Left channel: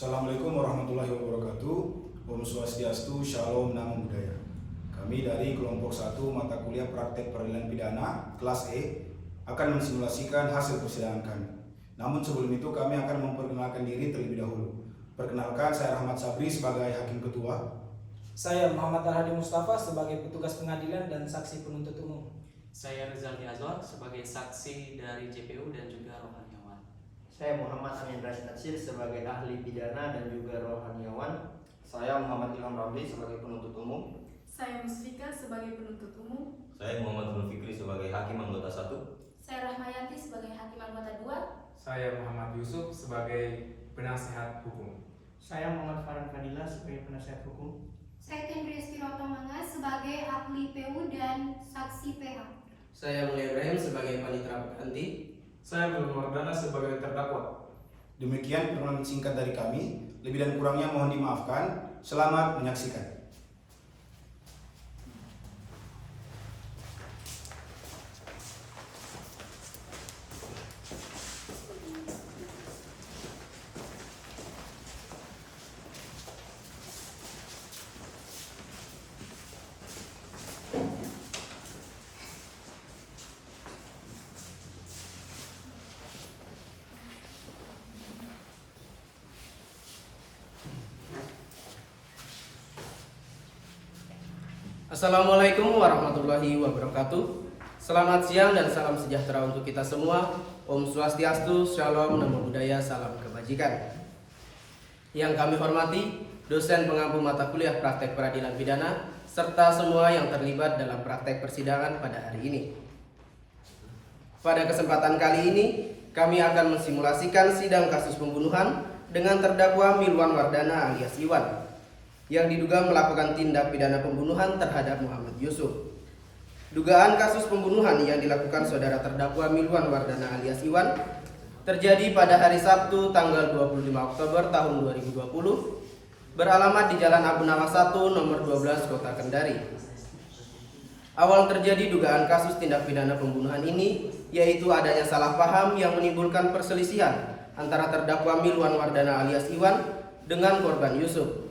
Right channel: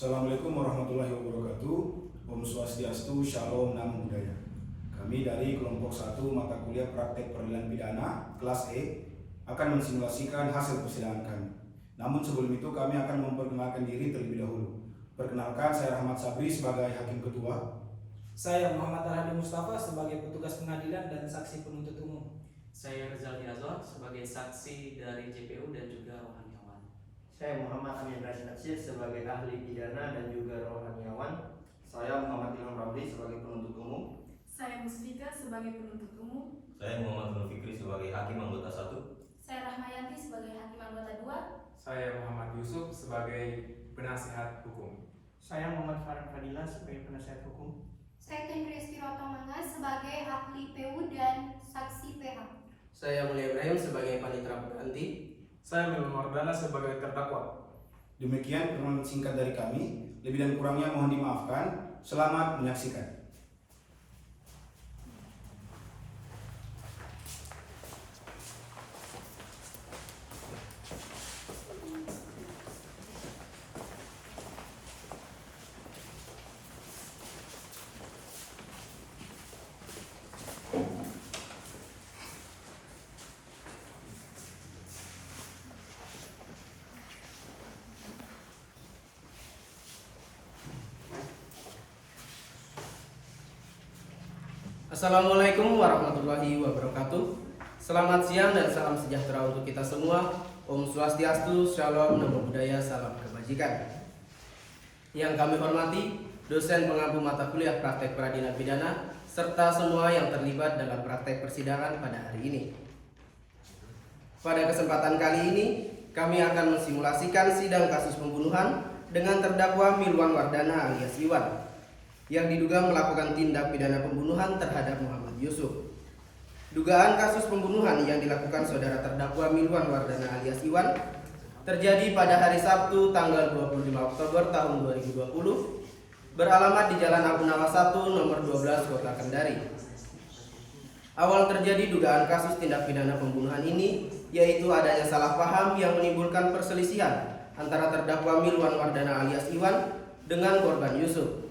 Assalamualaikum warahmatullahi wabarakatuh. Om Swastiastu, Shalom, Namo Buddhaya. Kami dari kelompok 1 mata kuliah praktek peradilan pidana kelas E akan mensimulasikan hasil persidangan kami. Namun sebelum itu kami akan memperkenalkan diri terlebih dahulu. Perkenalkan, saya Rahmat Sabri sebagai Hakim Ketua. Saya Muhammad Al-Hadi Mustafa sebagai petugas pengadilan dan saksi penuntut umum. Saya Rizal Azwar sebagai saksi dari JPU dan juga rohaniawan. Saya Muhammad Amin Rais Natsir sebagai ahli pidana dan juga rohaniawan. Saya Muhammad Ilham Ramli sebagai penuntut umum. Saya Musfika sebagai penuntut umum. Saya Muhammad Nur Fikri sebagai hakim anggota 1. Saya Rahmayanti sebagai hakim anggota 2. Saya Muhammad Yusuf sebagai penasehat hukum. Saya Muhammad Farhan Fadila sebagai penasihat hukum. Saya Kendristi Rotomangas sebagai ahli PU dan saksi PH. Saya Mulia Ibrahim sebagai panitera pengganti. Saya Belum Mardana sebagai terdakwa. Demikian perkenalan singkat dari kami. Lebih dan kurangnya mohon dimaafkan. Selamat menyaksikan. Assalamualaikum warahmatullahi wabarakatuh. Selamat siang dan salam sejahtera untuk kita semua. Om Swastiastu, Shalom, Namo Buddhaya, salam kebajikan. Yang kami hormati dosen pengampu mata kuliah praktek peradilan pidana serta semua yang terlibat dalam praktek persidangan pada hari ini. Pada kesempatan kali ini kami akan mensimulasikan sidang kasus pembunuhan dengan terdakwa Milwan Wardana alias Iwan yang diduga melakukan tindak pidana pembunuhan terhadap Muhammad Yusuf. Dugaan kasus pembunuhan yang dilakukan saudara terdakwa Milwan Wardana alias Iwan terjadi pada hari Sabtu tanggal 25 Oktober tahun 2020 beralamat di Jalan Abu Nawas 1 nomor 12 Kota Kendari. Awal terjadi dugaan kasus tindak pidana pembunuhan ini yaitu adanya salah paham yang menimbulkan perselisihan antara terdakwa Milwan Wardana alias Iwan dengan korban Yusuf,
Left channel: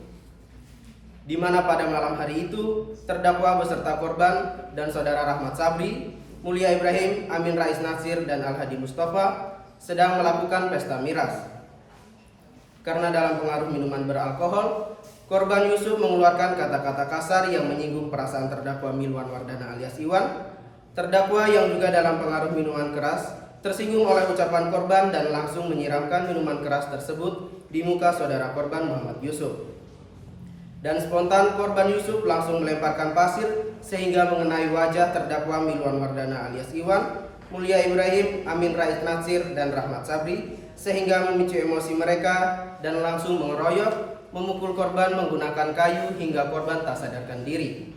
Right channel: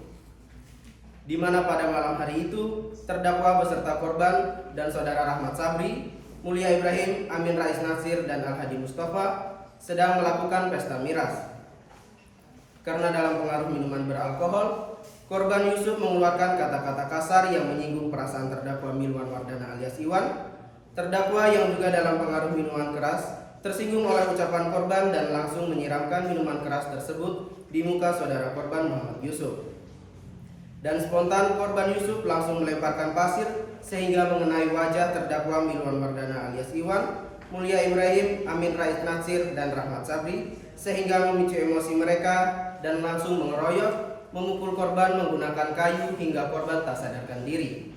di mana pada malam hari itu terdakwa beserta korban dan saudara Rahmat Sabri, Mulia Ibrahim, Amin Rais Natsir, dan Al-Hadi Mustafa sedang melakukan pesta miras. Karena dalam pengaruh minuman beralkohol, korban Yusuf mengeluarkan kata-kata kasar yang menyinggung perasaan terdakwa Milwan Wardana alias Iwan. Terdakwa yang juga dalam pengaruh minuman keras tersinggung oleh ucapan korban dan langsung menyiramkan minuman keras tersebut di muka saudara korban Muhammad Yusuf. Dan spontan korban Yusuf langsung melemparkan pasir sehingga mengenai wajah terdakwa Milwan Wardana alias Iwan, Mulia Ibrahim, Amin Rais Natsir, dan Rahmat Sabri sehingga memicu emosi mereka dan langsung mengeroyok, memukul korban menggunakan kayu hingga korban tak sadarkan diri.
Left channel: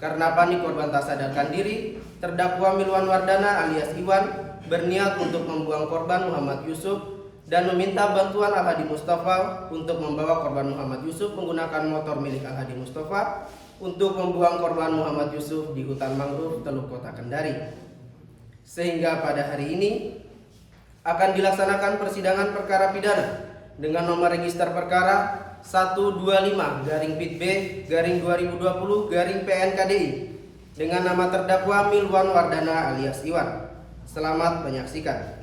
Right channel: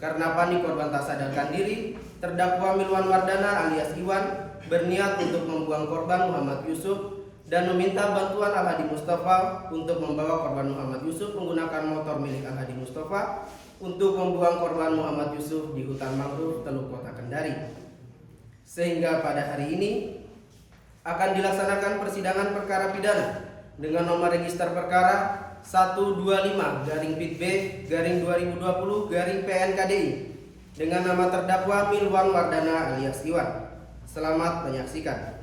Karena panik korban tak sadarkan diri, terdakwa Milwan Wardana alias Iwan berniat untuk membuang korban Muhammad Yusuf dan meminta bantuan Al-Hadi Mustafa untuk membawa korban Muhammad Yusuf menggunakan motor milik Al-Hadi Mustafa untuk membuang korban Muhammad Yusuf di hutan mangrove Teluk Kota Kendari. Sehingga pada hari ini akan dilaksanakan persidangan perkara pidana dengan nomor register perkara 125-PIT-B-2020-PNKDI dengan nama terdakwa Milwan Wardana alias Iwan. Selamat menyaksikan.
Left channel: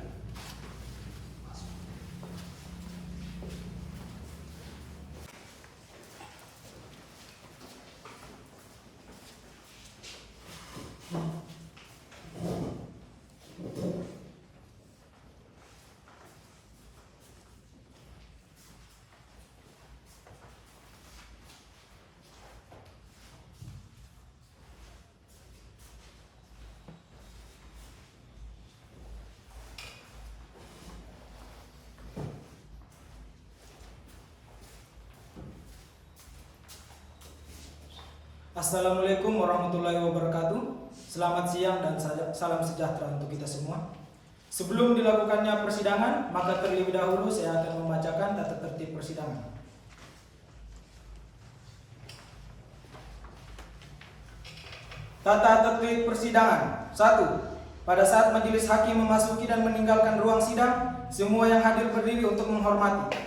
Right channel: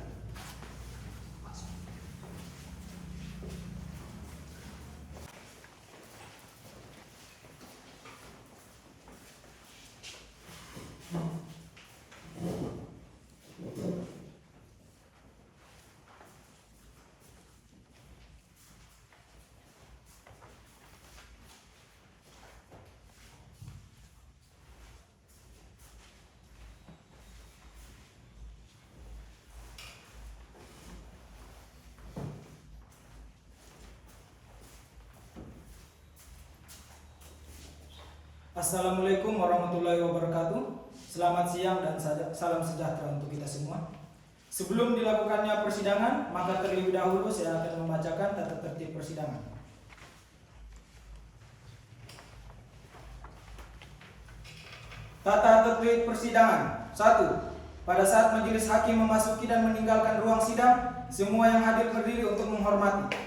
Assalamualaikum warahmatullahi wabarakatuh. Selamat siang dan salam sejahtera untuk kita semua. Sebelum dilakukannya persidangan, maka terlebih dahulu saya akan membacakan tata tertib persidangan. Tata tertib persidangan. 1. Pada saat majelis hakim memasuki dan meninggalkan ruang sidang, semua yang hadir berdiri untuk menghormati.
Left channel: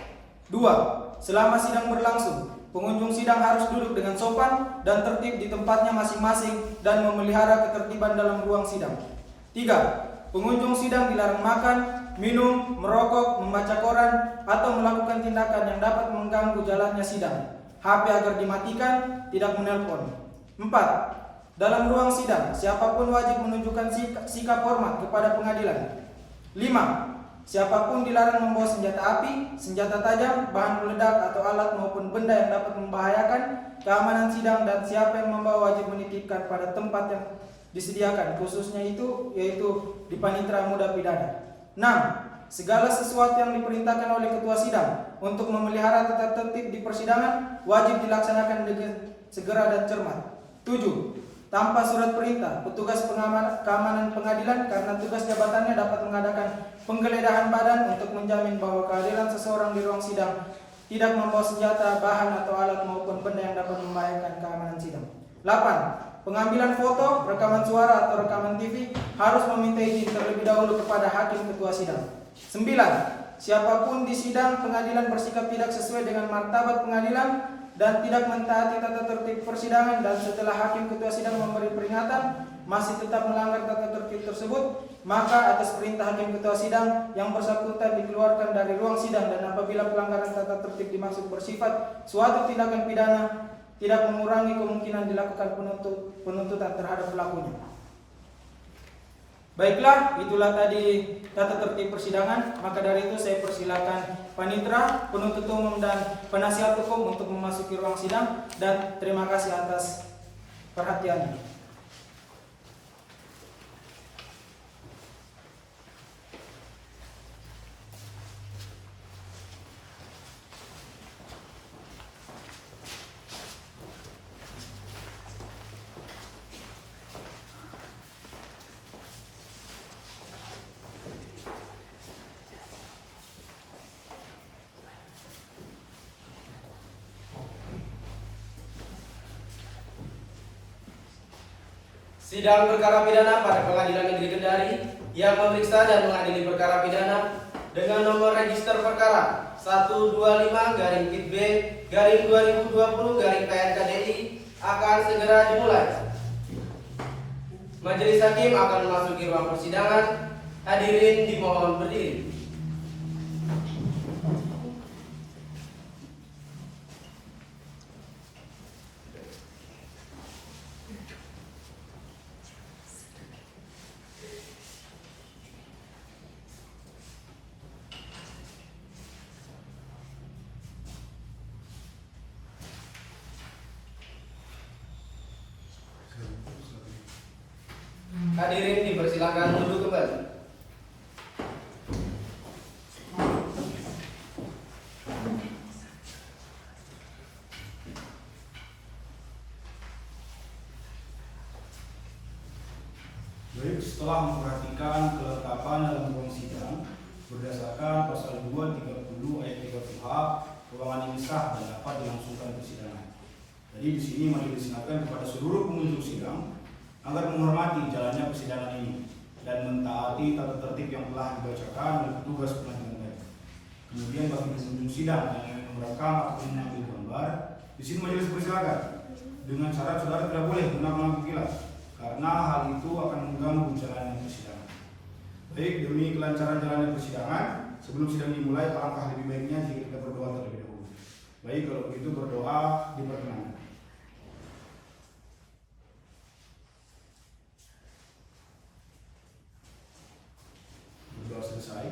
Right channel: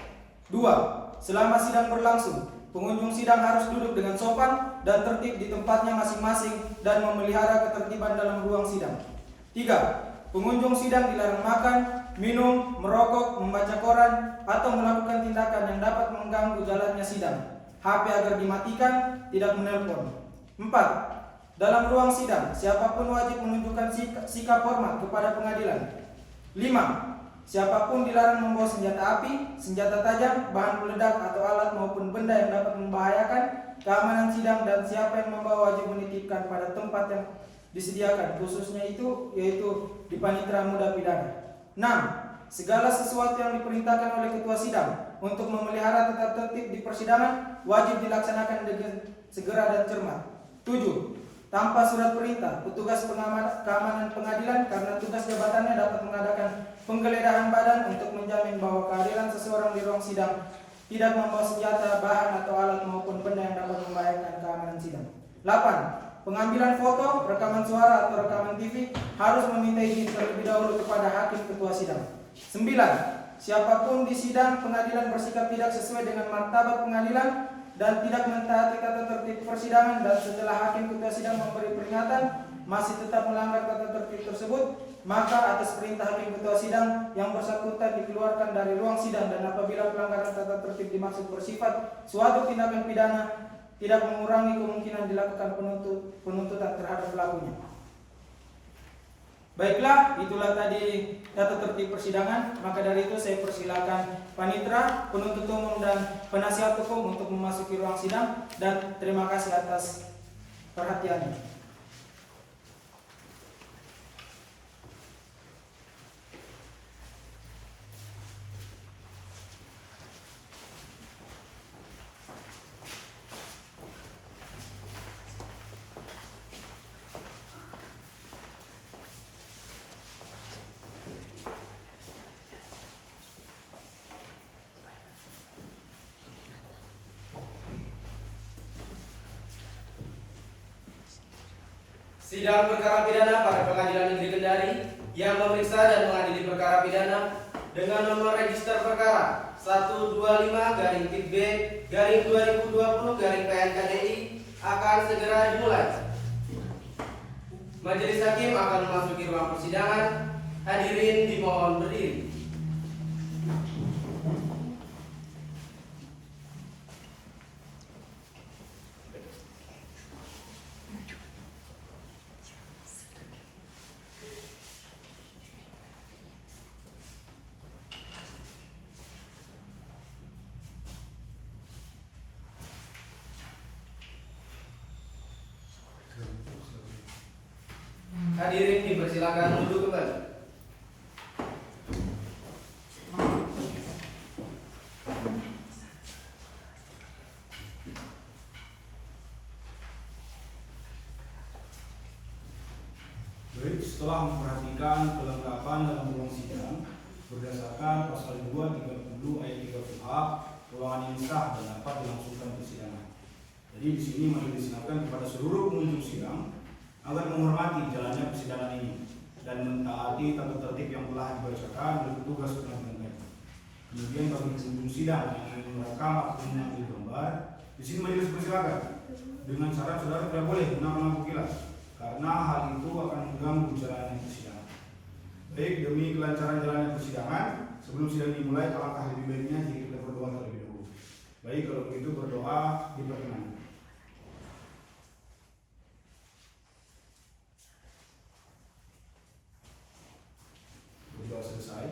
2. selama sidang berlangsung, pengunjung sidang harus duduk dengan sopan dan tertib di tempatnya masing-masing dan memelihara ketertiban dalam ruang sidang. 3. Pengunjung sidang dilarang makan, minum, merokok, membaca koran, atau melakukan tindakan yang dapat mengganggu jalannya sidang. HP agar dimatikan, tidak menelpon. 4. Dalam ruang sidang, siapapun wajib menunjukkan sikap hormat kepada pengadilan. 5. Siapapun dilarang membawa senjata api, senjata tajam, bahan peledak atau alat maupun benda yang dapat membahayakan keamanan sidang, dan siapa yang membawa wajib menitipkan pada tempat yang disediakan, khususnya yaitu di panitera muda pidana. 6. Segala sesuatu yang diperintahkan oleh ketua sidang untuk memelihara tata tertib di persidangan wajib dilaksanakan dengan segera dan cermat. 7. Tanpa surat perintah, petugas keamanan pengadilan karena tugas jabatannya dapat mengadakan penggeledahan badan untuk menjamin bahwa kehadiran seseorang di ruang sidang tidak membawa senjata, bahan atau alat maupun benda yang dapat membahayakan keamanan sidang. 8. Pengambilan foto, rekaman suara atau rekaman TV harus meminta izin terlebih dahulu kepada hakim ketua sidang. 9. Siapapun di sidang pengadilan bersikap tidak sesuai dengan martabat pengadilan dan tidak mentaati tata tertib persidangan, dan setelah hakim ketua sidang memberi peringatan masih tetap melanggar tata tertib tersebut, maka atas perintah hakim ketua sidang yang bersangkutan dikeluarkan dari ruang sidang, dan apabila pelanggaran tata tertib dimaksud bersifat suatu tindakan pidana, tidak mengurangi kemungkinan dilakukan penuntutan terhadap pelakunya. Baiklah, itulah tadi tata tertib persidangan. Maka dari itu saya persilakan panitera, penuntut umum dan penasihat hukum untuk memasuki ruang sidang, dan terima kasih atas perhatiannya. Sidang perkara pidana pada Pengadilan Negeri Kendari yang memeriksa dan mengadili perkara pidana dengan nomor register perkara 125-B/2020-PNKDI akan segera dimulai. Majelis hakim akan memasuki ruang persidangan. Hadirin dimohon berdiri. Hadirin dipersilakan duduk kembali. Baik, setelah memperhatikan kelengkapan dalam ruang sidang berdasarkan pasal 230 ayat 3 ruangan ini sah dan dapat dilangsungkan persidangan. Jadi di sini majelis ingatkan kepada seluruh pengunjung sidang agar menghormati jalannya persidangan ini dan mentaati tata tertib yang telah dibacakan oleh petugas pengadilan tadi. Kemudian bagi pengunjung sidang yang ingin merekam atau mengambil gambar, di sini majelis persilakan dengan syarat saudara tidak boleh menggunakan lampu kilas karena hal itu akan mengganggu jalannya persidangan. Baik, demi kelancaran jalannya persidangan, sebelum sidang dimulai alangkah lebih baiknya jika kita berdoa terlebih dahulu. Baik, kalau begitu berdoa diperkenankan. Berdoa selesai.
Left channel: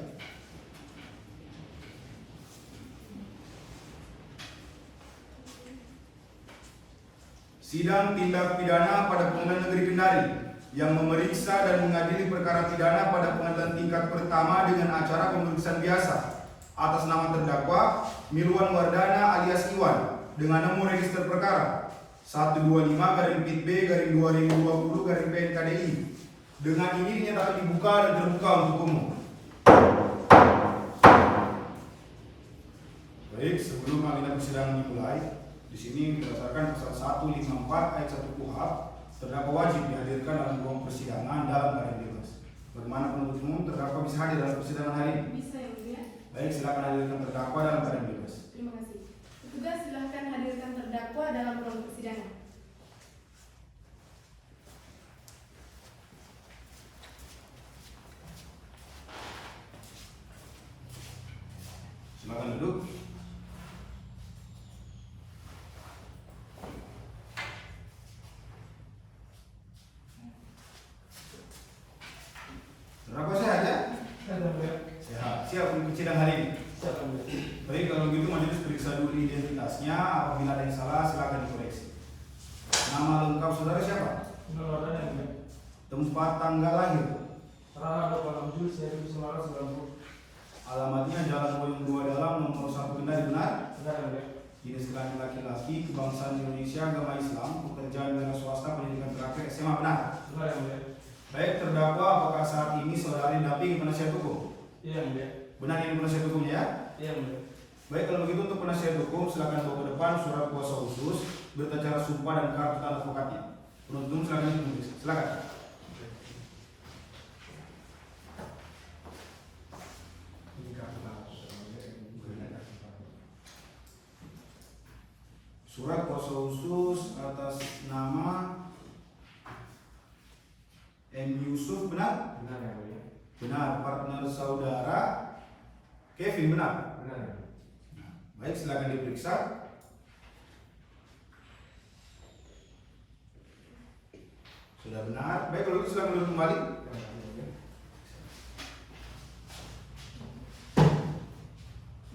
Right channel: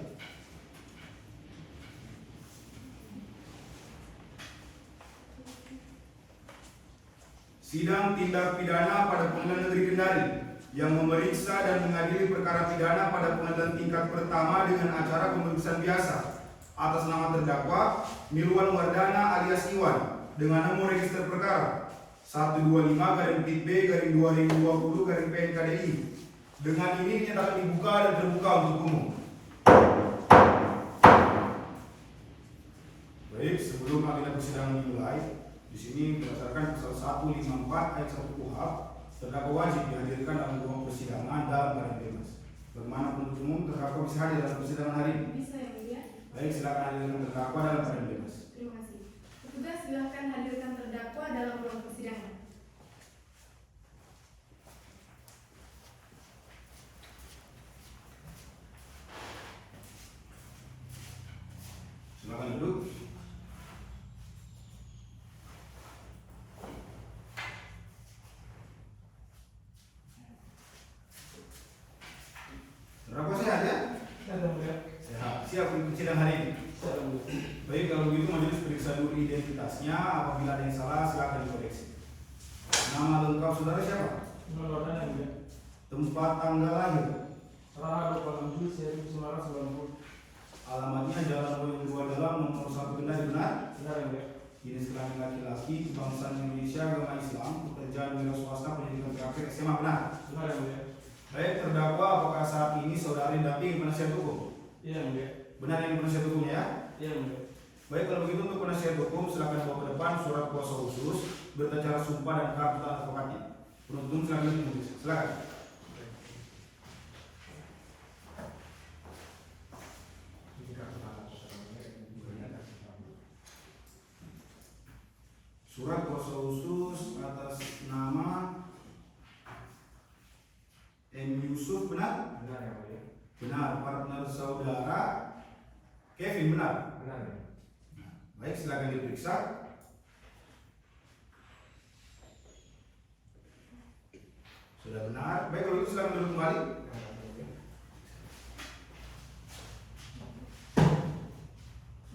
Sidang tindak pidana pada Pengadilan Negeri Kendari yang memeriksa dan mengadili perkara pidana pada pengadilan tingkat pertama dengan acara pemeriksaan biasa atas nama terdakwa Mirwan Wardana alias Iwan dengan nomor register perkara 125-B/2020-PNKDI. Dengan ini dinyatakan dibuka dan terbuka untuk umum. Baik, sebelum agenda persidangan dimulai, di sini berdasarkan pasal 154 ayat 1 KUHP, terdakwa wajib dihadirkan dalam ruang persidangan dalam keadaan bebas. Bagaimana penuntut umum terdakwa bisa hadir dalam persidangan hari ini? Bisa ya, Bu ya? Baik, silakan hadirkan terdakwa dalam keadaan bebas. Terima kasih. Tugas silakan hadirkan terdakwa dalam ruang persidangan. Silakan duduk. Terdakwa sehat ya? Sehat. Siap untuk sidang hari ini. Baik, kalau begitu majelis periksa dulu identitasnya. Apabila ada yang salah, silakan dikoreksi. Nama lengkap saudara siapa? Tempat tanggal lahir. Alamatnya Jalan Boyong 2 Dalam, nomor 1 Kendari, benar? Jenis kelamin laki-laki, kebangsaan Indonesia, agama Islam, pekerjaan wira swasta, pendidikan terakhir SMA, benar? Baik, terdakwa, apakah saat ini saudara didampingi penasihat hukum? Benar ini penasihat hukumnya ya? Baik, kalau begitu untuk penasihat hukum silakan bawa ke depan surat kuasa khusus, berita acara sumpah dan kartu tanda advokatnya. Penuntut silakan ditulis. Silakan. Surat kuasa khusus atas nama M. Yusuf, benar? Benar. Partner saudara Kevin, benar? Nah, baik, silakan diperiksa. Sudah benar. Baik, kalau itu silakan duduk kembali.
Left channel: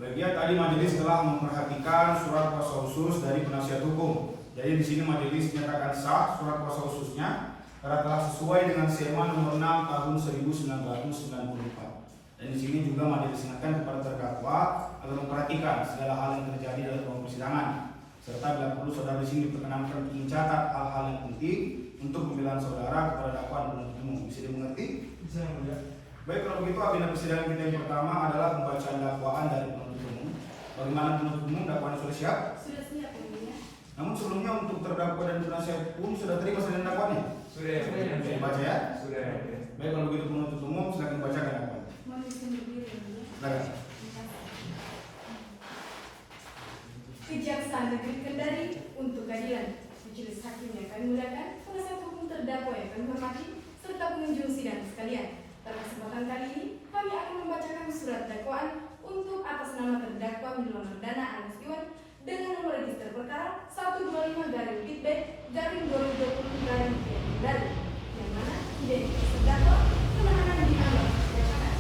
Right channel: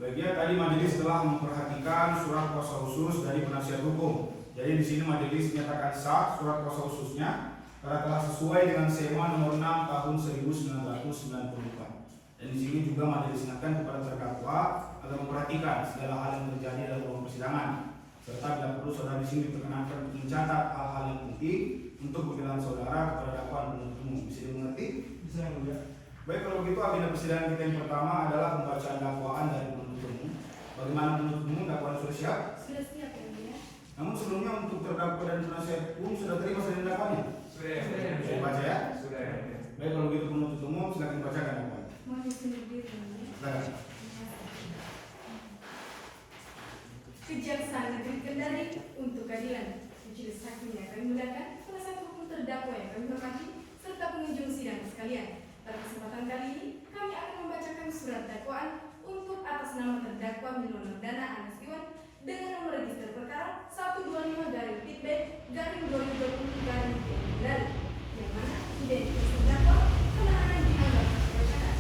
Bagian tadi majelis telah memperhatikan surat kuasa khusus dari penasihat hukum. Jadi di sini majelis menyatakan sah surat kuasa khususnya karena telah sesuai dengan SEMA nomor 6 tahun 1994. Dan di sini juga majelis ingatkan kepada terdakwa agar memperhatikan segala hal yang terjadi dalam ruang persidangan, serta bila perlu saudara di sini diperkenankan untuk mencatat hal-hal yang penting untuk pembelaan saudara kepada dakwaan penuntut umum. Bisa dimengerti? Bisa, Mulia. Baik, kalau begitu agenda persidangan kita yang pertama adalah pembacaan dakwaan dari penuntut umum. Bagaimana penuntut umum, dakwaannya sudah siap? Sudah siap ya, Mulia? Namun sebelumnya untuk terdakwa dan penasihat hukum sudah terima saja dakwaannya? Sudah baca ya? Baik, kalau begitu penuntut umum silakan bacakan dakwaannya. Mohon izin berdiri ya, Mulia. Silakan. Kejaksaan Negeri Kendari untuk keadilan. Majelis hakim yang kami muliakan, penasihat hukum terdakwa yang kami hormati, serta pengunjung sidang sekalian. Pada kesempatan kali ini, kami akan membacakan surat dakwaan untuk atas nama terdakwa Milono Dana Anas Iwan dengan nomor register perkara 125-TIP-2020-Kendari, yang mana identitas terdakwa penahanan dianggap berdasarkan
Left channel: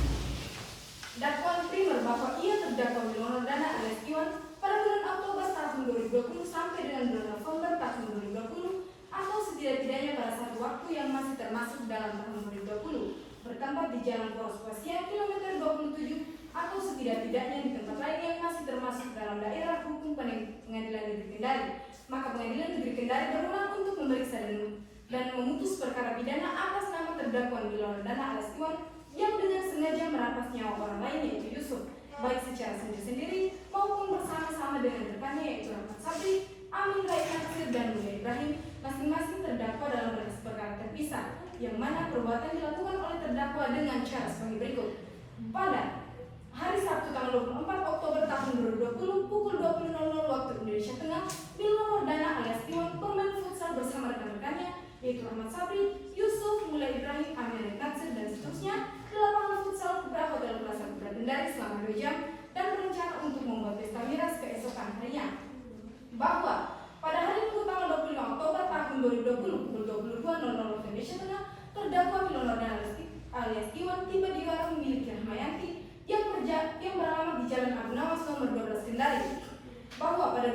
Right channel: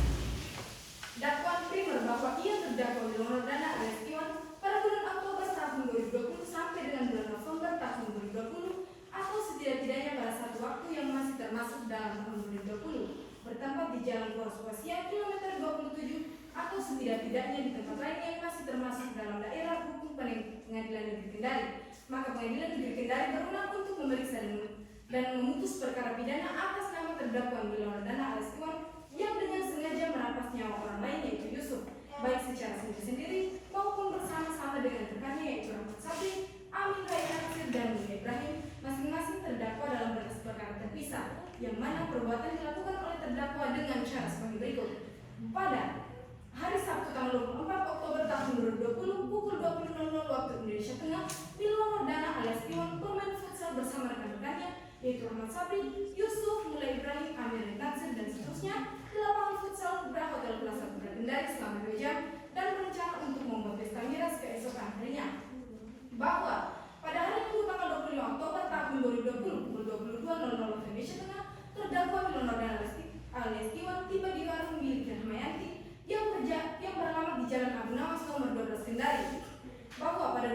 dakwaan primer bahwa ia terdakwa Milono Dana Anas Iwan pada bulan Oktober tahun 2020 sampai dengan bulan November tahun 2020 atau setidak-tidaknya pada satu waktu yang masih termasuk dalam tahun 2020 bertempat di Jalan Poros Kosia kilometer 27 atau setidak-tidaknya di tempat lain yang masih termasuk dalam daerah hukum Pengadilan Negeri Kendari. Maka Pengadilan Negeri Kendari berwenang untuk memeriksa dan memutus perkara pidana atas nama terdakwa Milono Dana Anas Iwan yang dengan sengaja merampas nyawa orang lain yaitu Yusuf, baik secara sendiri-sendiri maupun bersama-sama dengan rekannya yaitu Rahmat Sabri, Amin Rais Nasir dan Mulia Ibrahim, masing-masing terdakwa dalam berkas perkara terpisah, yang mana perbuatan dilakukan oleh terdakwa dengan cara sebagai berikut. Pada hari Sabtu tanggal 24 Oktober tahun 2020 pukul 20.00 waktu Indonesia Tengah, Milono Dana alias Iwan bermain futsal bersama rekan-rekannya yaitu Rahmat Sabri, Yusuf, Mulia Ibrahim, Amin Rais Nasir dan seterusnya di lapangan futsal Kubra Hotel Plaza Kubra Kendari selama 2 jam dan berencana untuk membuat pesta miras keesokan harinya. Bahwa pada hari Minggu tanggal 25 Oktober tahun 2020 pukul 22.00 waktu Indonesia Tengah, terdakwa Milono Dana alias Iwan tiba di warung milik Rahmayanti yang beralamat di Jalan Abu Nawas nomor 12 Kendari. Bahwa pada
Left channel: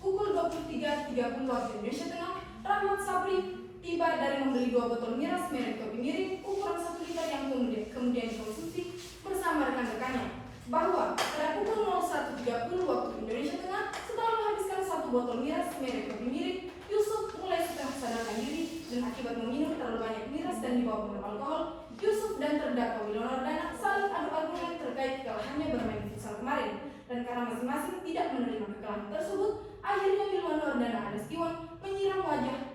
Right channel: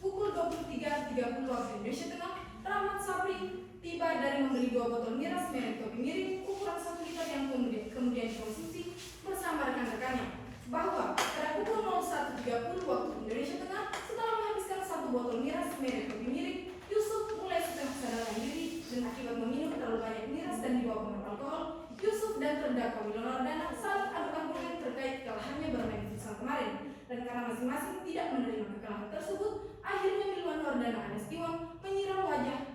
pukul 23.30 waktu Indonesia Tengah, Rahmat Sabri tiba dari membeli 2 botol miras merek kopi miring ukuran 1 liter yang kemudian dikonsumsi bersama rekan-rekannya. Bahwa pada pukul 01.30 waktu Indonesia Tengah, setelah menghabiskan 1 botol miras merek kopi miring, Yusuf mulai setengah sadarkan diri dan akibat meminum terlalu banyak miras dan dibawa pengaruh alkohol, Yusuf dan terdakwa Milono Dana saling adu-argumen terkait kekalahannya bermain futsal kemarin. Dan karena masing-masing tidak menerima kekalahan tersebut, akhirnya Milono Dana Anas Iwan menyiram wajah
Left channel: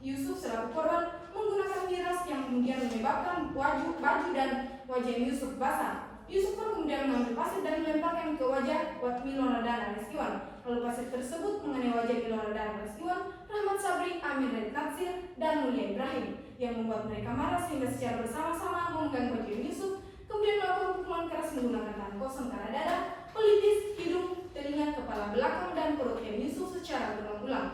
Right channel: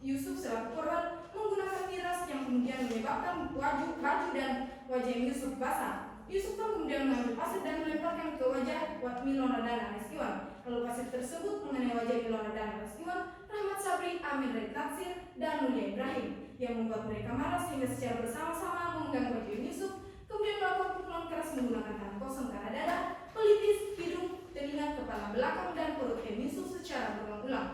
Yusuf selaku korban menggunakan miras yang kemudian menyebabkan baju dan wajah Yusuf basah. Yusuf pun kemudian mengambil pasir dan melemparkan ke wajah Milono Dana Anas Iwan. Lalu pasal tersebut mengenai wajah Milon Nordana alias Iwan, Rahmat Sabri, Amir dari Taksir, dan Mulia Ibrahim yang membuat mereka marah sehingga secara bersama-sama memegang baju Yusuf, kemudian melakukan pukulan keras menggunakan tangan kosong ke arah dada, pelipis, hidung, telinga, kepala belakang, dan perut Yusuf secara berulang-ulang.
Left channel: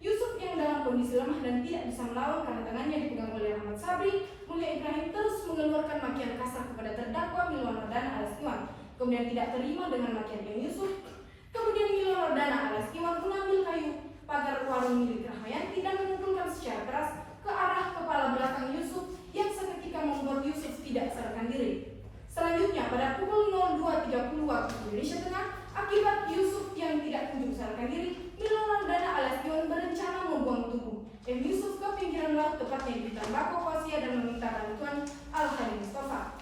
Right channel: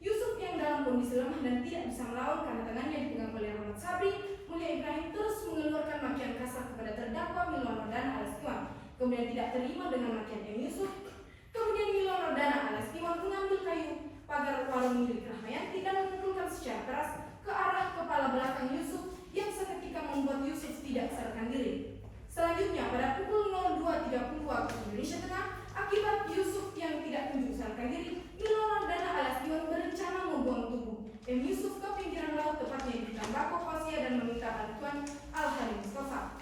Yusuf yang dalam kondisi lemah dan tidak bisa melawan karena tangannya dipegang oleh Rahmat Sabri, Mulia Ibrahim terus mengeluarkan makian kasar kepada terdakwa Milon Nordana alias Iwan. Kemudian tidak terima dengan makian Yusuf. Kemudian Milon Nordana alias Iwan mengambil kayu pagar warung milik Rahmayanti dan memukulkan secara keras ke arah kepala belakang Yusuf yang seketika membuat Yusuf tidak sadarkan diri. Selanjutnya pada pukul 02.30 waktu Indonesia Tengah, akibat Yusuf yang tidak kunjung sadarkan diri, Milon Nordana alias Iwan berencana membuang tubuh Yusuf ke pinggiran laut tepatnya di Tambako Kosia dan meminta bantuan Al-Hadi Mustafa.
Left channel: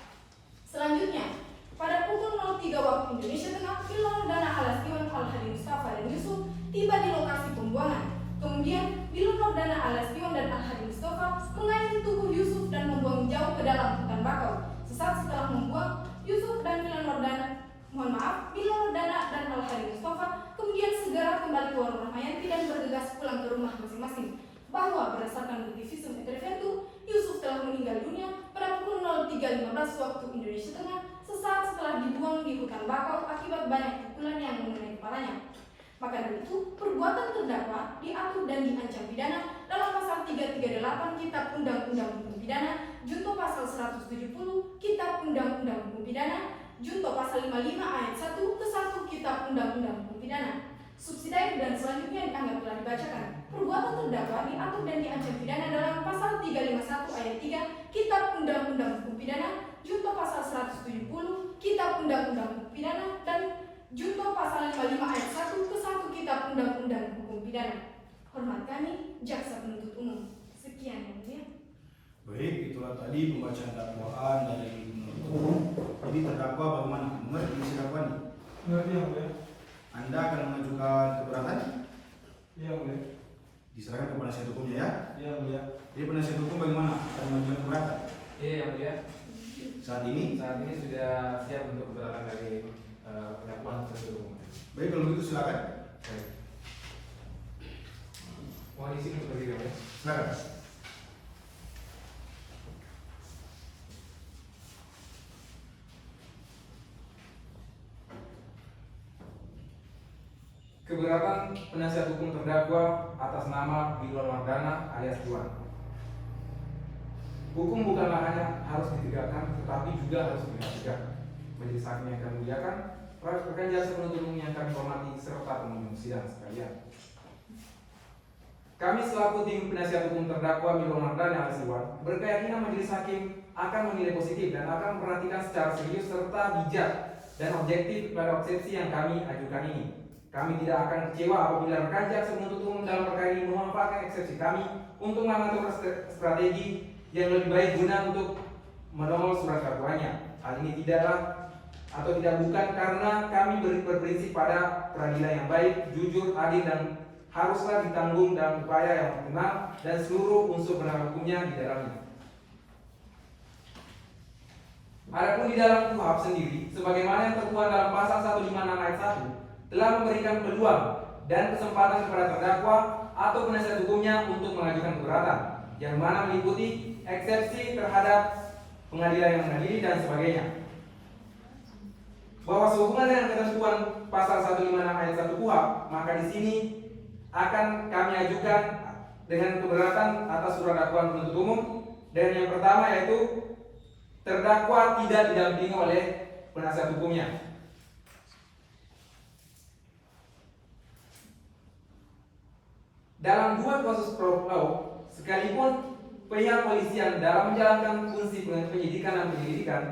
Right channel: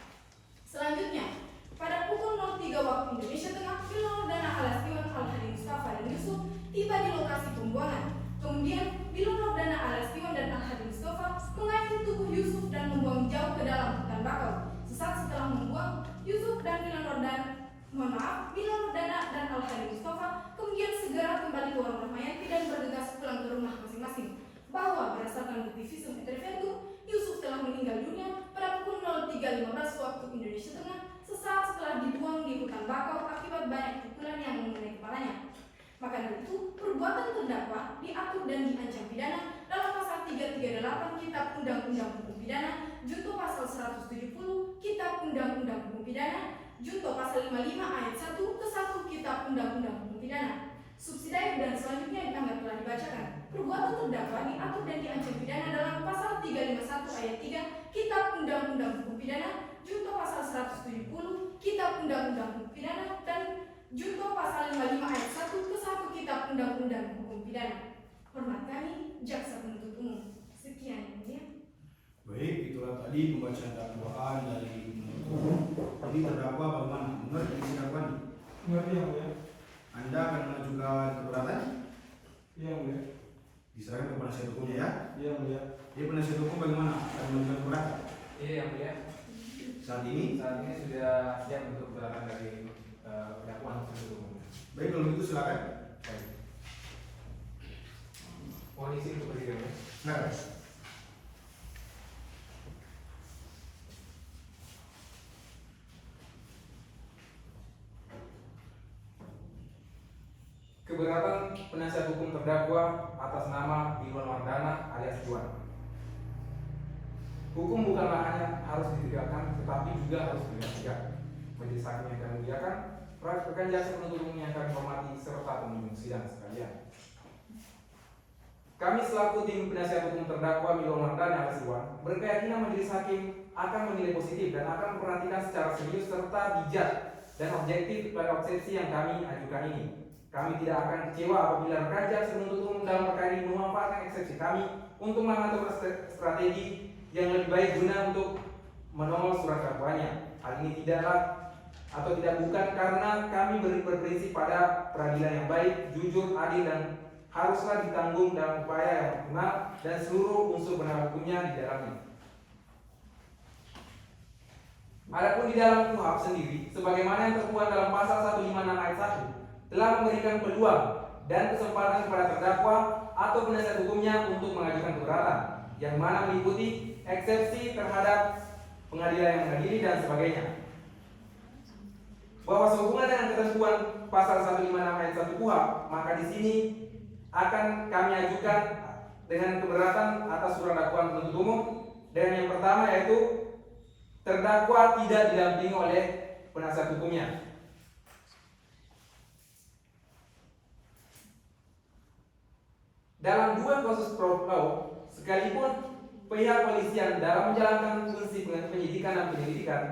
Selanjutnya pada pukul 03 waktu Indonesia Tengah, Milon Nordana alias Iwan, Al-Hadi Mustafa dan Yusuf tiba di lokasi pembuangan. Kemudian Milon Nordana alias Iwan dan Al-Hadi Mustafa mengayomi tubuh Yusuf dan membuang jauh ke dalam hutan bakau. Sesaat setelah membuang, Yusuf dan Milon Nordana dan Al-Hadi Mustafa kemudian segera kembali ke warung Rahmayanti dan bergegas pulang ke rumah masing-masing. Bahwa berdasarkan bukti visum et repertum, Yusuf telah meninggal dunia pada pukul 03.15 waktu Indonesia Tengah sesaat setelah dibuang di hutan bakau akibat banyak pukulan yang mengenai kepalanya. Maka dari itu, perbuatan terdakwa diatur dan diancam pidana dalam pasal 338 Kitab Undang-Undang Hukum Pidana, junto pasal 170 Kitab Undang-Undang Hukum Pidana, junto pasal 55 ayat 1 ke 1 Kitab Undang-Undang Hukum Pidana. Subsidiar dan selanjutnya dianggap telah dibacakan. Perbuatan terdakwa diatur dan diancam pidana dalam pasal 351 ayat 3 Kitab Undang-Undang Hukum Pidana, junto pasal 170 Kitab Undang-Undang Hukum Pidana, dan junto pasal 55 ayat 1 ke 1 Kitab Undang-Undang Hukum Pidana. Hormat kami, Jaksa Penuntut Umum. Sekian yang mulia. Baik, itulah tadi pembacaan dakwaan dari penuntut umum. Jadi terdakwa bagaimana? Mengerti isi dakwaan? Mengerti yang mulia. Anda akan mengajukan keberatan? Iya mulia. Diserahkan ke penasihat hukumnya ya. Iya mulia. Jadi penasihat hukum bagaimana? Akan mengajukan keberatan? Iya yang mulia. Saat ini Sudah siap untuk keberatan dari dakwaan penuntut umum. baik, kalau begitu silakan. Baik. Mohon izin untuk berdiri ya. Silakan. Keberatan penasihat hukum terdakwa atas nama Milon Nordana alias Iwan. Hukum bukanlah hanya harus ditegakkan, tetapi juga harus ditegakkan. Majelis hakim yang kami muliakan, rekan jasa penuntut umum yang kami hormati, serta pengunjung sidang sekalian. Kami selaku tim penasihat hukum terdakwa Milon Nordana alias Iwan berkeyakinan majelis hakim akan menilai positif dan akan memperhatikan secara serius serta bijak dan objektif pada eksepsi yang kami ajukan ini. Kami tidak akan kecewa apabila rekan jaksa penuntut umum dalam perkara ini memanfaatkan eksepsi kami untuk mengatur strategi yang lebih baik guna untuk menongol surat dakwaannya. Hal ini tidak bukan karena kami berprinsip pada peradilan yang baik, jujur, adil, dan haruslah ditanggung dalam upaya yang optimal dan seluruh unsur penegak hukumnya di dalamnya. Adapun di dalam KUHP sendiri, sebagaimana yang tertuang dalam pasal 156 ayat 1, telah memberikan peluang dan kesempatan kepada terdakwa atau penasihat hukumnya untuk mengajukan keberatan, yang mana meliputi eksepsi terhadap pengadilan yang mengadili dan sebagainya. Bahwa sehubungan dengan ketentuan pasal 156 ayat 1 KUHP, maka di sini akan kami ajukan dengan keberatan atas surat dakwaan penuntut umum. Dan yang pertama yaitu terdakwa tidak didampingi oleh penasihat hukumnya. Dalam dua kasus pro sekalipun pihak polisian dalam menjalankan fungsi penyidikan dan penyelidikan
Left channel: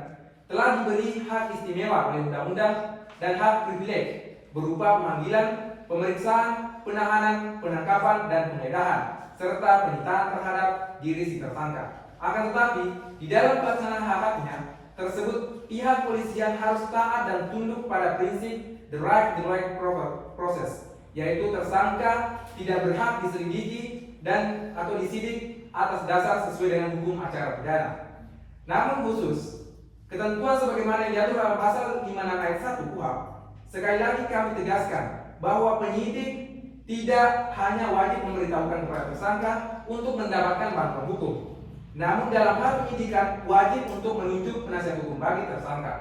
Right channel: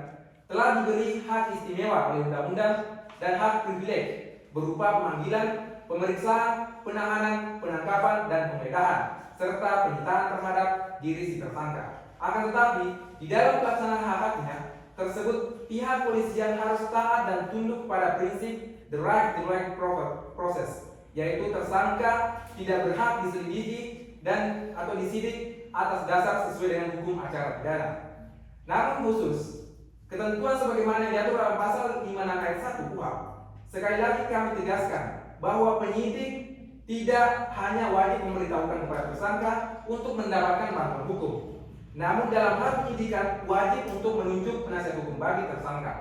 telah diberi hak istimewa oleh undang-undang dan hak privilege berupa pemanggilan, pemeriksaan, penahanan, penangkapan, dan penggeledahan serta penyitaan terhadap diri si tersangka. Akan tetapi di dalam pelaksanaan hak-haknya tersebut pihak polisian harus taat dan tunduk pada prinsip the right process, yaitu tersangka tidak berhak diselidiki dan atau disidik atas dasar sesuai dengan hukum acara pidana. Namun khusus ketentuan sebagaimana yang diatur dalam pasal 56 ayat 1 KUHP, sekali lagi kami tegaskan bahwa penyidik tidak hanya wajib memberitahukan kepada tersangka untuk mendapatkan bantuan hukum, namun dalam hal penyidikan wajib untuk menunjuk penasihat hukum bagi tersangka.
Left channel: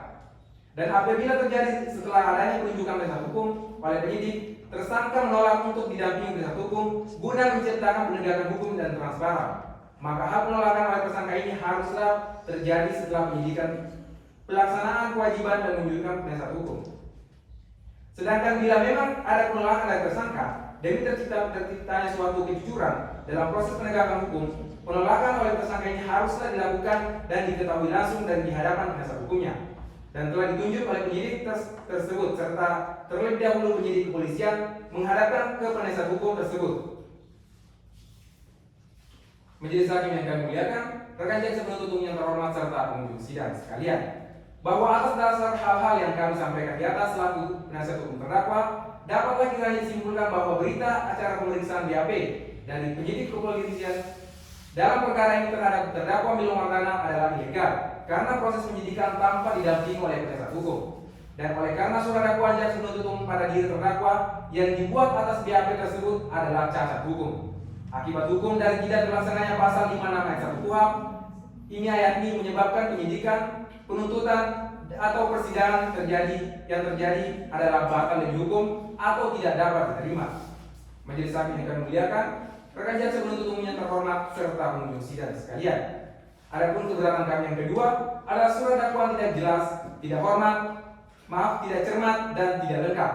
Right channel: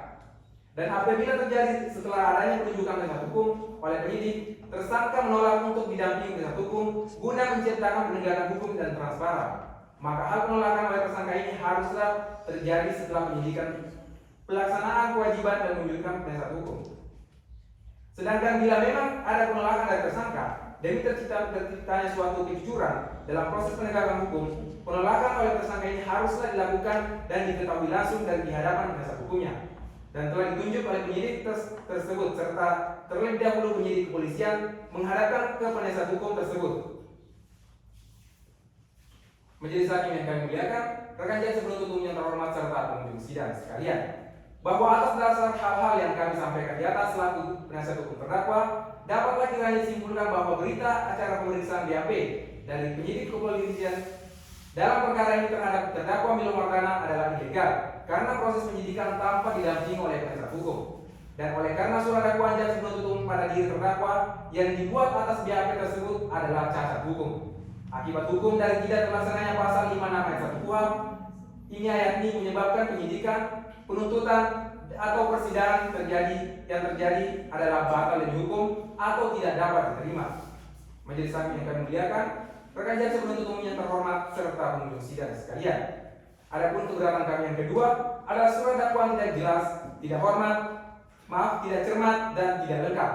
Dan apabila terjadi setelah adanya penunjukan penasihat hukum oleh penyidik, tersangka menolak untuk didampingi penasihat hukum guna menciptakan penegakan hukum dan transparan, maka hal penolakan oleh tersangka ini haruslah terjadi setelah penyidikan pelaksanaan kewajiban dan menunjukkan penasihat hukum. Sedangkan bila memang ada penolakan dari tersangka demi terciptanya suatu kejujuran dalam proses penegakan hukum, penolakan oleh tersangka ini haruslah dilakukan dan diketahui langsung dan di hadapan penasihat hukumnya, dan telah ditunjuk oleh penyidik tersebut, serta terlebih dahulu penyidik kepolisian menghadapkan ke penasihat hukum tersebut. Majelis hakim yang kami muliakan, rekan jaksa penuntut umum yang terhormat serta pengunjung sidang sekalian, bahwa atas dasar hal-hal yang kami sampaikan di atas selaku penasihat hukum terdakwa, dapatlah kiranya disimpulkan bahwa berita acara pemeriksaan BAP dari penyidik kepolisian dalam perkara ini terhadap terdakwa Miloem Wardana adalah ilegal karena proses penyidikan tanpa didampingi oleh penasihat hukum, dan oleh karena surat dakwaan jaksa penuntut umum pada diri terdakwa yang dibuat atas BAP tersebut adalah cacat hukum. Akibat hukum dari tidak terlaksananya pasal 56 ayat 1 KUHP ini ayat ini menyebabkan penyidikan, penuntutan atau persidangan yang terjadi adalah batal demi hukum atau tidak dapat diterima. Majelis hakim yang kami muliakan, rekan jaksa penuntut umum yang terhormat serta pengunjung sidang sekalian. Adapun keberatan kami yang kedua adalah surat dakwaan tidak jelas, tidak cermat dan tidak lengkap.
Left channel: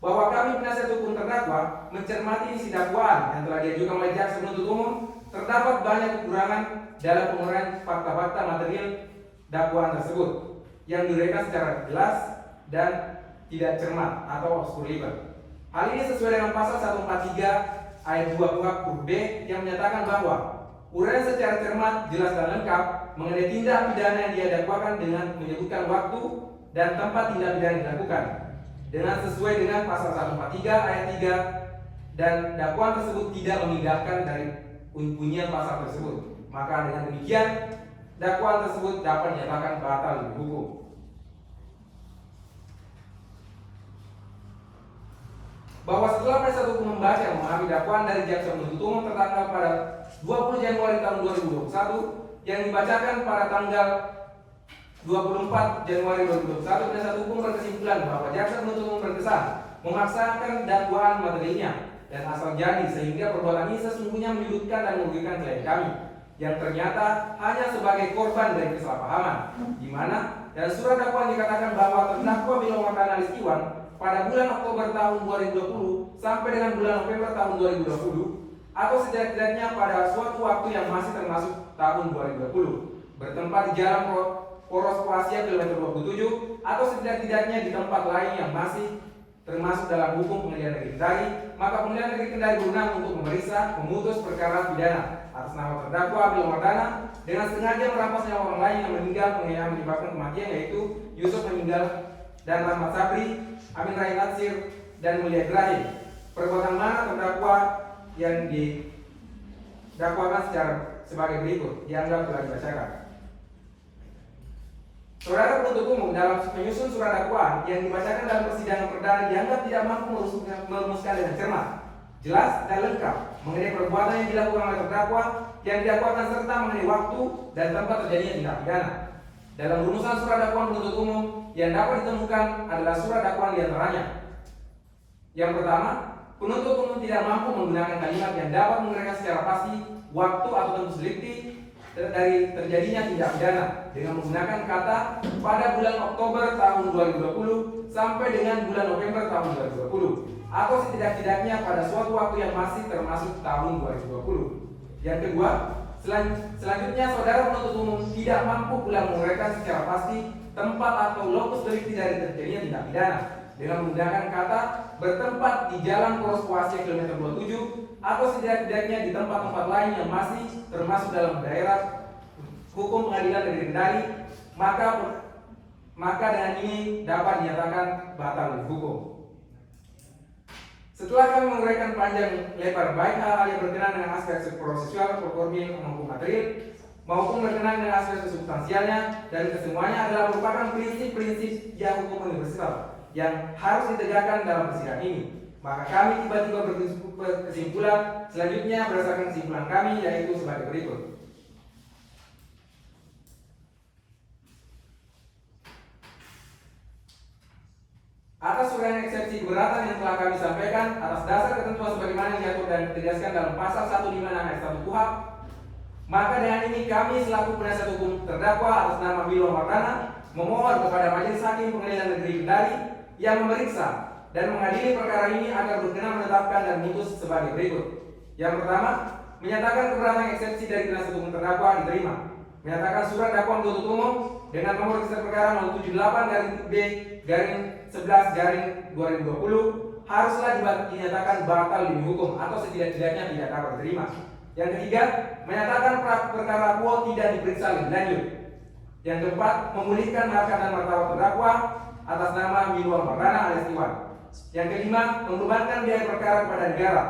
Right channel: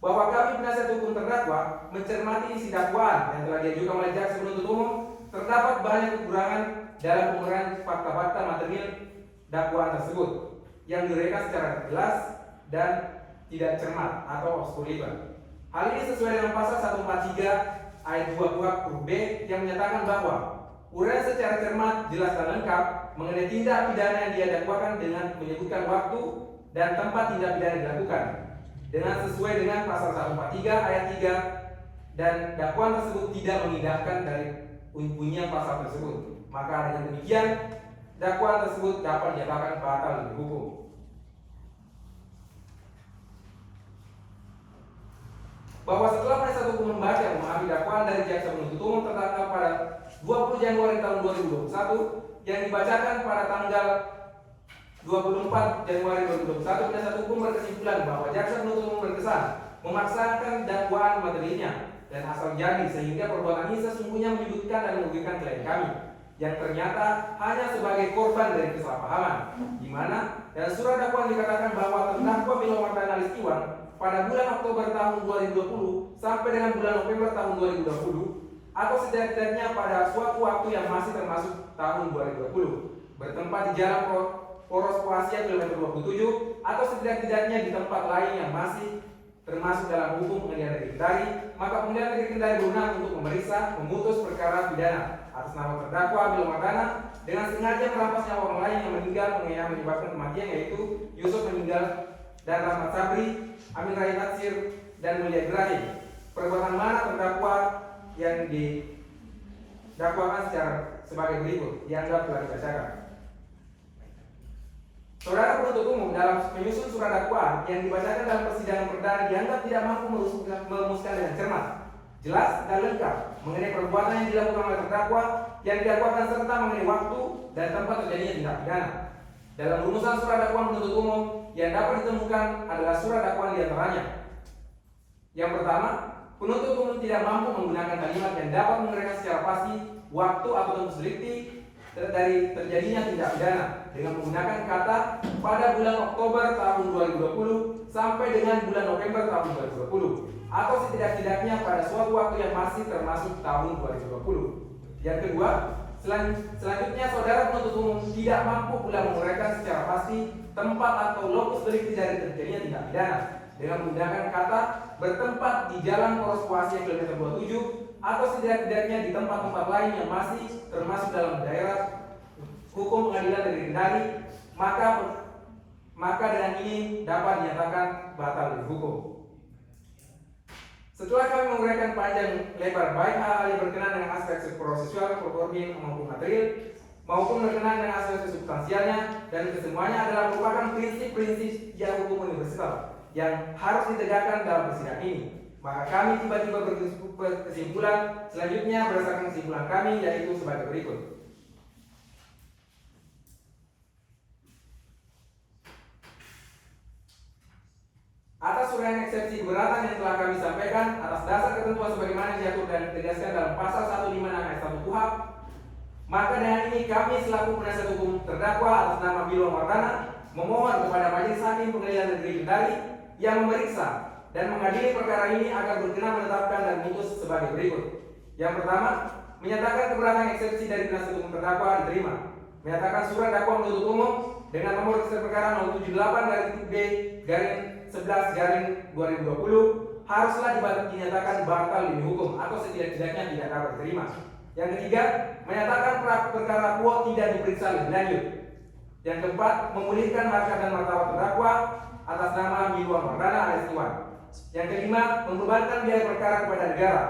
Bahwa kami penasihat hukum terdakwa mencermati isi dakwaan yang telah diajukan oleh jaksa penuntut umum, terdapat banyak kekurangan dalam penguraian fakta-fakta material dakwaan tersebut yang diuraikan secara jelas dan tidak cermat atau obscurable. Hal ini sesuai dengan pasal 143 ayat 2 KUHP huruf B yang menyatakan bahwa uraian secara cermat, jelas dan lengkap mengenai tindak pidana yang dia dakwakan dengan menyebutkan waktu dan tempat tindak pidana yang dilakukan dengan sesuai dengan pasal 143 ayat 3, dan dakwaan tersebut tidak mengindahkan dari bunyian pasal tersebut. Maka dengan demikian dakwaan tersebut dapat dinyatakan batal demi hukum. Bahwa setelah penasihat hukum membaca dan memahami dakwaan dari jaksa penuntut umum tertanggal pada 20 Januari tahun 2021 yang dibacakan pada tanggal 24 Januari 2021, penasihat hukum berkesimpulan bahwa jaksa penuntut umum berkesan memaksakan dakwaan materinya dan asal jadi sehingga perbuatan ini sesungguhnya menyudutkan dan merugikan klien kami yang ternyata hanya sebagai korban dari kesalahpahaman, di mana dan surat dakwaan dikatakan bahwa terdakwa Miloem Wardana alias Iwan pada bulan Oktober tahun 2020 sampai dengan bulan November tahun 2020 atau setidak-tidaknya pada suatu waktu yang masih termasuk tahun 2020 bertempat di Jalan Poros Kroasia kilometer 27 atau setidak-tidaknya di tempat lain yang masih termasuk dalam hukum Pengadilan Negeri Kendari, maka Pengadilan Negeri Kendari berwenang untuk memeriksa, memutus perkara pidana atas nama terdakwa Miloem Wardana dengan sengaja merampas nyawa orang lain yang meninggal yang menyebabkan kematian, yaitu Yusuf meninggal dan Rahmat Sabri, Amin Rais Natsir dan Mulia Ibrahim. Perbuatan mana terdakwa yang didakwakan sebagai berikut dianggap telah dibacakan. Saudara penuntut umum dalam menyusun surat dakwaan yang dibacakan dalam persidangan perdana dianggap tidak mampu merumuskan dengan cermat, jelas dan lengkap mengenai perbuatan yang dilakukan oleh terdakwa yang didakwakan serta mengenai waktu dan tempat terjadinya tindak pidana. Dalam rumusan surat dakwaan penuntut umum yang dapat ditemukan adalah surat dakwaan diantaranya. Yang pertama, penuntut umum tidak mampu menggunakan kalimat yang dapat menguraikan secara pasti waktu atau tempus delikti dari terjadinya tindak pidana dengan menggunakan kata pada bulan Oktober tahun 2020 sampai dengan bulan November tahun 2020 atau setidak-tidaknya pada suatu waktu yang masih termasuk tahun 2020. Yang kedua, selanjutnya saudara penuntut umum tidak mampu pula menguraikan secara pasti tempat atau lokus delikti dari terjadinya tindak pidana dengan menggunakan kata bertempat di Jalan Poros Kroasia kilometer 27 atau setidak-tidaknya di tempat-tempat lain yang masih termasuk dalam daerah hukum Pengadilan Negeri Kendari, maka dengan ini dapat dinyatakan batal demi hukum. Setelah kami menguraikan panjang lebar baik hal-hal yang berkenaan dengan aspek prosesual, formil maupun material, maupun berkenaan dengan aspek substansialnya, dan kesemuanya adalah merupakan prinsip-prinsip yang hukum universal yang harus ditegakkan dalam persidangan ini. Maka kami tiba-tiba berkesimpulan selanjutnya berdasarkan kesimpulan kami, yaitu sebagai berikut. Atas uraian eksepsi keberatan yang telah kami sampaikan atas dasar ketentuan sebagaimana yang diatur dan ditegaskan dalam pasal 156 ayat 1 KUHP, maka dengan ini kami selaku penasihat hukum terdakwa atas nama Bilwa Mardana memohon kepada Majelis Hakim Pengadilan Negeri Kendari yang memeriksa dan mengadili perkara ini agar berkenan menetapkan dan memutus sebagai berikut. Yang pertama, menyatakan keberatan eksepsi dari penasihat hukum terdakwa diterima. Menyatakan surat dakwaan penuntut umum dengan nomor register perkara 078-B/11/2020 haruslah dinyatakan batal demi hukum atau setidak-tidaknya tidak dapat diterima. Yang ketiga, menyatakan perkara quo tidak diperiksa lebih lanjut. Yang keempat, memulihkan harkat dan martabat terdakwa atas nama Bilwa Mardana alias Iwan. Yang kelima, membebankan biaya perkara kepada negara.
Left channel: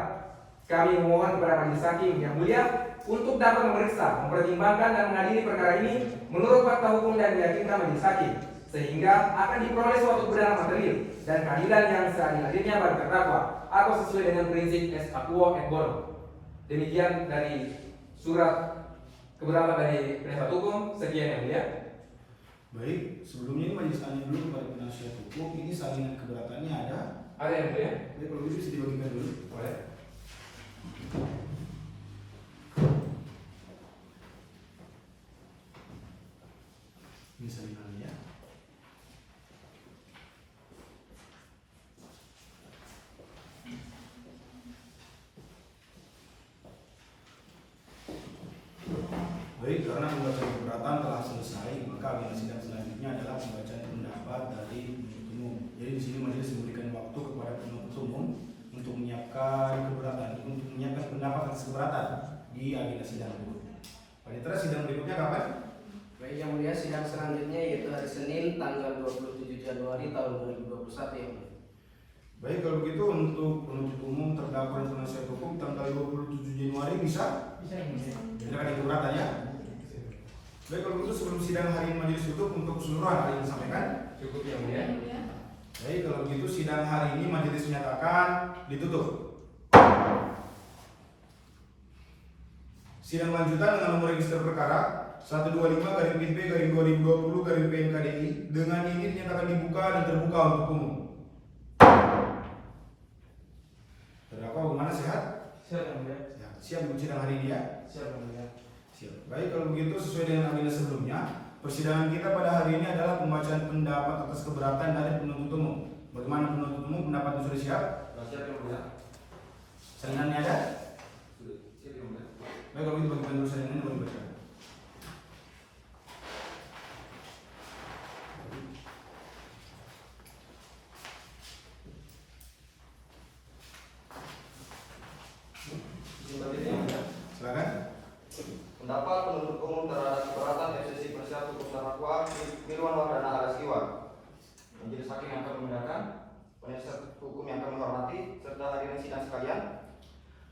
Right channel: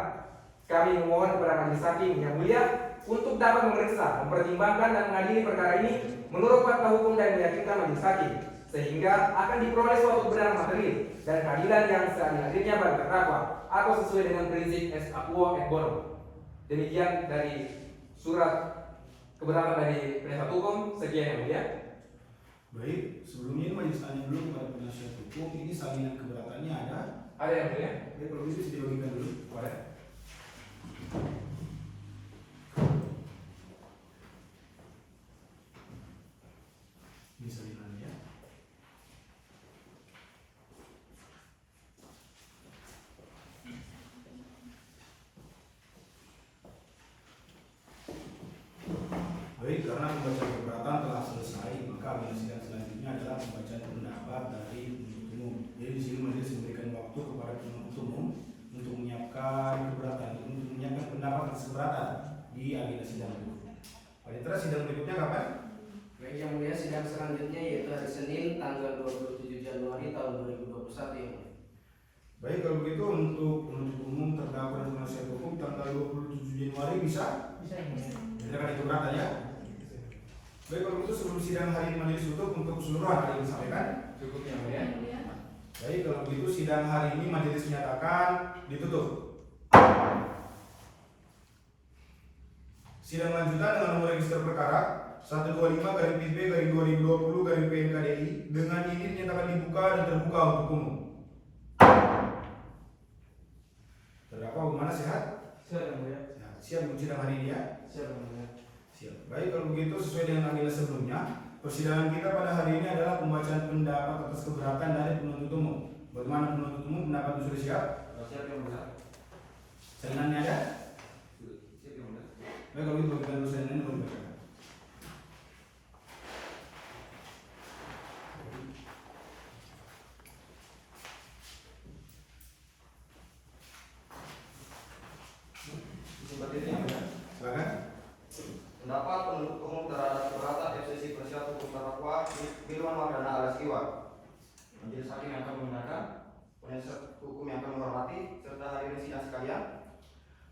Kami memohon kepada Majelis Hakim yang mulia untuk dapat memeriksa, mempertimbangkan dan mengadili perkara ini menurut fakta hukum dan meyakinkan Majelis Hakim, sehingga akan diperoleh suatu kebenaran material dan keadilan yang seadil-adilnya bagi terdakwa atau sesuai dengan prinsip ex aequo et bono. Demikian dari surat keberatan dari penasihat hukum. Sekian yang mulia. Baik, sebelumnya ini majelis tanya dulu kepada penasihat hukum, ini salinan keberatannya ada? Ada yang mulia? Baik, kalau gitu bisa dibagikan dulu. Boleh. Ini salinannya. Baik, karena pembacaan keberatan telah selesai, maka agenda sidang selanjutnya adalah pembacaan pendapat dari penuntut umum. Jadi di sini majelis memberikan waktu kepada penuntut umum untuk menyiapkan keberatan, untuk menyiapkan pendapat atas keberatan di agenda sidang berikutnya. Panitera, sidang berikutnya kapan? Baik, yang mulia, sidang selanjutnya yaitu hari Senin tanggal 27 Januari tahun 2021 yang mulia. Baik, kalau begitu untuk penuntut umum, terdakwa dan penasihat hukum tanggal 27 Januari bisa? Bisa. Silakan keberatan ya. Baik, kalau begitu sebelum sidang hari ini majelis tutup untuk keseluruhan hari ini disampaikan. Cukup yang mulia. Baik, kalau begitu sidang hari ini majelis menyatakan ditutup. Sidang lanjutan dengan nomor register perkara 125/B/2020/PNKDI dengan ini dinyatakan dibuka dan terbuka untuk umum. Terdakwa bagaimana, sehat? Siap yang mulia. Siap untuk sidang hari ini ya? Siap yang mulia. Siap. Baik, kalau begitu sesuai dengan agenda sebelumnya, persidangan kita pada hari ini adalah pembacaan pendapat atas keberatan dari penuntut umum. Bagaimana penuntut umum, pendapatnya sudah siap? Siap yang mulia. Salinannya ada? Siap yang mulia. Baik, kalau begitu bagaimana dulu salinannya baru dibacakan. Silakan. Pendapat penuntut umum terhadap keberatan eksepsi penasihat hukum terdakwa Bilwa Mardana alias Iwan. Majelis Hakim yang kami mendengarkan, penasihat hukum yang kami hormati, serta hadirin sidang sekalian.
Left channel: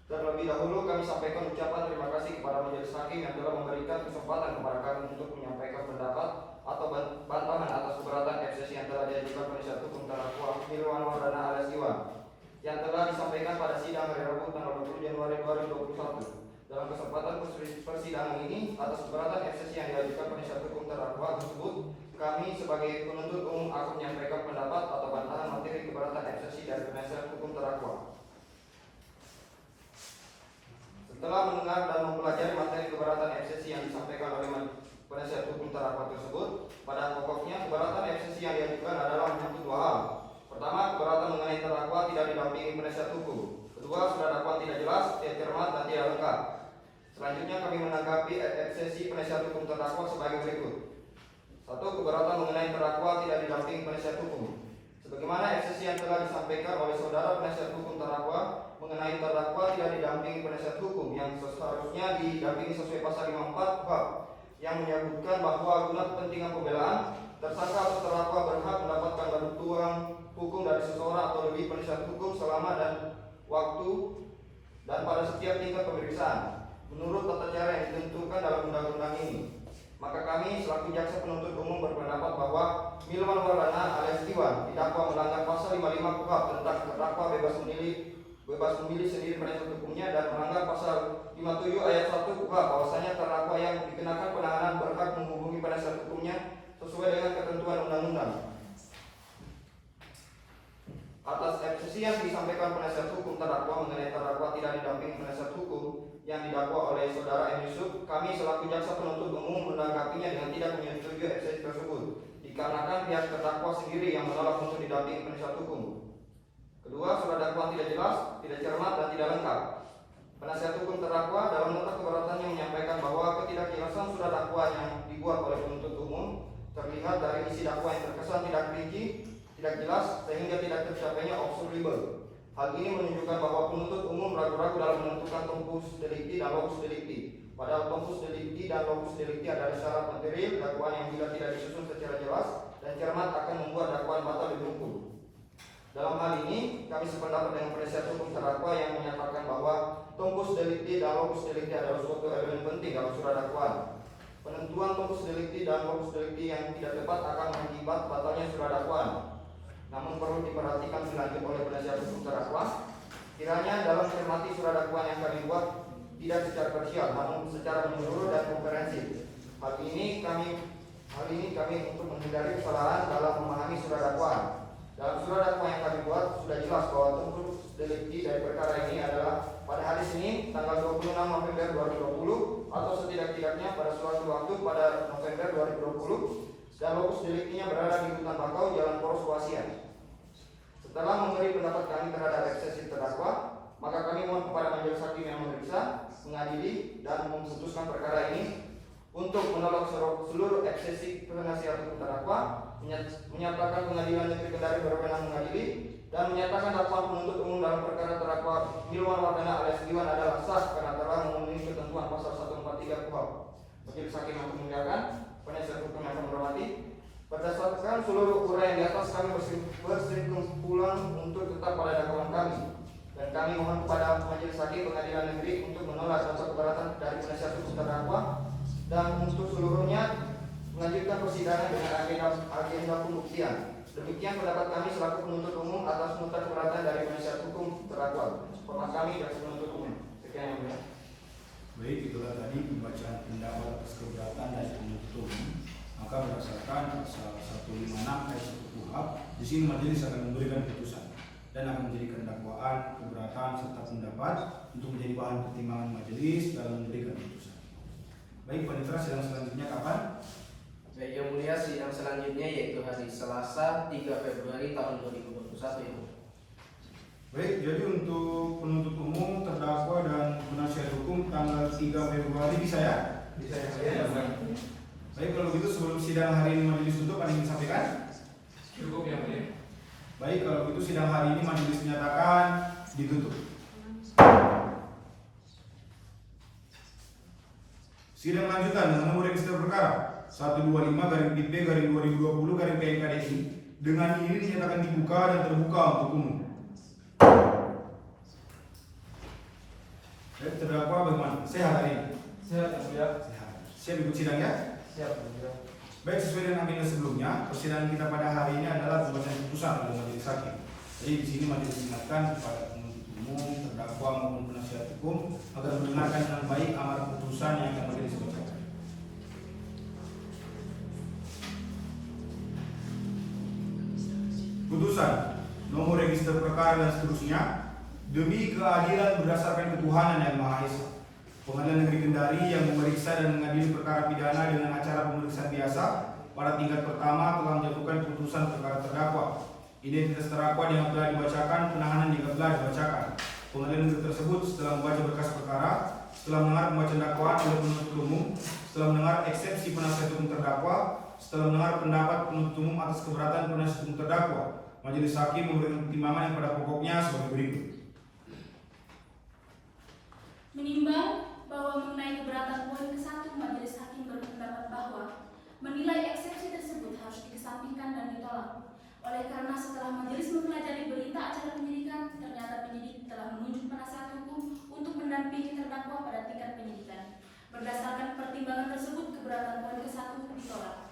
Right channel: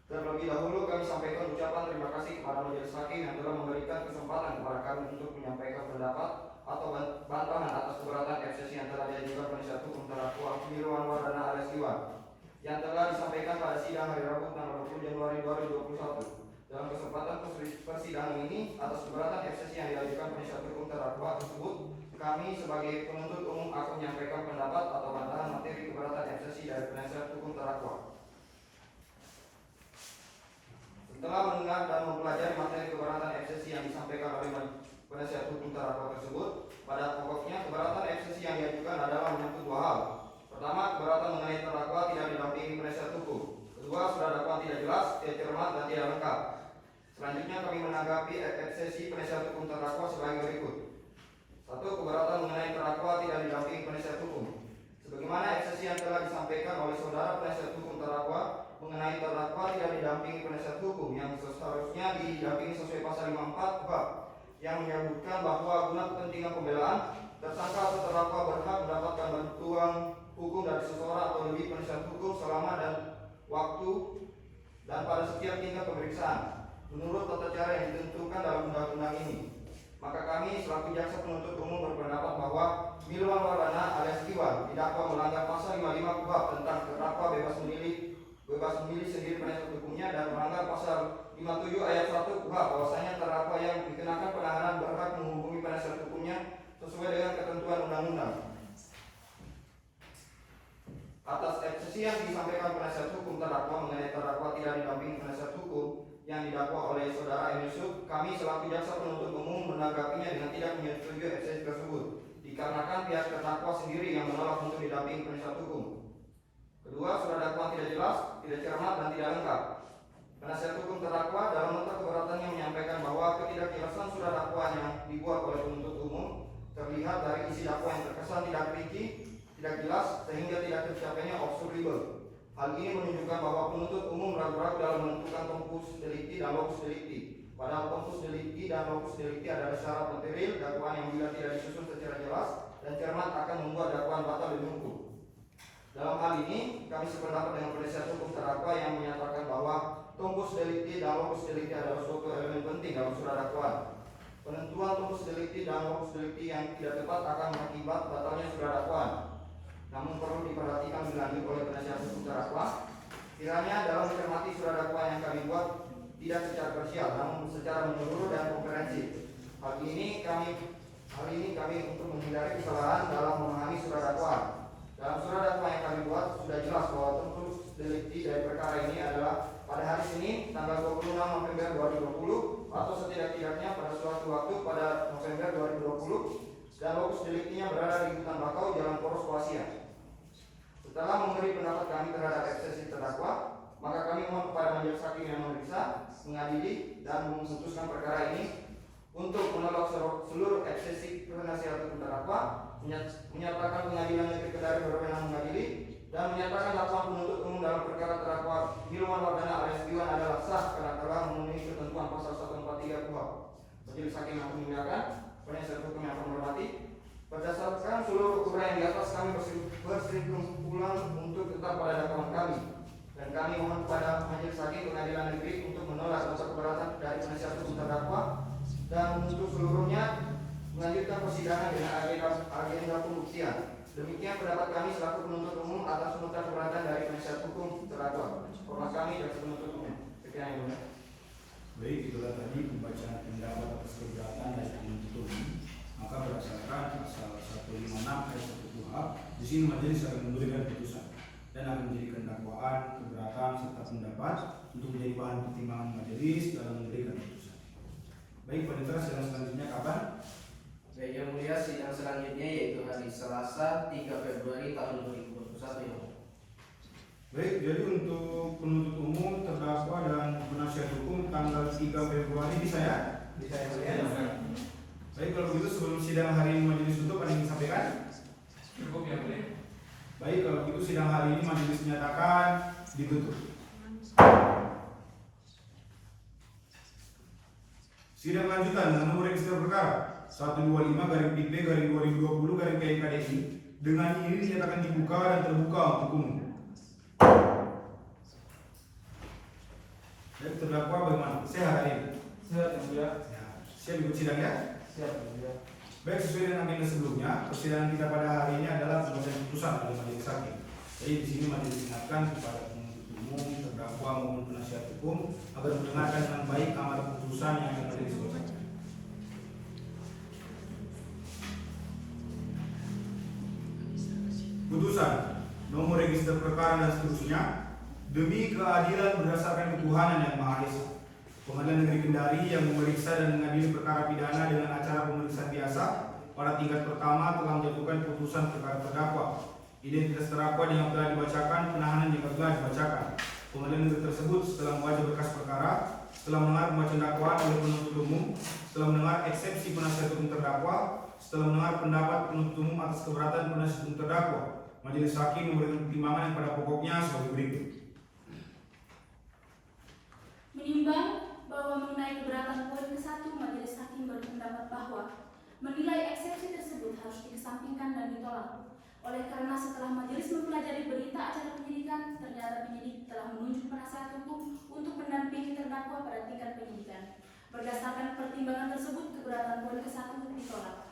Terlebih dahulu kami sampaikan ucapan terima kasih kepada Majelis Hakim yang telah memberikan kesempatan kepada kami untuk menyampaikan pendapat atau bantahan atas keberatan eksepsi yang telah diajukan penasihat hukum terdakwa Bilwa Mardana alias Iwan yang telah disampaikan pada sidang hari Rabu tanggal 20 Januari 2021. Dalam kesempatan persidangan ini, atas keberatan eksepsi yang diajukan penasihat hukum terdakwa tersebut, kami sebagai penuntut umum akan menyampaikan pendapat atau bantahan materi keberatan eksepsi dari penasihat hukum terdakwa. Setelah mendengar dan mempelajari materi keberatan eksepsi yang disampaikan oleh penasihat hukum terdakwa tersebut, pada pokoknya keberatan eksepsi yang diajukan adalah menyentuh dua hal. Pertama, keberatan mengenai terdakwa tidak didampingi penasihat hukum. Kedua, surat dakwaan tidak jelas, tidak cermat, dan tidak lengkap. Selanjutnya kami menanggapi eksepsi penasihat hukum terdakwa sebagai berikut. 1. Keberatan mengenai terdakwa tidak didampingi penasihat hukum. Sebagaimana eksepsi yang telah disampaikan oleh saudara penasihat hukum terdakwa mengenai terdakwa tidak didampingi penasihat hukum yang seharusnya didampingi sesuai pasal 54 KUHP yang menyebutkan bahwa guna kepentingan pembelaan, tersangka atau terdakwa berhak mendapatkan bantuan hukum dari seseorang atau lebih penasihat hukum selama dan waktu dan pada setiap tingkat pemeriksaan menurut tata cara yang ditentukan dalam undang-undang ini. maka kami selaku jaksa penuntut umum berpendapat bahwa Milwan Wardana alias Iwan didakwa melanggar pasal 55 KUHP tentang terdakwa bebas memilih sendiri penasihat hukumnya dan melanggar pasal 57 ayat 1 KUHP bahwasanya terdakwa yang dikenakan penahanan berhak menghubungi penasihat hukumnya sesuai dengan ketentuan undang-undang. Atas eksepsi yang disampaikan penasihat hukum terdakwa mengenai terdakwa tidak didampingi penasihat hukum yang didakwa oleh saudara M. Yusuf, kami selaku jaksa penuntut umum menanggapinya dengan tidak menyetujui eksepsi tersebut dikarenakan pihak terdakwa sendiri yang menolak untuk didampingi penasihat hukum. Kedua, surat dakwaan tidak jelas, tidak cermat, dan tidak lengkap. Penasihat hukum terdakwa dalam nota keberatannya menyampaikan bahwa ketidakjelasan surat dakwaan yang dibuat oleh penuntut umum terlihat dari isi dakwaan yang terkesan tidak rinci, tidak jelas, sehingga tidak tercapainya observable. Hal ini menunjukkan bahwa penuntut umum ragu-ragu dalam menentukan tempus delikti dan lokus delikti. Padahal tempus delikti dan lokus delikti adalah syarat material dakwaan yang bila tidak disusun secara jelas dan cermat akan membuat dakwaan batal demi hukum. Dalam hal ini, kami sependapat dengan penasihat hukum terdakwa yang menyatakan bahwa tempus delikti dan lokus delikti adalah suatu elemen penting dalam surat dakwaan. Penentuan tempus delikti dan lokus delikti yang tidak tepat akan mengakibat batalnya surat dakwaan. Namun perlu diperhatikan lebih lanjut oleh penasihat hukum terdakwa, kiranya dalam mencermati surat dakwaan yang kami buat tidak secara parsial, namun secara menyeluruh dan komprehensif. Hal ini kami untuk menghindari kesalahan dalam memahami surat dakwaan. Dalam surat dakwaan yang kami buat sudah jelas bahwa tempus delikti dari perkara ini adalah pada hari Senin tanggal 26 November 2020 atau setidak-tidaknya pada suatu waktu pada November 2020 dan lokus deliktinya berada di Hutan Bakau, Jalan Poros Wasiat. Setelah memberi pendapat kami terhadap eksepsi terdakwa, maka kami mohon kepada majelis hakim yang memeriksa, mengadili, dan memutuskan perkara ini untuk menolak seluruh eksepsi penasihat hukum terdakwa, menyatakan pengadilan negeri Kendari berwenang mengadili, dan menyatakan dakwaan penuntut umum dalam perkara terdakwa Milwan Wardana alias Iwan adalah sah karena telah memenuhi ketentuan pasal 143 KUHP. Majelis hakim yang memuliakan, penasihat hukum yang menghormati, berdasarkan seluruh uraian di atas kami berkesimpulan untuk tetap pada dakwaan kami, dan kami mohon kepada majelis hakim pengadilan negeri untuk menolak nota keberatan dari penasihat hukum terdakwa dan untuk seluruhnya melanjutkan persidangan dengan agenda pembuktian. Demikian pendapat kami selaku penuntut umum atas nota keberatan dari penasihat hukum terdakwa. Hormat kami dan penuntut umum. Sekian yang mulia. Baik, itulah tadi pembacaan pendapat atas keberatan dari penuntut umum. Maka berdasarkan pasal 156 ayat 1 KUHP, di sini majelis akan memberikan putusan dan akan menjadikan dakwaan, keberatan serta pendapat untuk menjadi bahan pertimbangan majelis dalam memberikan putusan. Baik, panitera, sidang selanjutnya kapan? Baik, yang mulia, sidang selanjutnya yaitu hari Selasa 3 Februari tahun 2021 ini. Baik, jadi untuk penuntut umum, terdakwa dan penasihat hukum tanggal 3 Februari bisa ya? Bisa ya. Baik, kalau begitu sebelum sidang hari ini majelis tutup, ada yang disampaikan? Cukup yang mulia. Baik, kalau begitu sidang hari ini majelis menyatakan ditutup. Sidang lanjutan dengan nomor register perkara 125/PP/2020/KMKDI dengan ini dinyatakan dibuka dan terbuka untuk umum. Baik, terdakwa bagaimana? Sehat hari ini? Sehat yang mulia. Sehat. Siap ikut sidang ya? Siap yang mulia. Baik, sesuai dengan agenda sebelumnya, persidangan kita pada hari ini adalah pembacaan putusan oleh majelis hakim. Jadi di sini majelis ingatkan kepada penuntut umum, terdakwa maupun penasihat hukum agar mendengarkan dengan baik amar putusan yang akan majelis bacakan. Putusan nomor register perkara dan seterusnya demi keadilan berdasarkan ketuhanan yang Maha Esa. Pengadilan Negeri Kendari yang memeriksa dan mengadili perkara pidana dengan acara pemeriksaan biasa pada tingkat pertama telah menjatuhkan putusan perkara terdakwa. Identitas terdakwa yang telah dibacakan, penahanan yang telah dibacakan. Pengadilan negeri tersebut setelah membaca berkas perkara, setelah mendengar pembacaan dakwaan oleh penuntut umum, setelah mendengar eksepsi penasihat hukum terdakwa, setelah mendengar pendapat penuntut umum atas keberatan penasihat hukum terdakwa, majelis hakim memberikan pertimbangan yang pada pokoknya sebagai berikut. Menimbang bahwa mengenai keberatan poin ke-1, majelis hakim berpendapat bahwa menilai eksepsi tersebut harus dikesampingkan dan ditolak. Oleh karena setelah majelis mempelajari berita acara penyidikan, ternyata penyidik telah menunjuk penasihat hukum untuk mendampingi terdakwa pada tingkat penyidikan. Berdasarkan pertimbangan tersebut, keberatan poin ke-1 ditolak.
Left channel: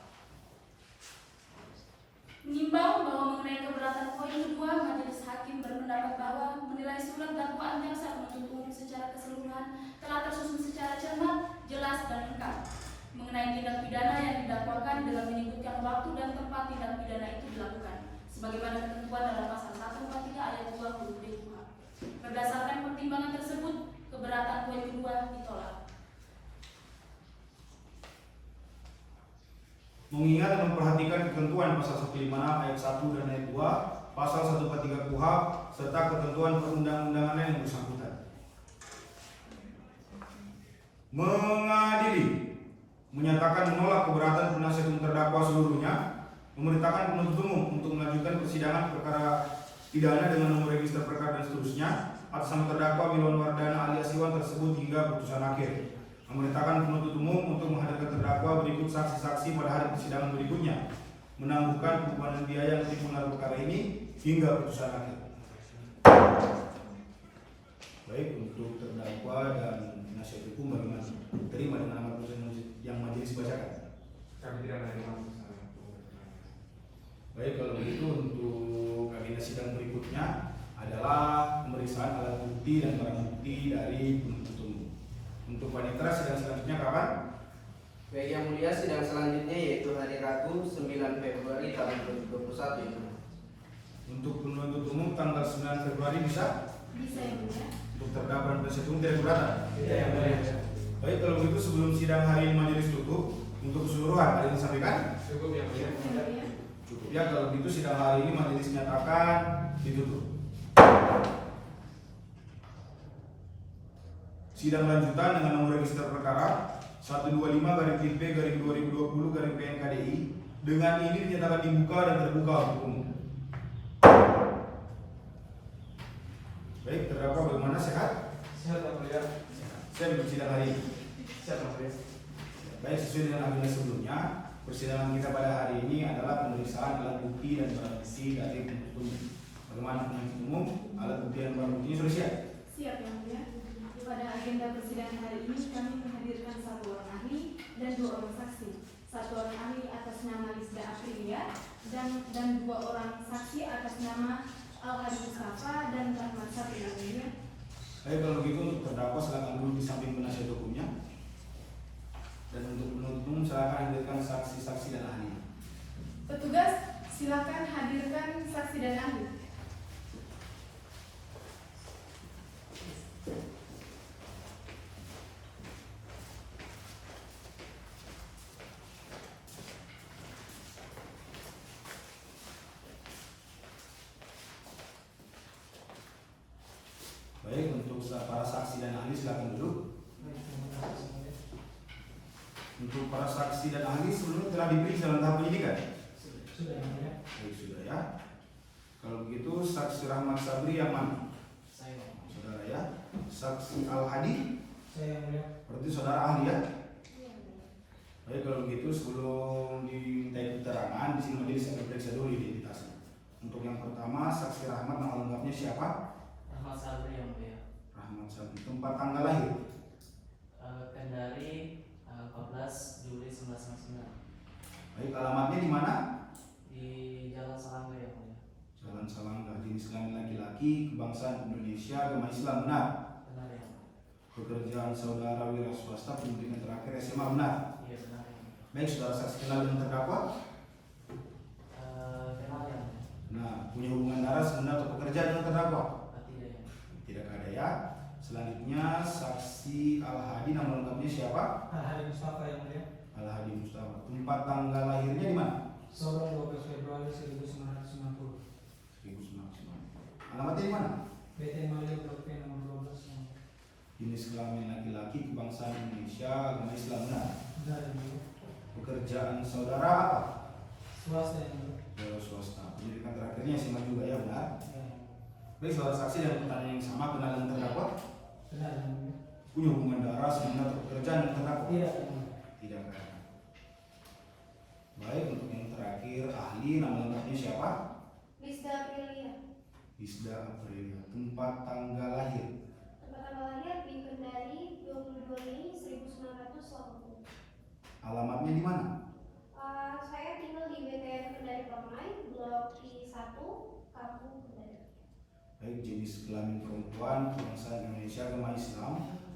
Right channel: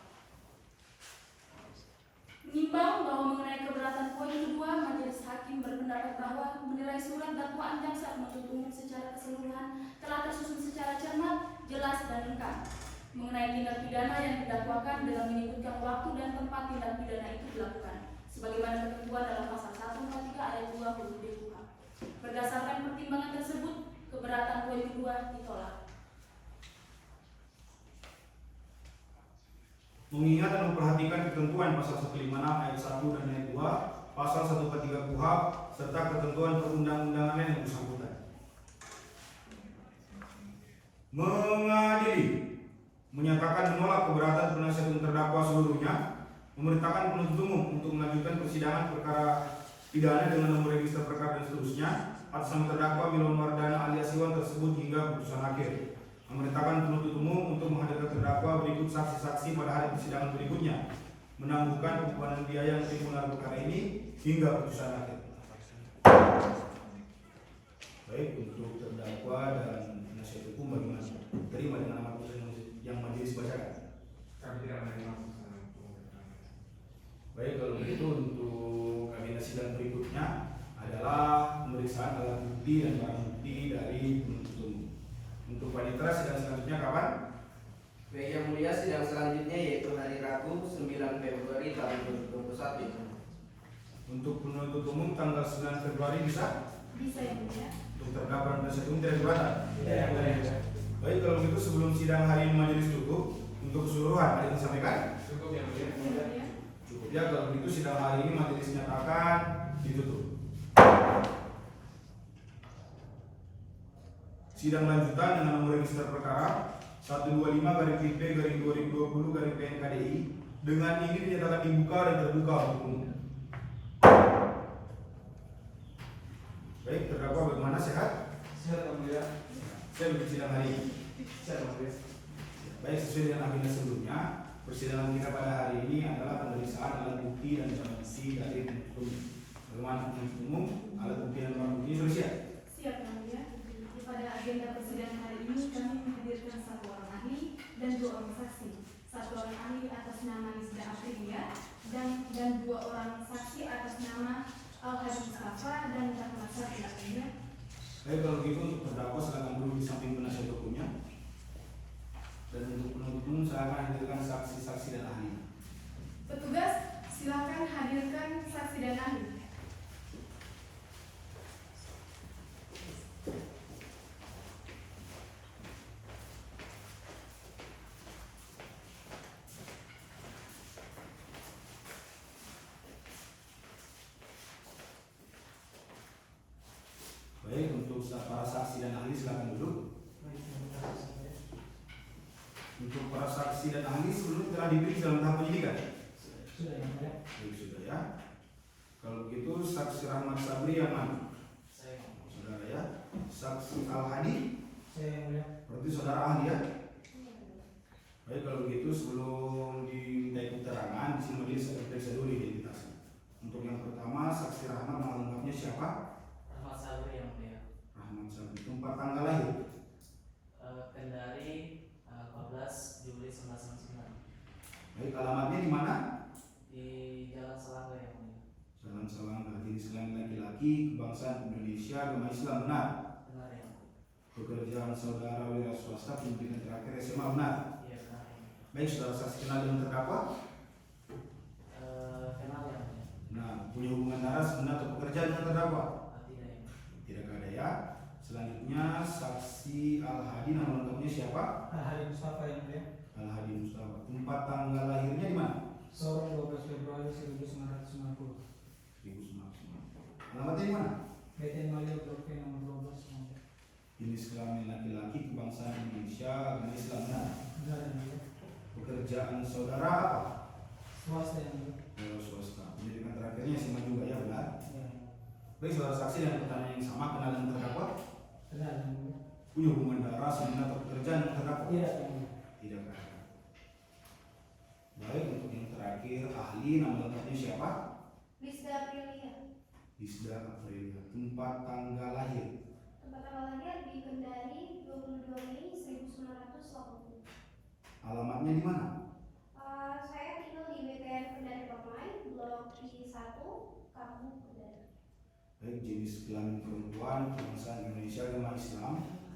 Menimbang bahwa mengenai keberatan poin kedua, majelis hakim berpendapat bahwa menilai surat dakwaan jaksa penuntut umum secara keseluruhan telah tersusun secara cermat, jelas, dan lengkap mengenai tindak pidana yang didakwakan dengan menyebutkan waktu dan tempat tindak pidana itu dilakukan, sebagaimana ketentuan dalam pasal 143 ayat 2 huruf D KUH. Berdasarkan pertimbangan tersebut, keberatan poin kedua ditolak. Mengingat dan memperhatikan ketentuan pasal 156 ayat 1 dan ayat 2, pasal 143 KUHP, serta ketentuan perundang-undangan lain yang bersangkutan. Mengadili, menyatakan menolak keberatan penasihat hukum terdakwa seluruhnya, memerintahkan penuntut umum untuk melanjutkan persidangan perkara pidana dengan nomor register perkara dan seterusnya atas nama terdakwa Milwan Wardana alias Iwan tersebut hingga putusan akhir. Memerintahkan penuntut umum untuk menghadirkan terdakwa berikut saksi-saksi pada hari persidangan berikutnya, menangguhkan pengumpulan biaya yang mengenai perkara ini hingga putusan akhir. Baik, untuk terdakwa dan penasihat hukum bagaimana? Terima dengan amar putusan yang majelis bacakan? Kami tidak menerima putusan. Baik, kalau begitu untuk agenda sidang berikutnya adalah pemeriksaan alat bukti dan barang bukti dari penuntut umum. Untuk panitera sidang selanjutnya kapan? Baik yang mulia, sidang selanjutnya yaitu hari Rabu 9 Februari tahun 2021. Untuk penuntut umum tanggal 9 Februari bisa? Bisa yang mulia. Untuk terdakwa dan penasihat hukum tidak keberatan? Iya. Baik, kalau begitu sebelum sidang hari ini majelis tutup, untuk keseluruhan ada yang disampaikan? Cukup yang mulia. Cukup ya, kalau begitu sidang hari ini majelis menyatakan ditutup. Sidang lanjutan dengan nomor register perkara 125/P/2020/PNKDI dengan ini dinyatakan dibuka dan terbuka untuk umum. Baik, terdakwa bagaimana, sehat? Sehat yang mulia. Saya untuk sidang hari ini. Sehat yang mulia. Baik, sesuai dengan agenda sebelumnya, persidangan kita pada hari ini adalah pemeriksaan alat bukti dan barang bukti dari penuntut umum. Bagaimana penuntut umum, alat bukti dan barang bukti sudah siap? Siap yang mulia. Pada agenda persidangan hari ini kami menghadirkan 1 orang ahli dan 2 orang saksi. 1 orang ahli atas nama Lisda Aprilia dan 2 orang saksi atas nama Al-Hadi Mustafa dan Rahmat Sabri. Baik, kalau begitu untuk terdakwa silakan duduk di samping penasihat hukumnya. Dan untuk penuntut umum silakan hadirkan saksi-saksi dan ahli. Petugas, silakan hadirkan saksi dan ahli. Baik, untuk para saksi dan ahli silakan duduk. Untuk para saksi dan ahli sebelumnya telah diperiksa dalam tahap penyidikan? Sudah yang mulia. Baik, sudah ya. Kalau begitu saksi Rahmat Sabri yang mana? Saya. Saudara ya. Saksi Al-Hadi? Saya yang mulia. Berarti saudara ahli ya? Baik, kalau begitu sebelum dimintai keterangan, di sini majelis akan periksa dulu identitasnya. Untuk yang pertama, saksi Rahmat, nama lengkapnya siapa? Rahmat Sabri yang mulia. Rahmat Sabri. Tempat tanggal lahir? Kendari 14 Juli 1999 Baik, alamatnya di mana? di Jalan Salangga yang mulia. Jalan Salangga. Jenis kelamin laki-laki, kebangsaan Indonesia, agama Islam, benar? Benar yang mulia. Pekerjaan saudara wira swasta, pendidikan terakhir SMA, benar? Iya benar yang mulia. Baik, saudara saksi kenal dengan terdakwa? Kenal yang mulia. Nah, punya hubungan darah sebenarnya atau pekerjaan dengan terdakwa? Tidak yang mulia. Tidak ada ya. Selanjutnya saksi Al-Hadi, nama lengkapnya siapa? Al-Hadi Mustafa yang mulia. Al-Hadi Mustafa. Tempat tanggal lahirnya di mana? Sorong 12 Februari 1990. 1990. Alamatnya di mana? BT Malio Blok P nomor 12 yang mulia. Jenis kelamin laki-laki, kebangsaan Indonesia, agama Islam, benar? Benar yang mulia. Pekerjaan saudara apa? Swasta yang mulia. Wira swasta. Pendidikan terakhirnya SMA juga ya, benar? Ya, yang mulia. Baik, saudara saksi dengan pertanyaan yang sama, kenal dengan terdakwa? Benar yang mulia. Punya hubungan darah sebenarnya atau pekerjaan dengan terdakwa? Tidak yang mulia. Tidak ada. Baik, untuk yang terakhir ahli, nama lengkapnya siapa? Lisda Aprilia. Lisda Aprilia. Tempat tanggal lahir? Tempat tanggal lahir di Kendari 22 Mei 1999. Sukabumi. Alamatnya di mana? Saya tinggal di BTN Kendari Permai, Blok I1, Kampung Kendari. Baik, jenis kelamin perempuan, bangsa Indonesia, agama Islam,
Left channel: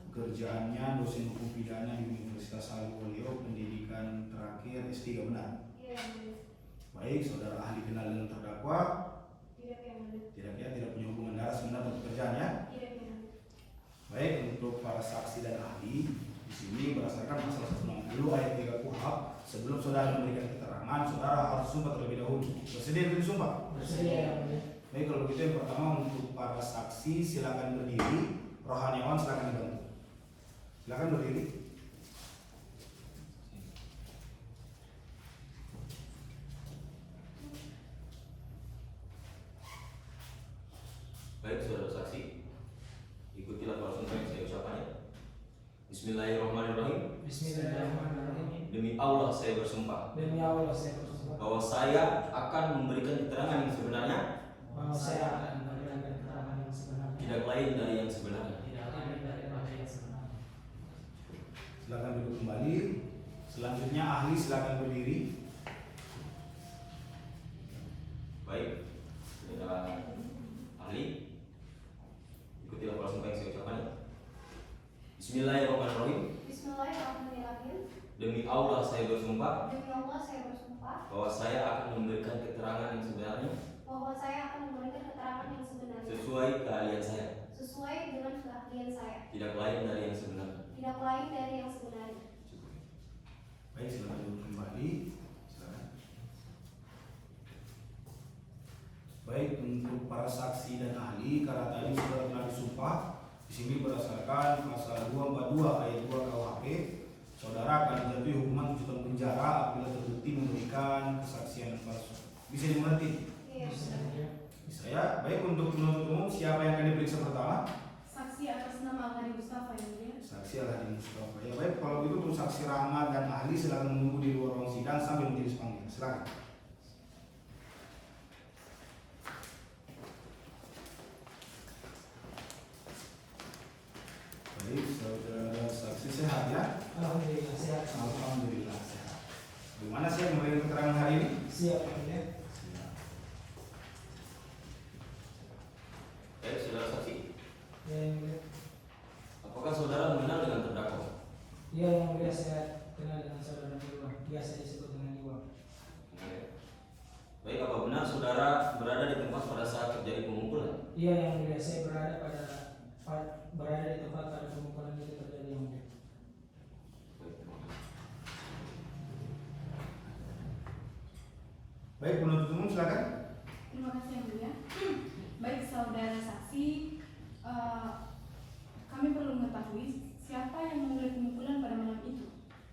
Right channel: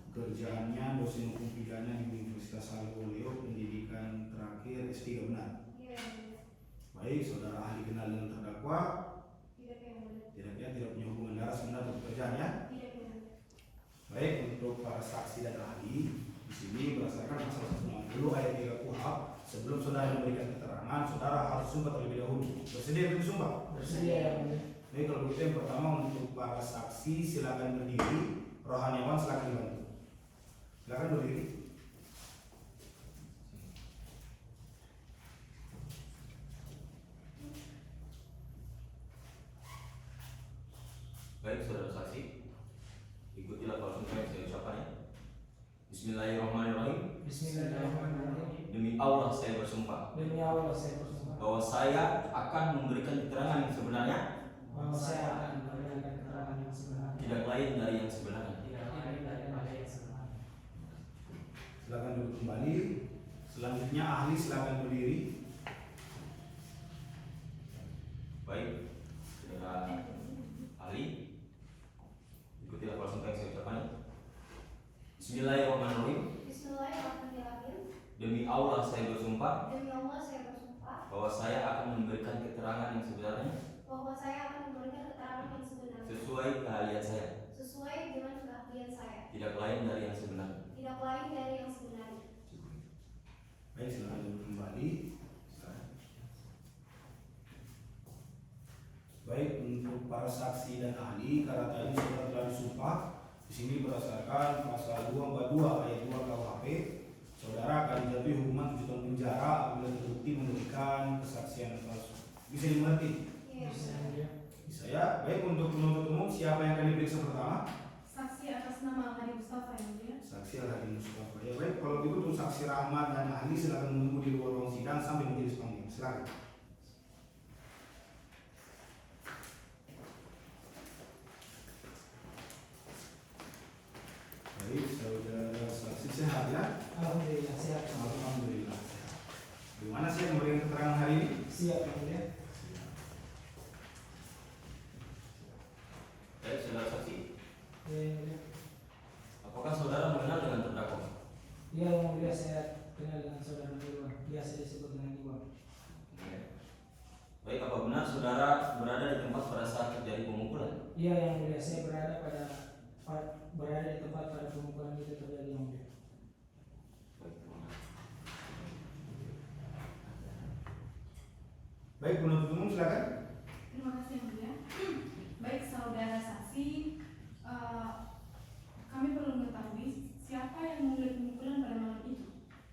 kerjaannya dosen hukum pidana di Universitas Haluoleo, pendidikan terakhir S3, benar? Iya, yang mulia. Baik, saudara ahli kenal dengan terdakwa, Tidak, yang mulia. tidak punya hubungan darah sebenar untuk pekerjaan ya? Tidak, yang mulia. Baik, untuk para saksi dan ahli di sini berdasarkan pasal 160 ayat 3 KUHP, sebelum saudara memberikan keterangan, saudara harus sumpah terlebih dahulu. Bersedia untuk disumpah? Bersedia yang mulia. Baik, kalau begitu yang pertama untuk para saksi silakan berdiri, rohaniawan silakan dibantu. Silakan berdiri. Baik, saudara saksi, ikutilah sumpah yang saya ucapkan ya. Bismillahirrahmanirrahim. Bismillahirrahmanirrahim. Demi Allah saya bersumpah Demi Allah saya bersumpah bahwa saya akan memberikan keterangan yang sebenarnya, bahwa saya akan memberikan keterangan yang sebenarnya, tidak lain dari yang sebenarnya. tidak lain daripada yang sebenarnya. Silakan duduk kembali. Selanjutnya ahli silakan berdiri. Baik, saudara ahli, ikutilah sumpah yang saya ucapkan ya. Bismillahirrahmanirrahim. Bismillahirrahmanirrahim. Demi Allah saya bersumpah Demi Allah saya bersumpah bahwa saya akan memberikan keterangan yang sebenarnya bahwa saya akan memberikan keterangan yang sebenarnya sesuai keahlian saya, sesuai dengan keahlian saya, tidak lain dari yang sebenarnya. tidak lain dari yang sebenarnya. Baik, silakan duduk kembali. Silakan. Baik, untuk para saksi dan ahli, karena tadi sudah telah disumpah, di sini berdasarkan pasal 242 ayat 2 KUHP, saudara akan dijatuhi hukuman 7 tahun penjara apabila terbukti memberikan kesaksian palsu. Bisa dimengerti? Iya. Bisa ya. Baik, untuk penuntut umum siapa yang akan diperiksa pertama? Saksi atas nama Al-Hadi Mustafa yang mulia. Saksi Al-Hadi Mustafa. Ya baik, kalau begitu untuk saksi Rahmat dan ahli silakan menunggu di luar ruang sidang sampai majelis panggil. Silakan. Baik, saudara saksi sehat ya? Alhamdulillah sehat. Alhamdulillah sehat. Gimana sih yang memberikan keterangan hari ini? Siap yang mulia. Baik, saudara saksi, Ya, yang mulia. apakah saudara mengenal dengan terdakwa? Iya yang mulia, saya kenal dengan saudara Iwan, biasa disebut dengan Iwan. Oke. Baik, apa benar saudara berada di tempat pada saat terjadi pemukulan? Iya yang mulia, saya berada di tempat pada pemukulan itu terjadi yang mulia. Baik, terima kasih. Baik, penuntut umum silakan. Terima kasih yang mulia. Baik saudara saksi, kami perlu mengetahui siapa yang memulai pemukulan pada malam itu.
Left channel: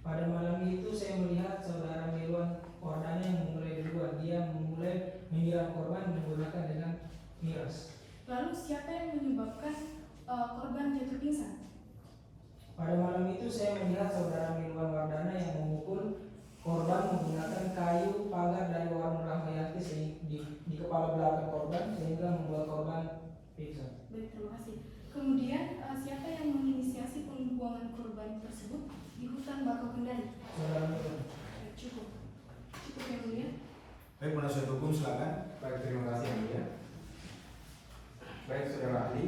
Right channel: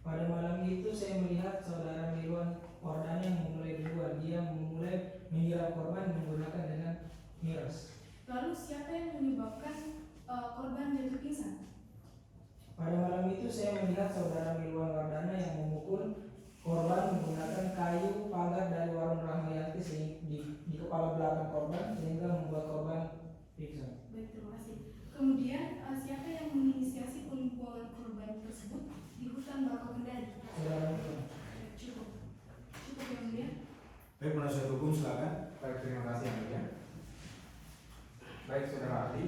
Pada malam itu saya melihat saudara Mirwan Ordana yang memulai duluan. Dia memulai menyiram korban menggunakan dengan miras. Lalu siapa yang menyebabkan korban jatuh pingsan? Pada malam itu saya melihat saudara Mirwan Ordana yang memukul korban menggunakan kayu pagar dari warung Rahmayati di kepala belakang korban sehingga membuat korban pingsan. Baik, terima kasih. Kemudian siapa yang menginisiasi pembuangan korban tersebut di hutan Bakau Kendari? Saudara Mirwan. Cukup yang mulia. Baik, penasihat hukum silakan. Baik, terima kasih yang mulia. Baik, saudara ahli,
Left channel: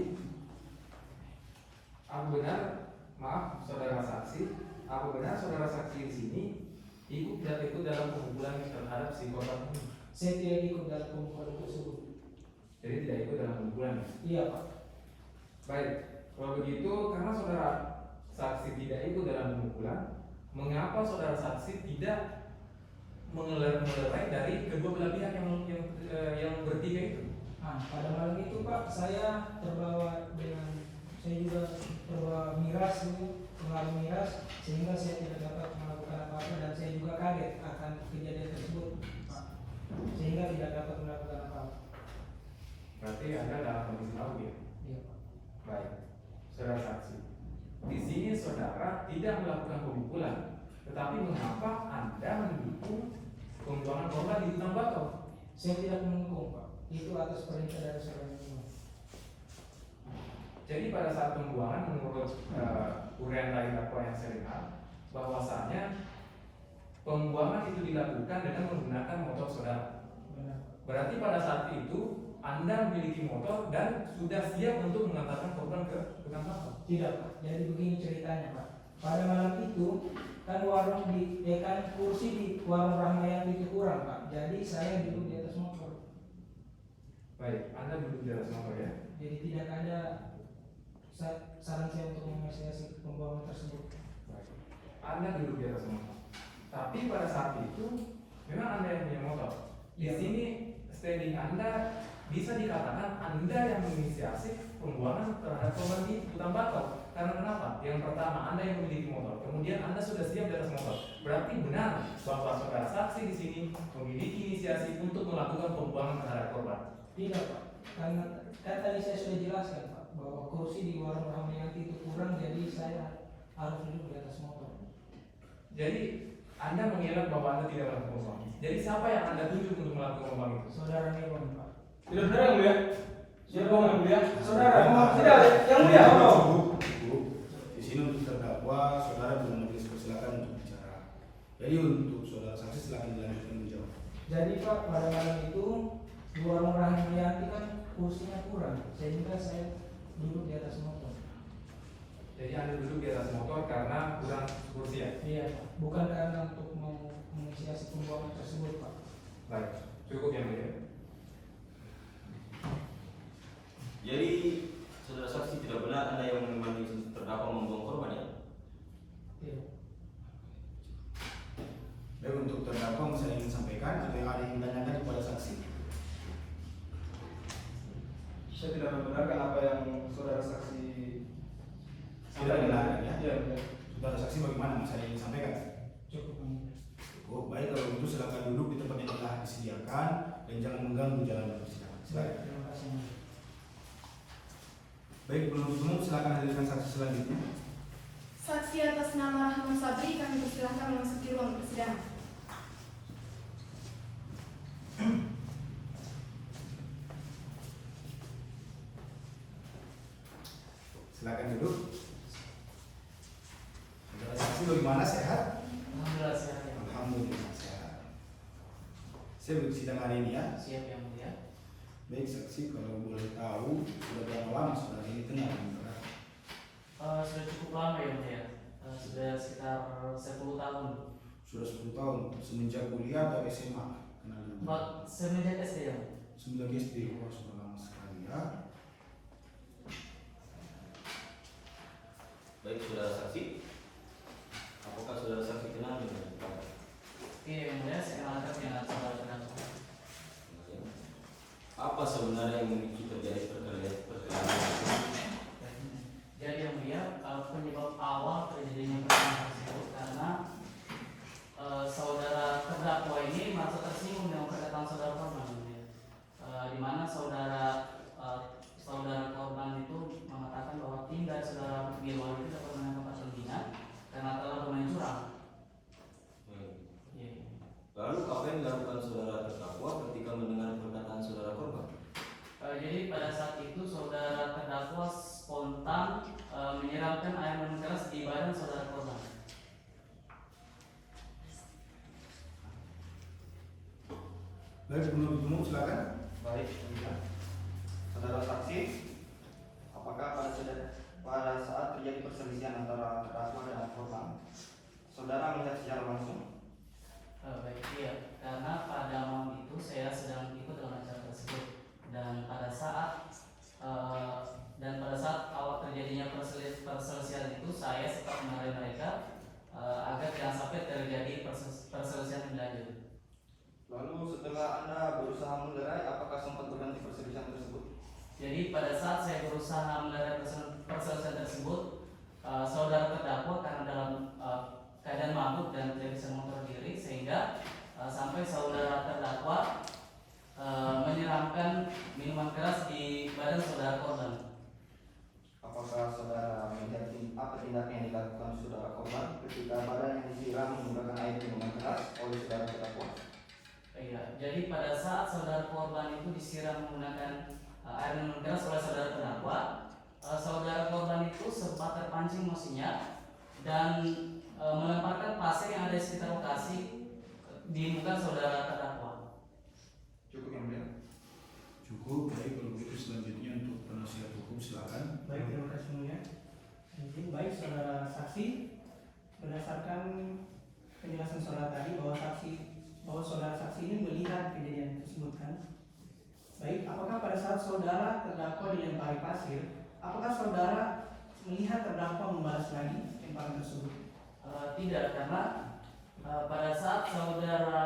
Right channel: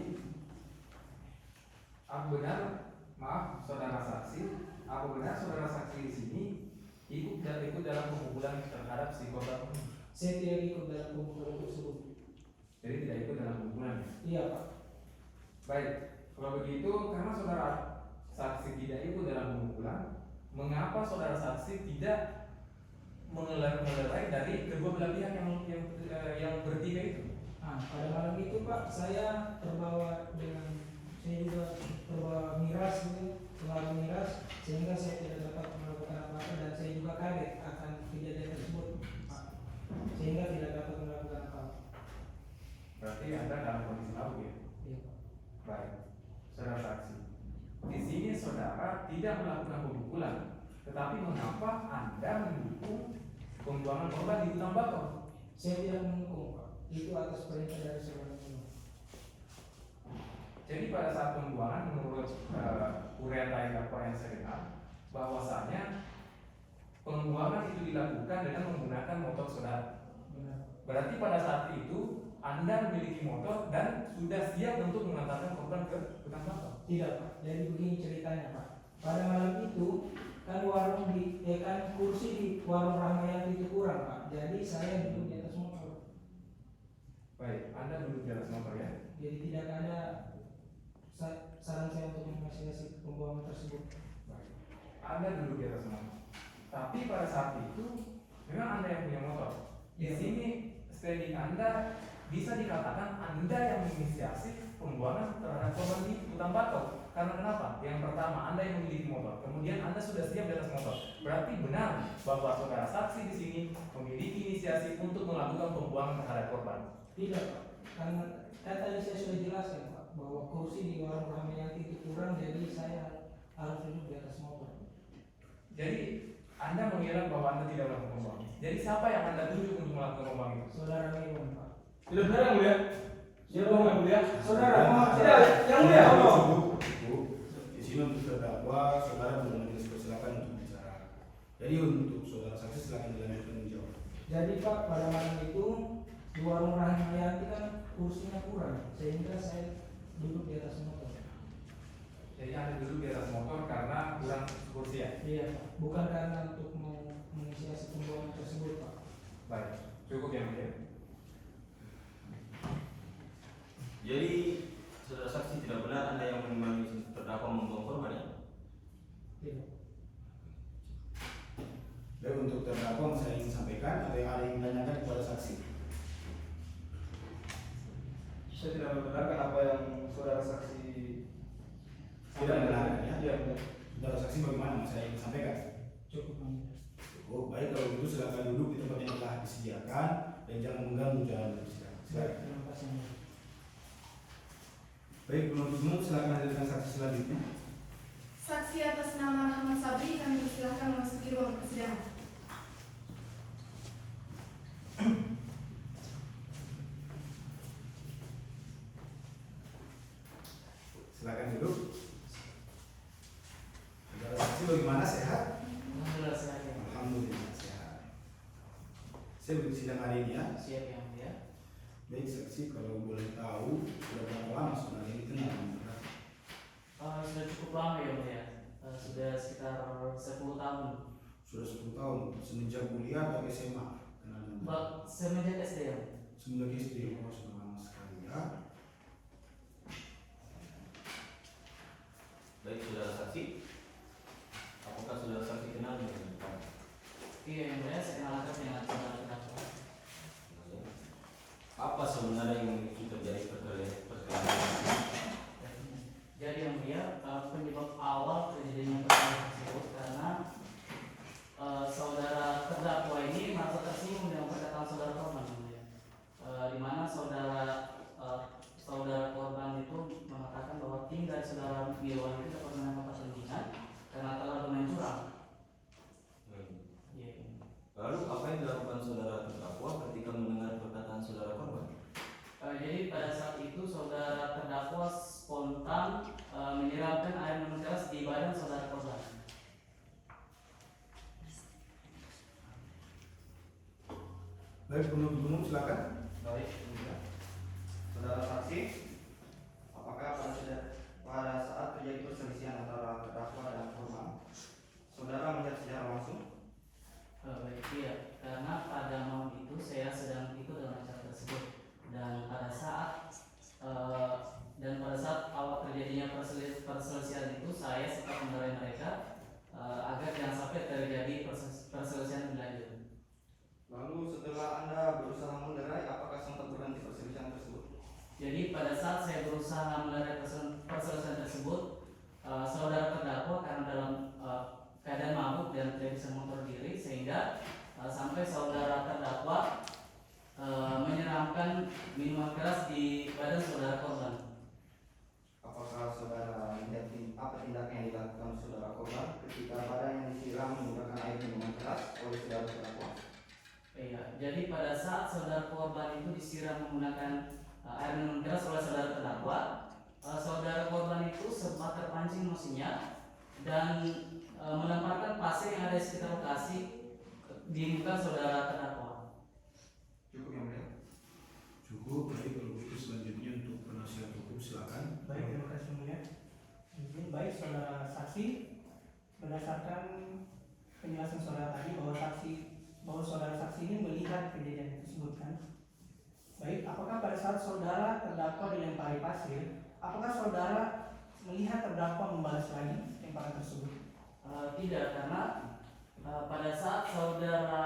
apa benar, maaf saudara saksi, apa benar saudara saksi di sini ikut dalam pemukulan terhadap si korban ini? Saya tidak ikut dalam pemukulan tersebut. Jadi tidak ikut dalam pemukulan. Iya Pak. Baik, kalau begitu karena saudara saksi tidak ikut dalam pemukulan, mengapa saudara saksi tidak mengelerai dari kedua belah pihak yang bertiga itu? Nah, pada malam itu Pak, saya terbawa dengan saya juga terbawa miras gitu, pengaruh miras sehingga saya tidak dapat melakukan apa-apa dan saya juga kaget akan kejadian tersebut Pak, sehingga tidak dapat melakukan apa-apa. Berarti Anda dalam kondisi mabuk ya? Iya Pak. Baik, saudara saksi. Di sini saudara tidak melakukan pemukulan, tetapi mengapa Anda mendukung pembuangan korban di hutan bakau? Saya tidak mendukung Pak, itu atas perintah dari saudara Mirwan. Jadi pada saat pembuangan menurut uraian lain dakwa yang saya dengar, bahwasanya pembuangan itu dilakukan dengan menggunakan motor saudara. Berarti pada saat itu Anda memiliki motor dan sudah siap untuk mengantarkan korban ke tukang bakso? Tidak Pak, jadi begini ceritanya Pak. Pada malam itu kan kursi di warung Rahmayani itu kurang Pak, jadi saya duduk di atas motor. Baik, Anda duduk di atas motor ya. Jadi tidak ada saran saya untuk menginvestigasi pembuangan tersebut. Baik. Anda duduk di atas motor. Tapi pada saat itu memang Anda yang punya motor. Di sini standing Anda bisa dikatakan Anda yang menginisiasi pembuangan terhadap korban di hutan bakau. Karena kenapa? Yang pertama, Anda yang memiliki motor, kemudian Anda sudah siap di atas motor. Berarti benar bahwa saudara saksi di sini memiliki inisiasi untuk melakukan pembuangan terhadap korban. Tidak Pak, karena kan tadi saya sudah jelaskan Pak bahwa kursi di warung Rahmayani itu kurang, jadi saya harus duduk di atas motor. Jadi Anda mengira bahwa Anda tidak melakukan pembuangan. Jadi siapa yang Anda tunjuk untuk melakukan pembuangan itu? Saudara Megon Pak. Saudara yang mulia. Siapa yang mulia? Saudara Tidak, yang mulia. Di sini untuk terdakwa, saudara belum majelis persilakan untuk bicara. Jadi untuk saudara saksi silakan dilanjutkan menjawab. Jadi Pak, pada malam itu di warung Rahmayani kan kursinya kurang, sehingga saya duduk di atas motor. Jadi Anda duduk di atas motor karena kurang kursi ya? Iya Pak, bukan karena untuk mau menginisiasi pembuangan tersebut Pak. Baik, cukup yang mulia. Jadi saudara saksi tidak benar Anda yang menemani terdakwa membuang korban ya? Iya. Baik, untuk terdakwa saya ingin sampaikan atau yang ada yang ditanyakan kepada saksi. Saya tidak membenarkan apa yang saudara saksi Tidak membenarkan ya? Iya, benar. Saudara saksi bagaimana saya ingin sampaikan? Cukup. Oh, baik, kalau itu silakan duduk di tempat yang telah disediakan dan jangan mengganggu jalan persidangan. Silakan. Terima kasih. Baik, penuntut umum silakan hadirkan saksi selanjutnya. Saksi atas nama Rahman Sabri kami persilahkan memasuki ruang persidangan. Silakan duduk. Saudara saksi bagaimana, sehat? Alhamdulillah sehat ya. Alhamdulillah sehat. Saya untuk sidang hari ini ya. Siap yang mulia. Baik saksi, kalau boleh tahu sudah berapa lama saudara ini kenal dengan terdakwa? Sudah cukup lama ya mulia. Sudah sekitar 10 tahun. Sudah 10 tahun semenjak kuliah atau SMA kenal dengan terdakwa? Pak, semenjak SD ya. Semenjak SD, wah sudah lama sekali ya. Baik saudara saksi, apakah saudara saksi kenal dengan terdakwa? Oke yang mulia, saya kenalkan dengan saudara terdakwa. Apa sebenarnya yang memicu terjadi perkelahian? Jadi yang mulia, penyebab awal terjadinya perkelahian tersebut karena saudara terdakwa ini merasa tersinggung dengan perkataan saudara korban, di mana saudara korban itu mengatakan bahwa tinggal saudara Milwan itu dapat mendapat pembinaan karena telah bermain curang. Iya. Lalu apa yang dilakukan saudara terdakwa ketika mendengar perkataan saudara korban? Jadi pada saat itu saudara terdakwa spontan menyiramkan air minum keras di badan saudara korban. Baik, penuntut umum silakan. Baik, saudara saksi, apakah pada saat terjadi perselisihan antara terdakwa dan korban, saudara melihat secara langsung? Baik, iya. Karena pada malam itu saya sedang ikut dalam acara tersebut dan pada saat awal terjadinya perselisihan itu saya sempat memarahi mereka agar jangan sampai terjadi perselisihan lebih lanjut. Lalu setelah Anda berusaha melerai, apakah sempat berhenti perselisihan tersebut? Jadi pada saat saya berusaha melerai perselisihan tersebut, saudara terdakwa karena dalam keadaan mabuk dan tidak bisa mengontrol diri sehingga sampai saudara terdakwa menyiramkan minuman keras di badan saudara korban. Apakah saudara melihat apa tindakan yang dilakukan saudara korban ketika badan yang disiram menggunakan air minuman keras oleh saudara terdakwa? Iya, jadi pada saat saudara korban itu disiram menggunakan air minum keras oleh saudara terdakwa, saudara korban itu sempat terpancing emosinya dan melemparkan pasir yang ada di sekitar lokasi di muka saudara terdakwa. Cukup yang mulia. Cukup. Baik, kalau begitu selanjutnya untuk penasihat hukum silakan. Baik, terima kasih mulia. Mungkin baik saudara saksi, berdasarkan penjelasan saudara tadi bahwa saudara saksi ini melihat kejadian tersebut kan. Baik, apakah pada saat saudara terdakwa dilempari pasir, apakah saudara melihat terdakwa membalas lagi lemparan tersebut? Tidak, karena pada saat saudara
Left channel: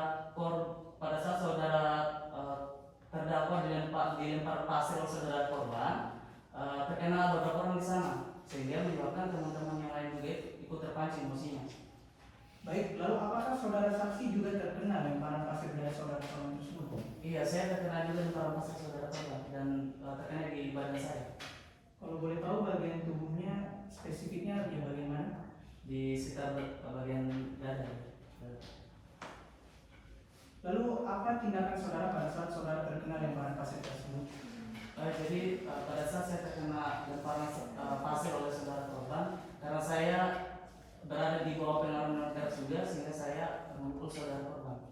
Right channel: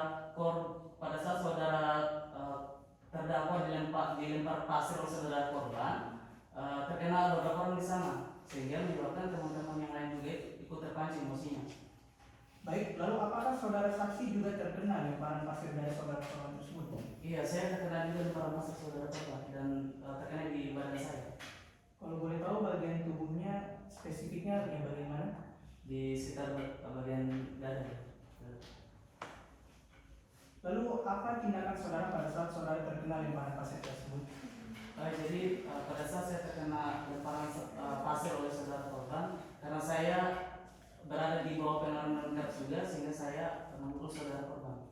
terdakwa dilempar pasir oleh saudara korban, terkena beberapa orang di sana, sehingga menyebabkan teman-teman yang lain juga ikut terpancing emosinya. Baik, lalu apakah saudara saksi juga terkena lemparan pasir dari saudara korban tersebut? Iya, saya terkena juga lemparan pasir saudara korban dan terkena di badan saya. Kalau boleh tahu bagian tubuhnya spesifiknya di bagian mana? Di sekitar bagian dada. Lalu apa tindakan saudara pada saat saudara terkena lemparan pasir tersebut? Jadi pada saat saya terkena lemparan pasir oleh saudara korban, karena saya berada di bawah pengaruh narkotika juga, sehingga saya memukul saudara korban.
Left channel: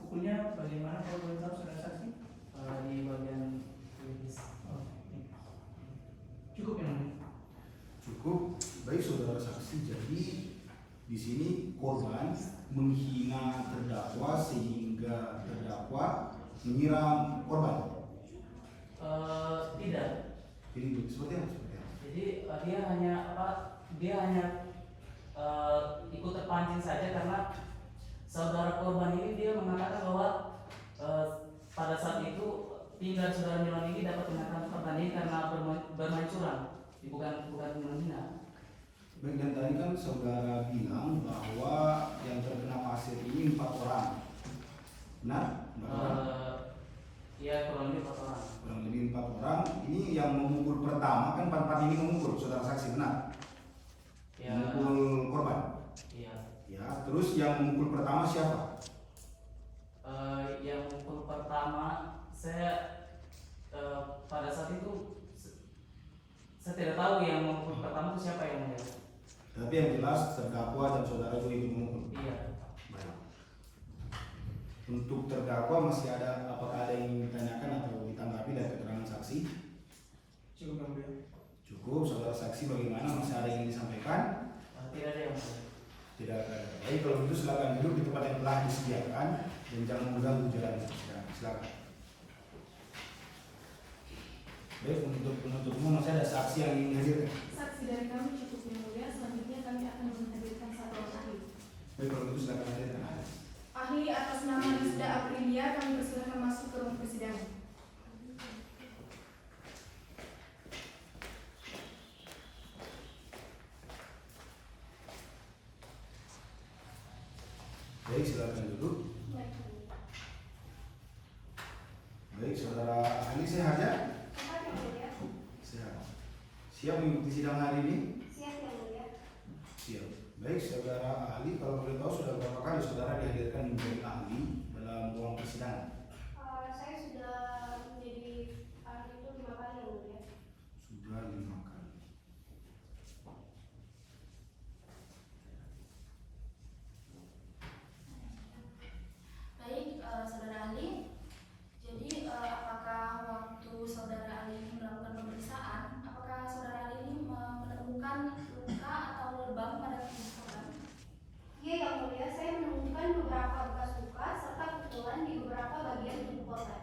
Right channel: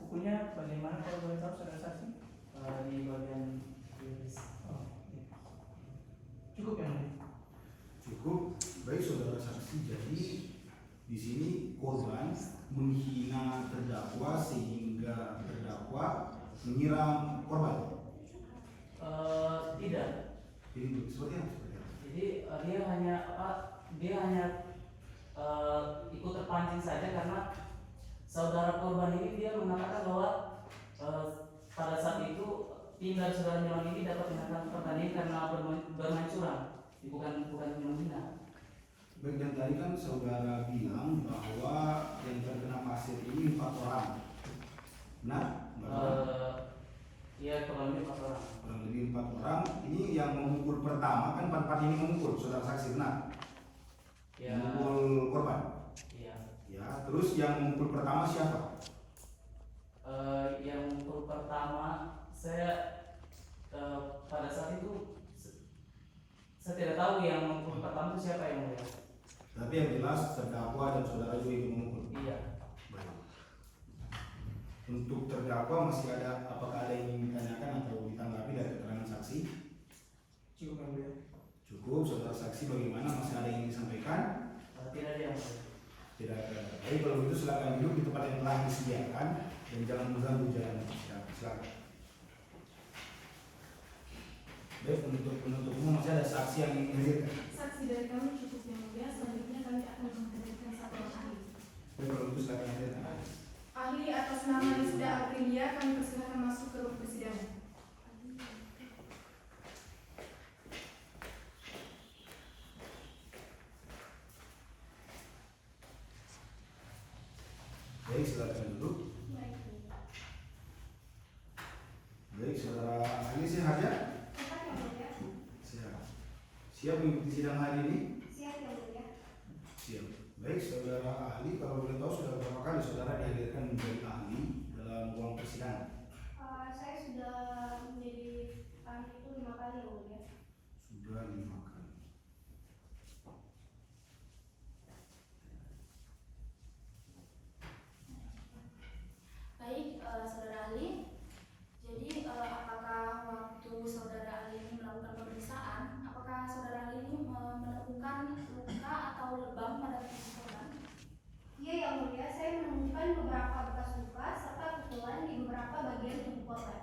Pukulnya bagaimana kalau boleh tahu saudara saksi? Di bagian pelvis. Cukup yang mulia. Cukup. Baik saudara saksi, jadi di sini korban menghina terdakwa sehingga terdakwa menyiram korban. Tidak. Jadi seperti apa? Jadi dia hanya ikut terpancing saja, karena saudara korban ini dia mengatakan bahwa pada saat itu tim dari saudara Nilon ini dapat menyatakan korban ini karena bermain curang, bukan menghina. Baik, dan tadi kan saudara bilang bahwa yang terkena pasir ini 4 orang. Benar? Iya, kurang lebih 4 orang. Kurang lebih 4 orang. Ini yang memukul pertama kan 4 ini memukul, saudara saksi, benar? Ya. Memukul korban. Iya. Ya, terus yang memukul pertama siapa? Yang memukul pertama saya pada saat itu saya tidak tahu yang memukul pertama itu siapa yang mulia. Tapi yang jelas terdakwa dan saudara juga ikut memukul. Iya. Baik. Untuk terdakwa masih ada, apakah ada yang ingin ditanyakan atau ditanggapi dari keterangan saksi? Cukup yang mulia. Cukup, saudara saksi bagaimana? Masih ada yang ingin disampaikan? Tidak ada yang mulia. Tidak ada. Baik, kalau begitu silakan duduk di tempat yang telah disediakan dan jangan mengganggu jalan. Silakan. Baik, untuk penutup umum masih ada saksi yang ingin dihadirkan? Saksi dari kami cukup yang mulia. Selanjutnya kami akan menghadirkan satu orang ahli. Baik, kalau begitu silakan hadirkan. Ahli atas nama Rizda Aprilia kami persilahkan masuk ke ruang persidangan. Baik, silakan duduk. Baik, saudara ahli sehat ya? Sehat. Siap mengikuti sidang hari ini? Siap yang mulia. Siap. Baik, saudara ahli, kalau boleh tahu sudah berapa kali saudara dihadirkan menjadi ahli dalam ruang persidangan? Saya sudah menjadi ahli itu 5 kali yang mulia. Sudah 5 kali. Baik, saudara ahli. Jadi apakah waktu saudara ahli ini melakukan pemeriksaan, apakah saudara ahli ini menemukan luka atau lebam pada tubuh korban? Iya yang mulia, saya menemukan beberapa bekas luka serta pukulan di beberapa bagian tubuh korban.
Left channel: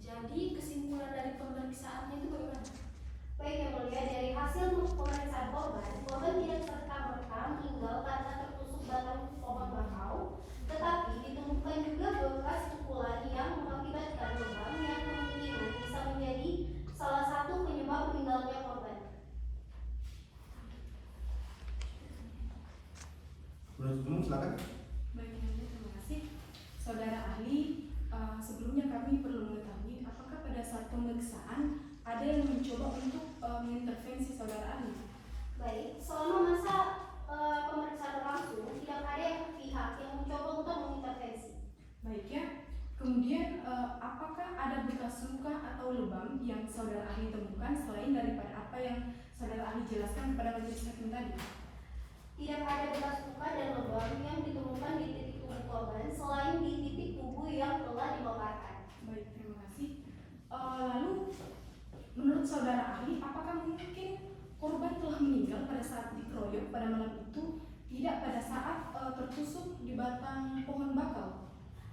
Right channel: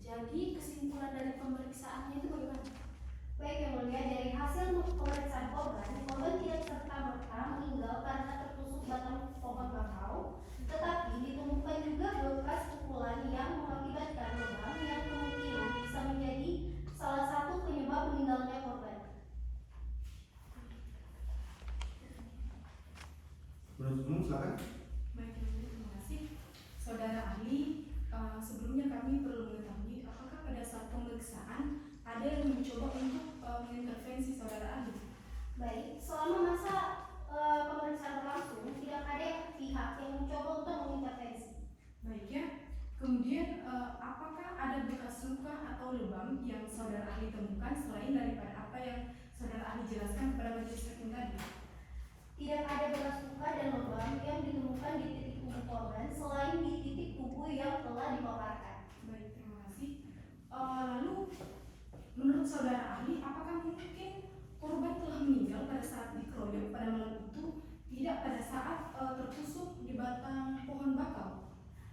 Jadi kesimpulan dari pemeriksaannya itu bagaimana? Baik yang mulia, dari hasil pemeriksaan korban tidak serta-merta meninggal karena tertusuk batang pohon bakau, tetapi ditemukan juga bekas pukulan yang mengakibatkan lebam yang kemungkinan bisa menjadi salah satu penyebab meninggalnya korban. Penutup umum silakan. Baik, terima kasih. Saudara ahli, sebelumnya kami perlu mengetahui apakah pada saat pemeriksaan ada yang mencoba untuk mengintervensi saudara ahli? Baik, selama masa pemeriksaan berlangsung tidak ada pihak yang mencoba untuk mengintervensi. Baik ya. Kemudian apakah ada bekas luka atau lebam yang saudara ahli temukan selain daripada apa yang saudara ahli jelaskan kepada majelis hakim tadi? Tidak ada bekas luka dan lubang yang ditemukan di titik tubuh korban selain di titik tubuh yang telah dibongkarkan. Baik, terima kasih. Lalu, menurut saudara ahli, apakah mungkin korban telah meninggal pada saat dikeroyok pada malam itu, tidak pada saat tertusuk di batang pohon bakau?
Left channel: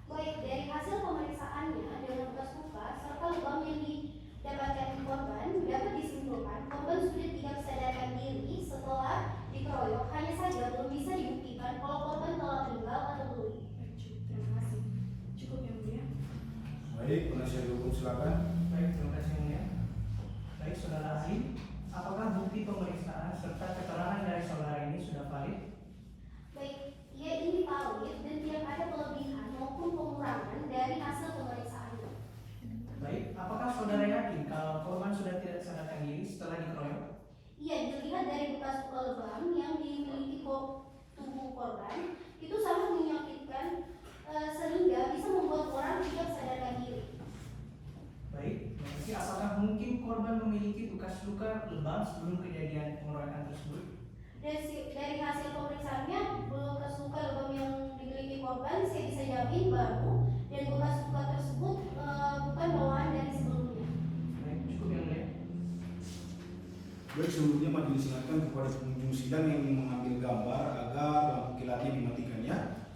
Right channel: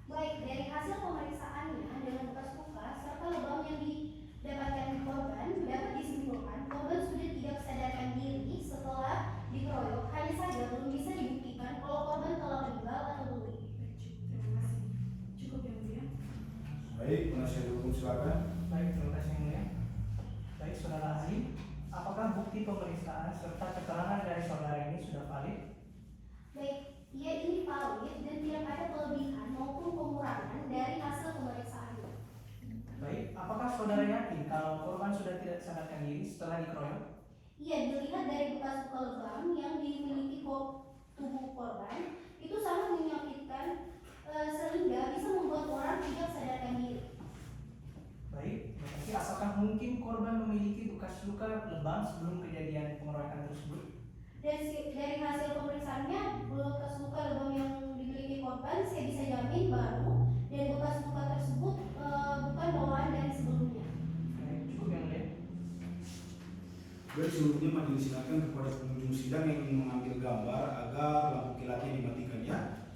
Baik, dari hasil pemeriksaannya dengan bekas luka serta lubang yang didapatkan korban dapat disimpulkan korban sudah tidak sadarkan diri setelah dikeroyok, hanya saja belum bisa dibuktikan kalau korban telah meninggal atau belum. Terima kasih. Cukup yang mulia. Baik, penasihat hukum silakan. Baik, terima kasih yang mulia. Baik, saudara ahli, apakah bukti pemeriksaan serta keterangan dari saudara ini sudah valid? Baik, ia ini valid dan tidak ada kelebihan maupun pengurangan dari hasil pemeriksaannya. Baik, apakah saudara yakin kalau korban sudah tidak sadarkan diri setelah dikeroyok? Iya, dilihat dari bekas luka lebam yang dimiliki tubuh korban itu sangat menyakitkan sehingga bisa membuat orang tidak sadarkan diri. Baik, terima kasih. Apakah mungkin korban memiliki bekas luka lebam sebelum kejadian pengeroyokan tersebut? Dari hasil pemeriksaannya, bekas luka lebam yang dimiliki korban saya bisa jamin baru dan bekas luka tersebut bukan bawaan dari sebelumnya. Baik, cukup yang mulia. Baik, sebelumnya majelis ingatkan kepada pengunjung sidang yang ingin mengambil gambar agar lampu kilatnya dimatikan ya.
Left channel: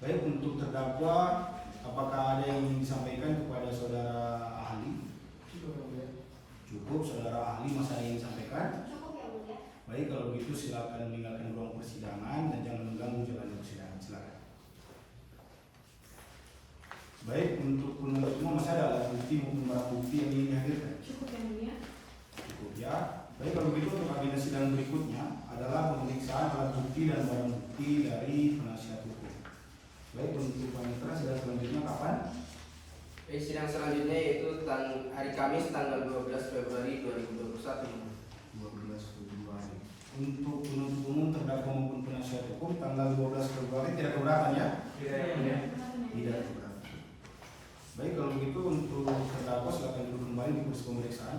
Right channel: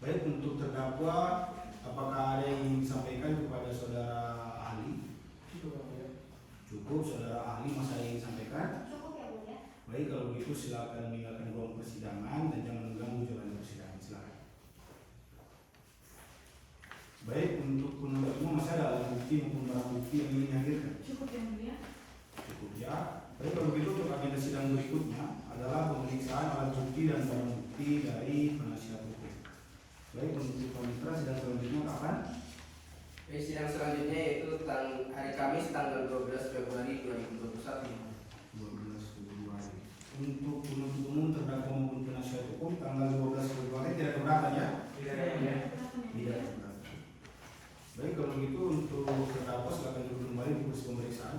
Baik, untuk terdakwa, apakah ada yang ingin disampaikan kepada saudara ahli? Cukup, saudara ahli masa yang ingin disampaikan? Cukup ya mulia. Baik, kalau begitu silakan meninggalkan ruang persidangan dan jangan mengganggu jalan persidangan. Silakan. Baik, untuk penuntut umum masih ada alat bukti maupun barang bukti yang ingin dihadirkan? Cukup yang mulia. Cukup ya. Baik, kalau begitu untuk agenda sidang berikutnya adalah pemeriksaan alat bukti dan barang bukti dari penasihat hukum. Baik, untuk panitera sidang selanjutnya kapan? Baik, sidang selanjutnya yaitu hari Kamis tanggal 12 Februari 2021. 12 Februari. Untuk penuntut umum terdakwa maupun penasihat hukum tanggal 12 Februari tidak keberatan ya? Tidak keberatan. Baik, kalau begitu untuk terdakwa silakan duduk kembali di kursi pemeriksaan.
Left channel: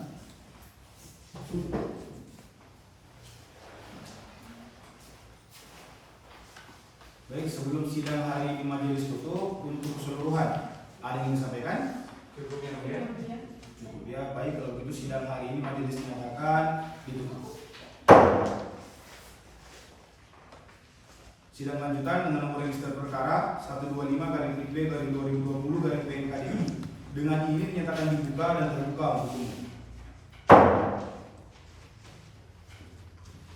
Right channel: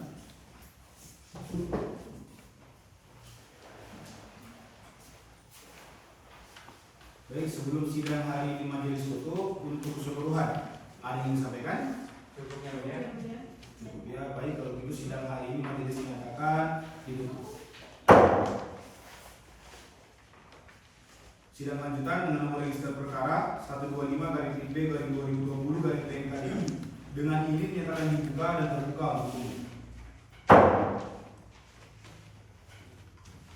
Baik, sebelum sidang hari ini majelis tutup, untuk keseluruhan ada yang ingin disampaikan? Cukup yang mulia. Cukup ya. Baik, kalau begitu sidang hari ini majelis menyatakan ditutup. Sidang lanjutan dengan nomor register perkara 125/B/2020/PNKDI dengan ini dinyatakan dibuka dan terbuka untuk umum.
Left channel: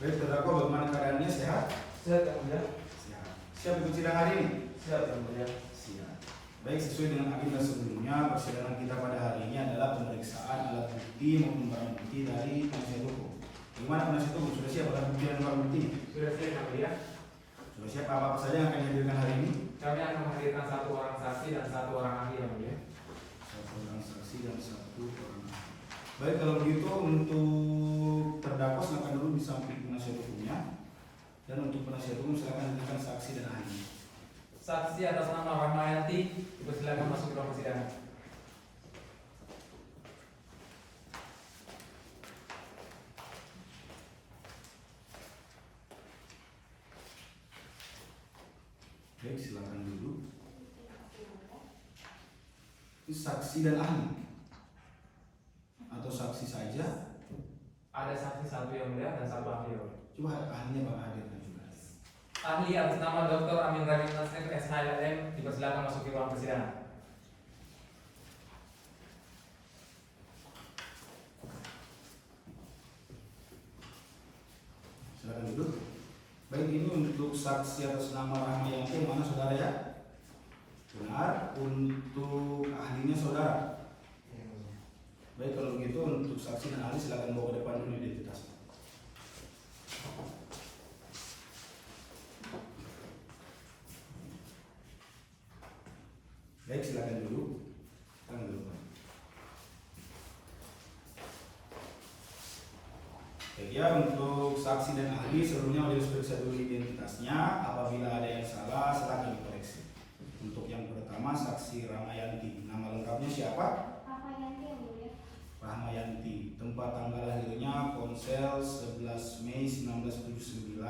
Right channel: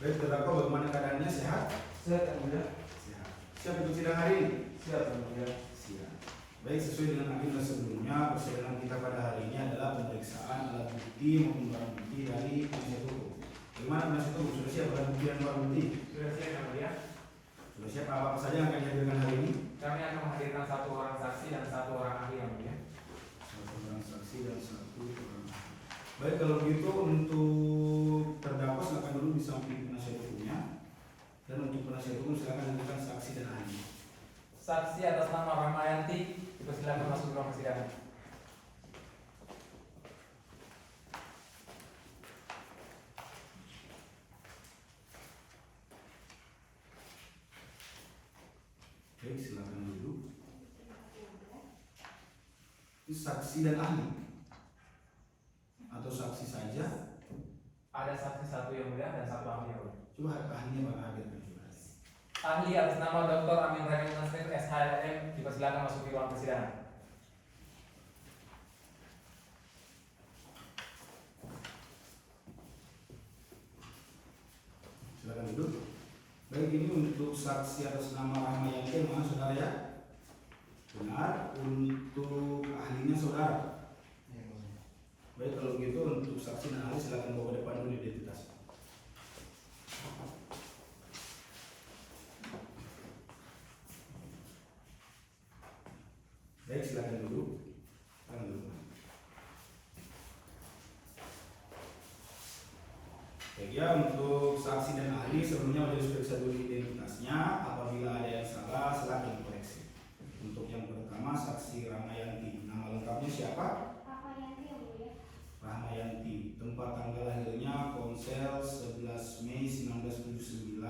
Baik, terdakwa bagaimana keadaannya, sehat? Sehat yang mulia. Sehat. Siap untuk sidang hari ini? Siap yang mulia. Siap. Baik, sesuai dengan agenda sebelumnya, persidangan kita pada hari ini adalah pemeriksaan alat bukti maupun barang bukti dari penasihat hukum. Bagaimana penasihat hukum? Sudah siap alat bukti dan barang bukti? Sudah siap yang mulia. Sudah siap apa saja yang akan dihadirkan hari ini? Kami akan menghadirkan 1 orang saksi dan 1 orang ahli yang mulia. 1 orang saksi dan 1 orang ahli. Baik, kalau begitu untuk terdakwa silakan dulu di samping penasihat hukumnya, dan untuk penasihat hukum silakan hadirkan saksi dan ahli. Saksi atas nama Rahmayanti dipersilakan masuk ke ruang persidangan. Baik, silakan duduk. Ini saksi dan ahli atau saksi saja? Ada saksi 1 yang mulia dan 1 ahli yang mulia. Coba ahlinya bang hadir juga. Ahli atas nama Dr. Amin Rahim Nasir SHMM dipersilakan masuk ke ruang persidangan. Silakan duduk. Baik, ini untuk saksi atas nama Rahmayanti yang mana saudara ya? Benar. Untuk ahlinya saudara. Baik, kalau gitu untuk saksi dan ahli silakan bawa ke depan dulu identitasnya. Baik, silakan duduk. Silakan duduk. Baik ya, untuk saksi dan ahli sebelumnya majelis periksa dulu identitasnya. Apabila ada yang salah, silakan dikoreksi. Untuk yang pertama, saksi Rahmayanti. Nama lengkapnya siapa? Rahmayanti yang mulia. Rahmayanti. Tempat tanggal lahirnya Ponsel 11 Mei 1979.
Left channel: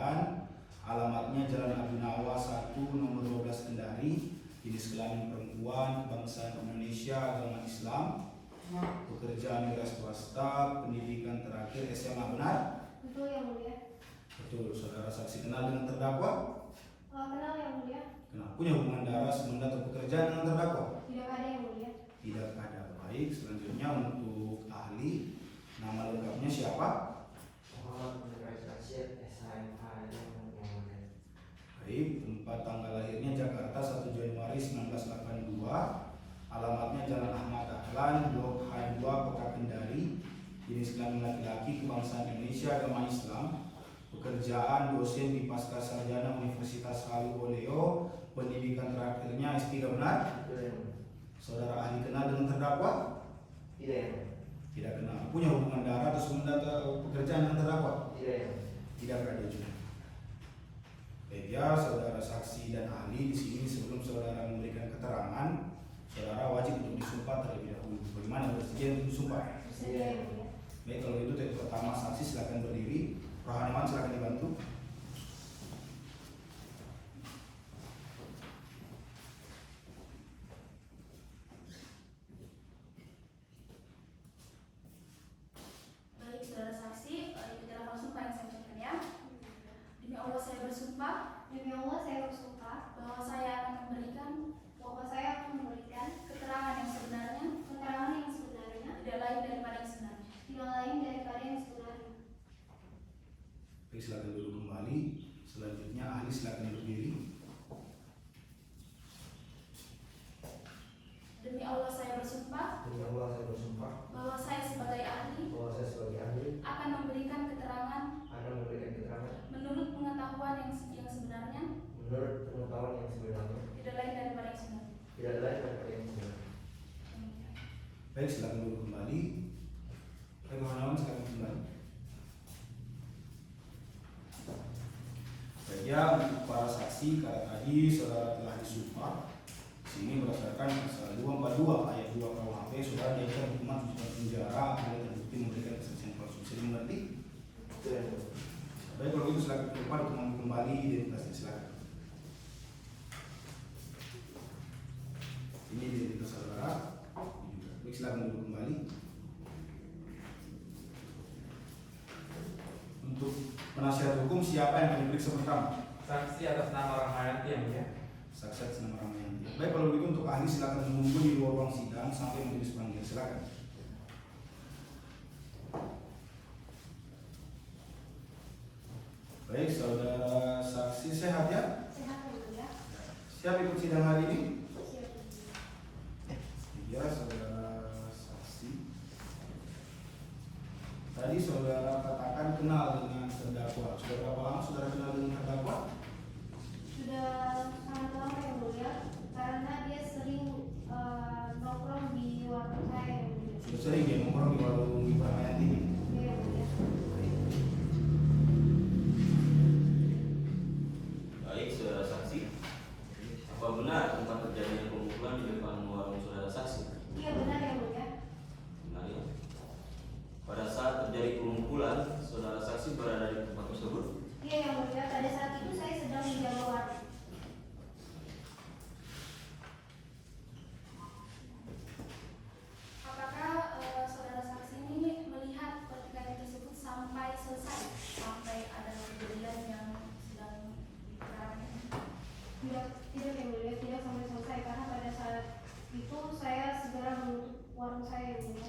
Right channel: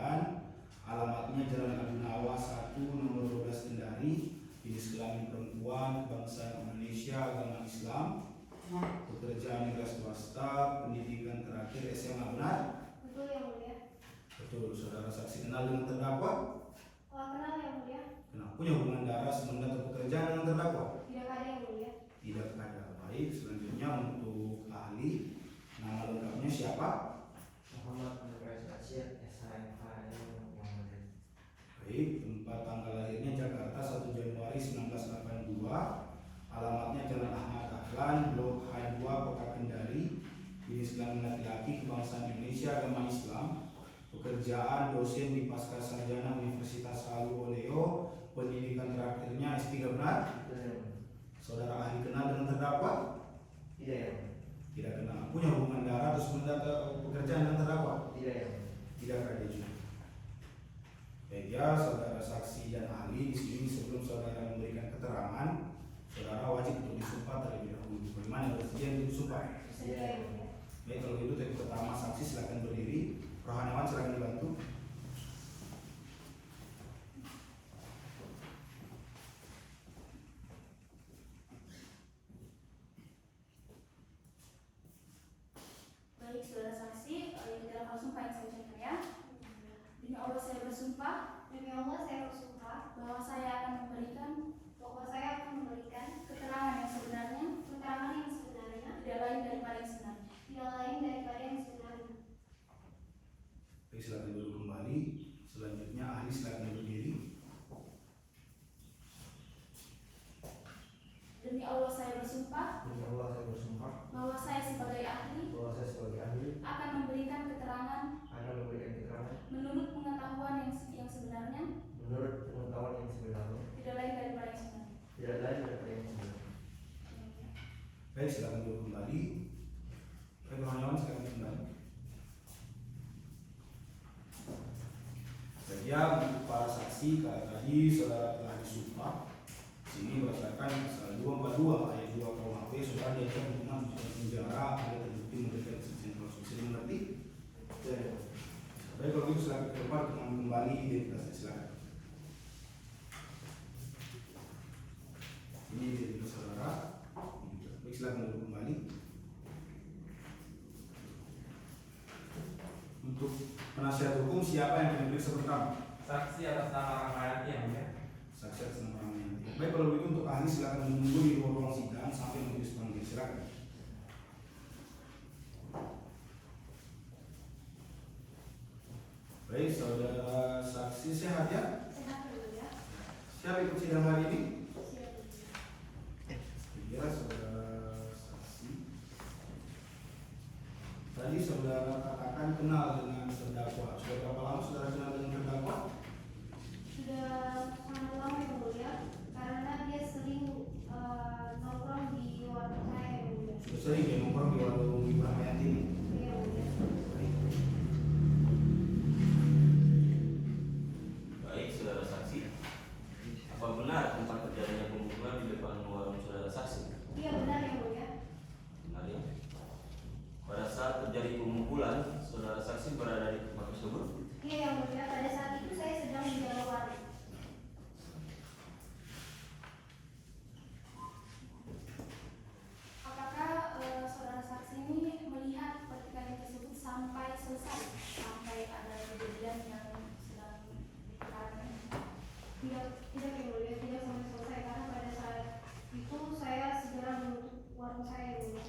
alamatnya Jalan Abu Nawas 1 nomor 12 Kendari, jenis kelamin perempuan, kebangsaan Indonesia, agama Islam, pekerjaan negara swasta, pendidikan terakhir SMA, benar? Betul yang mulia. Betul. Saudara saksi kenal dengan terdakwa? Kenal yang mulia. Kenal. Punya hubungan darah, semenjak atau pekerjaan dengan terdakwa? Tidak ada yang mulia. Tidak ada. Baik, selanjutnya untuk ahli, nama lengkapnya siapa? Muhammad Nurul Rashid, SHMH yang mulia. Baik, tempat tanggal lahirnya Jakarta 1 Januari 1982, alamatnya Jalan Ahmad Dahlan, Blok H2, Kota Kendari, jenis kelamin laki-laki, kebangsaan Indonesia, agama Islam, pekerjaan dosen di Pasca Sarjana Universitas Halu Oleo, pendidikan terakhirnya S3, benar? Betul yang mulia. Saudara ahli kenal dengan terdakwa? Tidak yang mulia. Tidak kenal. Punya hubungan darah atau sementara pekerjaan dengan terdakwa? Tidak yang mulia. Tidak ada juga. Baik ya, saudara saksi dan ahli di sini sebelum saudara memberikan keterangan, saudara wajib untuk disumpah terlebih dahulu. Bagaimana bersedia untuk disumpah? Bersedia yang mulia. Baik, kalau itu tadi pertama saksi silakan berdiri. Rohanawan silakan dibantu. Baik, saudara saksi, ini adalah sumpah yang saya ucapkan ya. Demi Allah saya bersumpah Demi Allah saya bersumpah bahwa saya akan memberikan keterangan yang sebenarnya, keterangan yang sebenarnya, tidak lain daripada yang sebenarnya. tidak lain daripada yang sebenarnya. Baik, silakan duduk kembali. Selanjutnya ahli silakan berdiri. Demi Allah saya bersumpah Demi Allah saya bersumpah bahwa saya sebagai ahli bahwa saya sebagai ahli akan memberikan keterangan akan memberikan keterangan menurut pengetahuan yang sebenarnya, menurut pengetahuan yang sebenarnya, tidak lain daripada yang sebenarnya. tidak lain daripada yang sebenarnya. Baik, silakan duduk kembali. Baik, Rohanawan silakan kembali. Baik ya, untuk para saksi, karena tadi saudara telah disumpah. Sini berdasarkan pasal 242 ayat 2 KUHP, saudara diancam hukuman 7 tahun penjara apabila terbukti memberikan kesaksian palsu. Bisa dimengerti? Betul yang mulia. Baik, kalau gitu silakan ke depan untuk mengambil kembali identitasnya, silakan. Ini identitas saudara. Ini juga. Baik, silakan duduk kembali. Untuk penasihat hukum siapa yang akan diperiksa pertama? Saksi atas nama Rahmayati yang mulia. Saksi atas nama orang yang tidak. Baik, kalau begitu untuk ahli silakan menunggu di luar ruang sidang sampai majelis panggil. Silakan. Baik, saudara saksi sehat ya? Sehat yang mulia. Siap ikut sidang hari ini? Siap. Ya, saudara saksi. Tadi saudara katakan kenal dengan terdakwa. Sudah berapa lama saudara kenal dengan terdakwa? Sudah sangat lama yang mulia, karena dia sering nongkrong di warung saya yang mulia. Sudah sering ya nongkrong di warung Ibu Rahmayati ini? Ya yang mulia. Baik, saudara saksi. Apa benar tempat terjadinya pemukulan di depan warung saudara saksi? Iya benar yang mulia. Benar ya? Pada saat terjadi pemukulan, saudara saksi berada di tempat tersebut? Iya yang mulia, pada saat itu saya sedang menjaga warung. Apakah saudara saksi ini melihat pertikaian tersebut sampai selesai, sampai ada kejadian yang sedang diperkarakan ini? Tidak yang mulia, tidak sampai selesai, karena pada saat itu saya segera menutup warung saya yang mulia.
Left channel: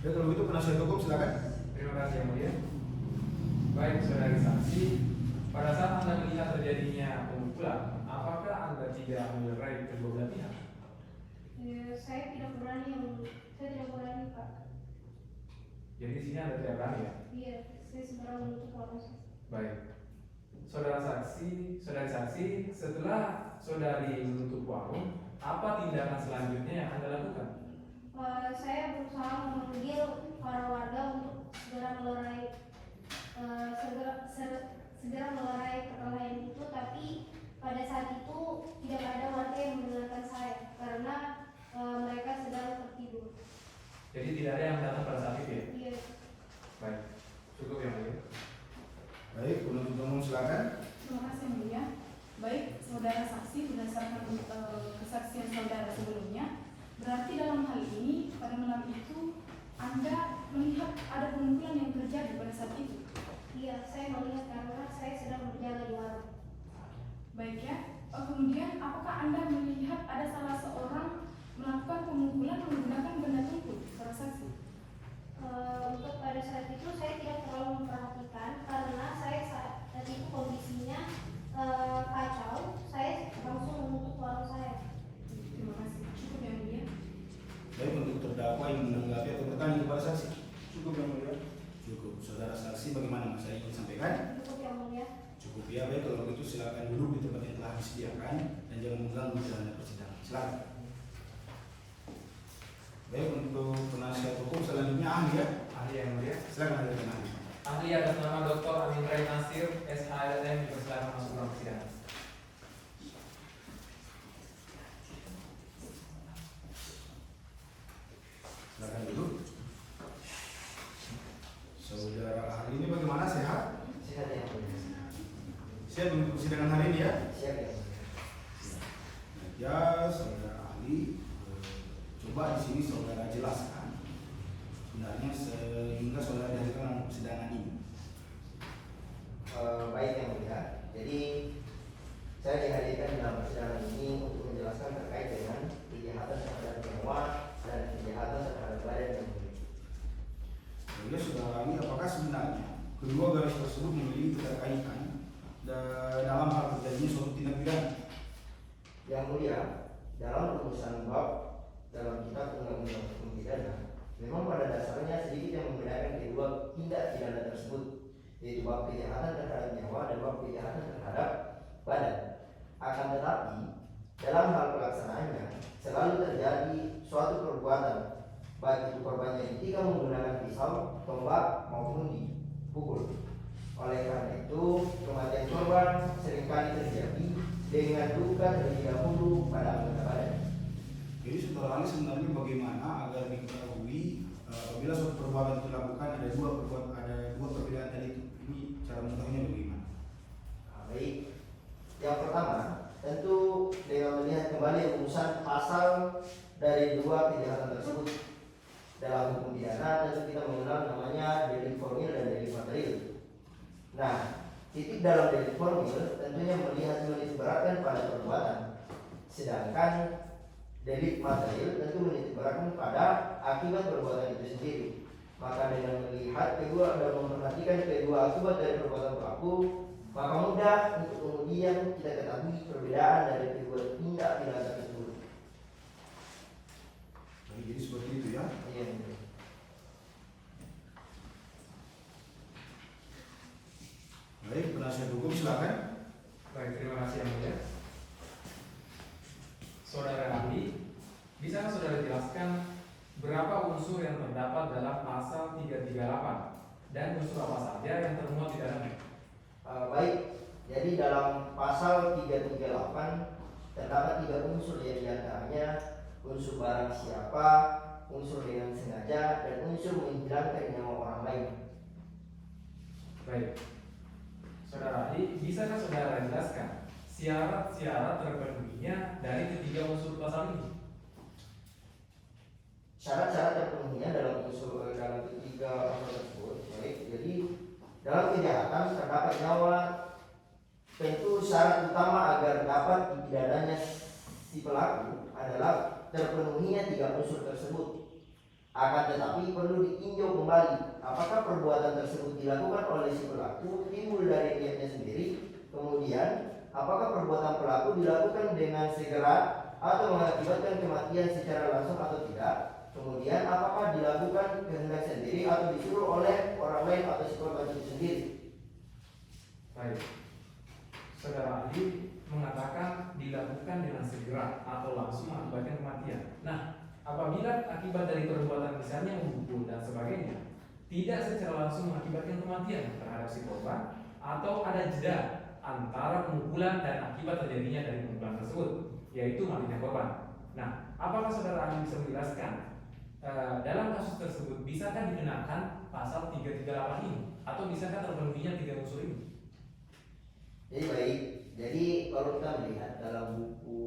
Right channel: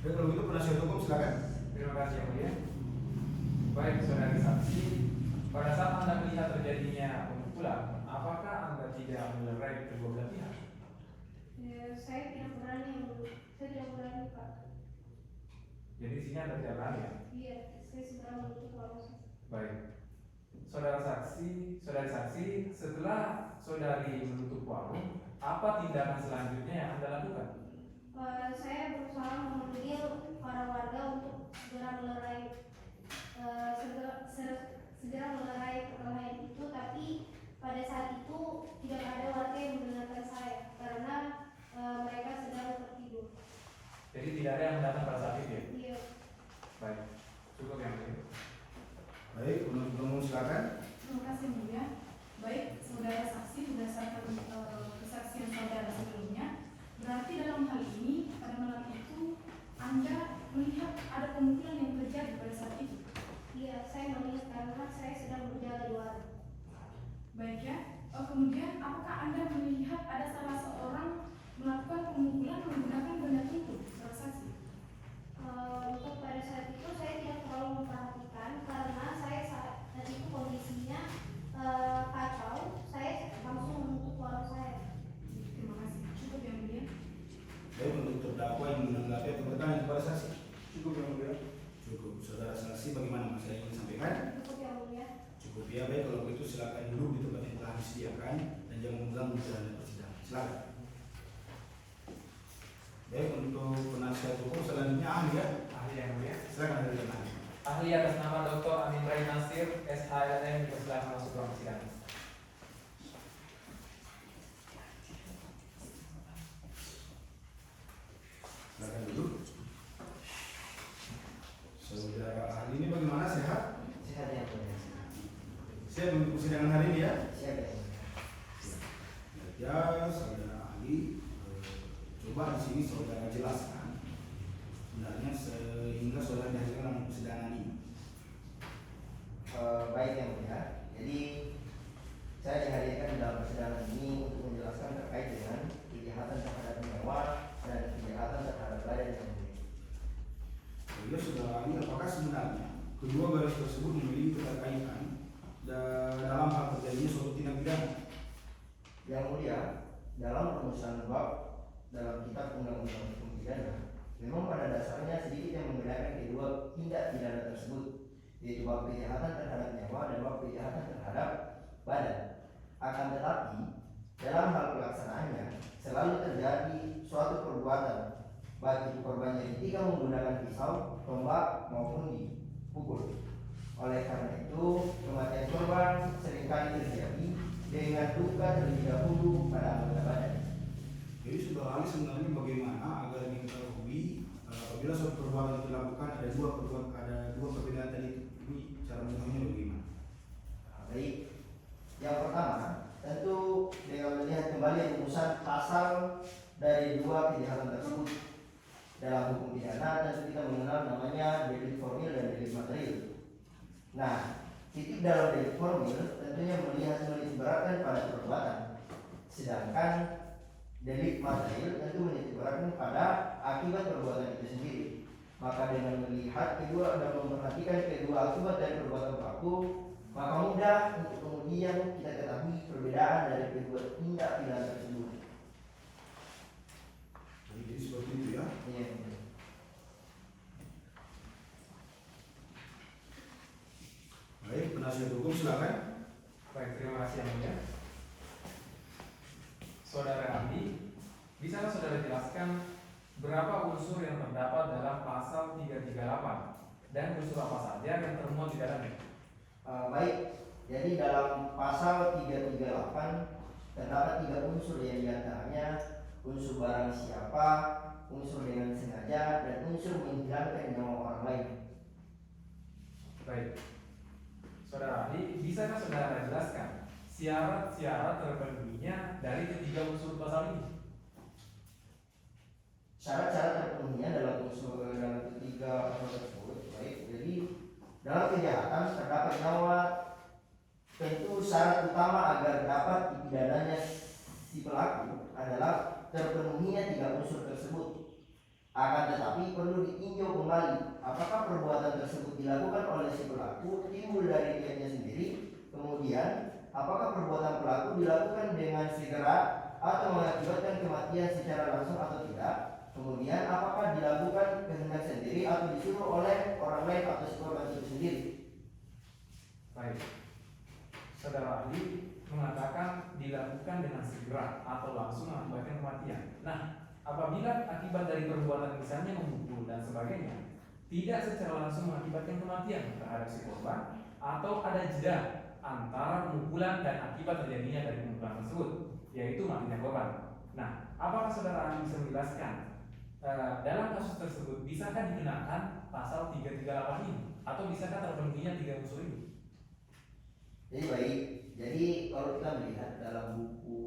Baik, kalau begitu penasihat hukum silakan. Terima kasih yang mulia. Baik, saudari saksi, pada saat Anda melihat terjadinya pemukulan, apakah Anda tidak melerai kedua belah pihak? Saya tidak berani yang mulia. Saya tidak berani Pak. Jadi di sini Anda tidak berani ya? Iya, saya segera menutup warung saya. Baik. Saudari saksi, setelah saudari menutup warung, apa tindakan selanjutnya yang Anda lakukan? Saya berusaha memanggil para warga untuk segera melerai perkelahian itu, tapi pada saat itu tidak ada warga yang mendengarkan saya karena mereka sedang tertidur. Jadi tidak ada yang datang pada saat itu ya? Iya. Baik, cukup yang mulia. Baik, penuntut umum silakan. Terima kasih Yang Mulia. Baik, saudara saksi berdasarkan kesaksian saudara sebelumnya, berarti dalam hal ini pada malam itu Anda melihat ada pemukulan yang terjadi pada saat itu. Iya, saya melihat karena saya sedang berjaga di warung. Baik ya. Kemudian apakah Anda melihat ada salah seorang melakukan pemukulan menggunakan benda tumpul, saudara saksi? Untuk pada saat itu saya tidak terlalu memperhatikan karena saya saat itu kondisinya kacau. Saya langsung menutup warung saya. Terima kasih. Cukup Yang Mulia. Baik, untuk terdakwa yang menanggapi atau bertanya kepada saksi. Cukup Yang Mulia. Cukup. Saudara saksi bagaimana Mas yang ingin sampaikan? Cukup Yang Mulia. Cukup ya, baik kalau begitu silakan duduk di tempat yang telah disediakan dan jangan mengganggu jalannya persidangan. Silakan. Baik, untuk penasihat hukum selanjutnya ahli ya. Ahli yang mulia. Silakan hadirkan ahli. Ahli atas nama Dr. Amin Rai Nasir, SHLM dipersilakan masuk ruang persidangan. Silakan duduk. Saudara ahli ini bagaimana, sehat? Sehat Yang Mulia. Siap untuk persidangan hari ini ya? Siap Yang Mulia. Ya, saudara ahli, coba di sini saudara jelaskan sebenarnya sehingga saudara dihadirkan dalam persidangan ini. Baik Yang Mulia. Jadi saya dihadirkan dalam persidangan ini untuk menjelaskan terkait dengan kejahatan terhadap nyawa dan kejahatan terhadap badan Yang Mulia. Ya, saudara ahli, apakah sebenarnya kedua garis tersebut memiliki keterkaitan dalam hal terjadinya suatu tindak pidana? Yang Mulia, dalam rumusan bab dalam kitab undang-undang hukum pidana, memang pada dasarnya sedikit yang membedakan kedua tindak pidana tersebut, yaitu bab kejahatan terhadap nyawa dan bab kejahatan terhadap badan. Akan tetapi, dalam hal pelaksanaannya selalu terjadi suatu perbuatan, baik itu korbannya ditikam menggunakan pisau, tombak maupun dipukul. Oleh karena itu, kematian korban seringkali terjadi dengan luka terlebih dahulu pada anggota badan. Jadi saudara ahli sebenarnya bagaimana agar diketahui apabila suatu perbuatan dilakukan ada dua perbedaan tadi itu, ini cara mengetahuinya bagaimana? Baik, yang pertama tentu dengan melihat kembali rumusan pasal dari dua kejahatan tersebut. Dalam hukum pidana tentu kita mengenal namanya delik formil dan delik material. Nah, titik dalam delik formil tentunya melihat menitikberatkan pada perbuatan, sedangkan delik material tentu menitikberatkan pada akibat perbuatan itu sendiri. Maka dengan melihat kedua dan memperhatikan kedua akibat dari perbuatan pelaku, maka mudah untuk kemudian kita ketahui perbedaan dari kedua tindak pidana tersebut. Jadi seperti itu ya. Iya. Baik, penasihat hukum silakan. Baik, terima kasih Yang Mulia. Saudara ahli, bisakah saudara jelaskan berapa unsur yang terdapat dalam pasal 338 dan unsur apa saja yang termuat di dalamnya? Baik, jadi dalam pasal 338 terdapat 3 unsur, yang diantaranya unsur barang siapa, unsur dengan sengaja, dan unsur menghilangkan nyawa orang lain. Baik, saudara ahli, bisakah saudara jelaskan syarat-syarat terpenuhinya dari ketiga unsur pasal ini? Syarat-syarat terpenuhinya dalam ketiga unsur tersebut. Baik, jadi dalam kejahatan terdapat nyawa, tentu syarat utama agar dapat dipidananya si pelaku adalah terpenuhinya 3 unsur tersebut. Akan tetapi perlu ditinjau kembali apakah perbuatan tersebut dilakukan oleh si pelaku timbul dari niatnya sendiri, kemudian apakah perbuatan pelaku dilakukan dengan segera atau mengakibatkan kematian secara langsung atau tidak, kemudian apakah dilakukan kehendak sendiri atau disuruh oleh orang lain atau si korban itu sendiri. Baik, saudara ahli mengatakan dilakukan dengan segera atau langsung mengakibatkan kematian. Nah, apabila akibat dari perbuatan misalnya memukul dan sebagainya tidak secara langsung mengakibatkan kematian terhadap si korban, atau ada jeda antara pemukulan dan akibat terjadinya dari pemukulan tersebut, yaitu matinya korban. Nah, apakah saudara ahli bisa menjelaskan dalam kasus tersebut bisakah dikenakan pasal 338 ini Atau bisakah terpenuhinya 3 unsur ini? Jadi baik, jadi kalau kita melihat dalam buku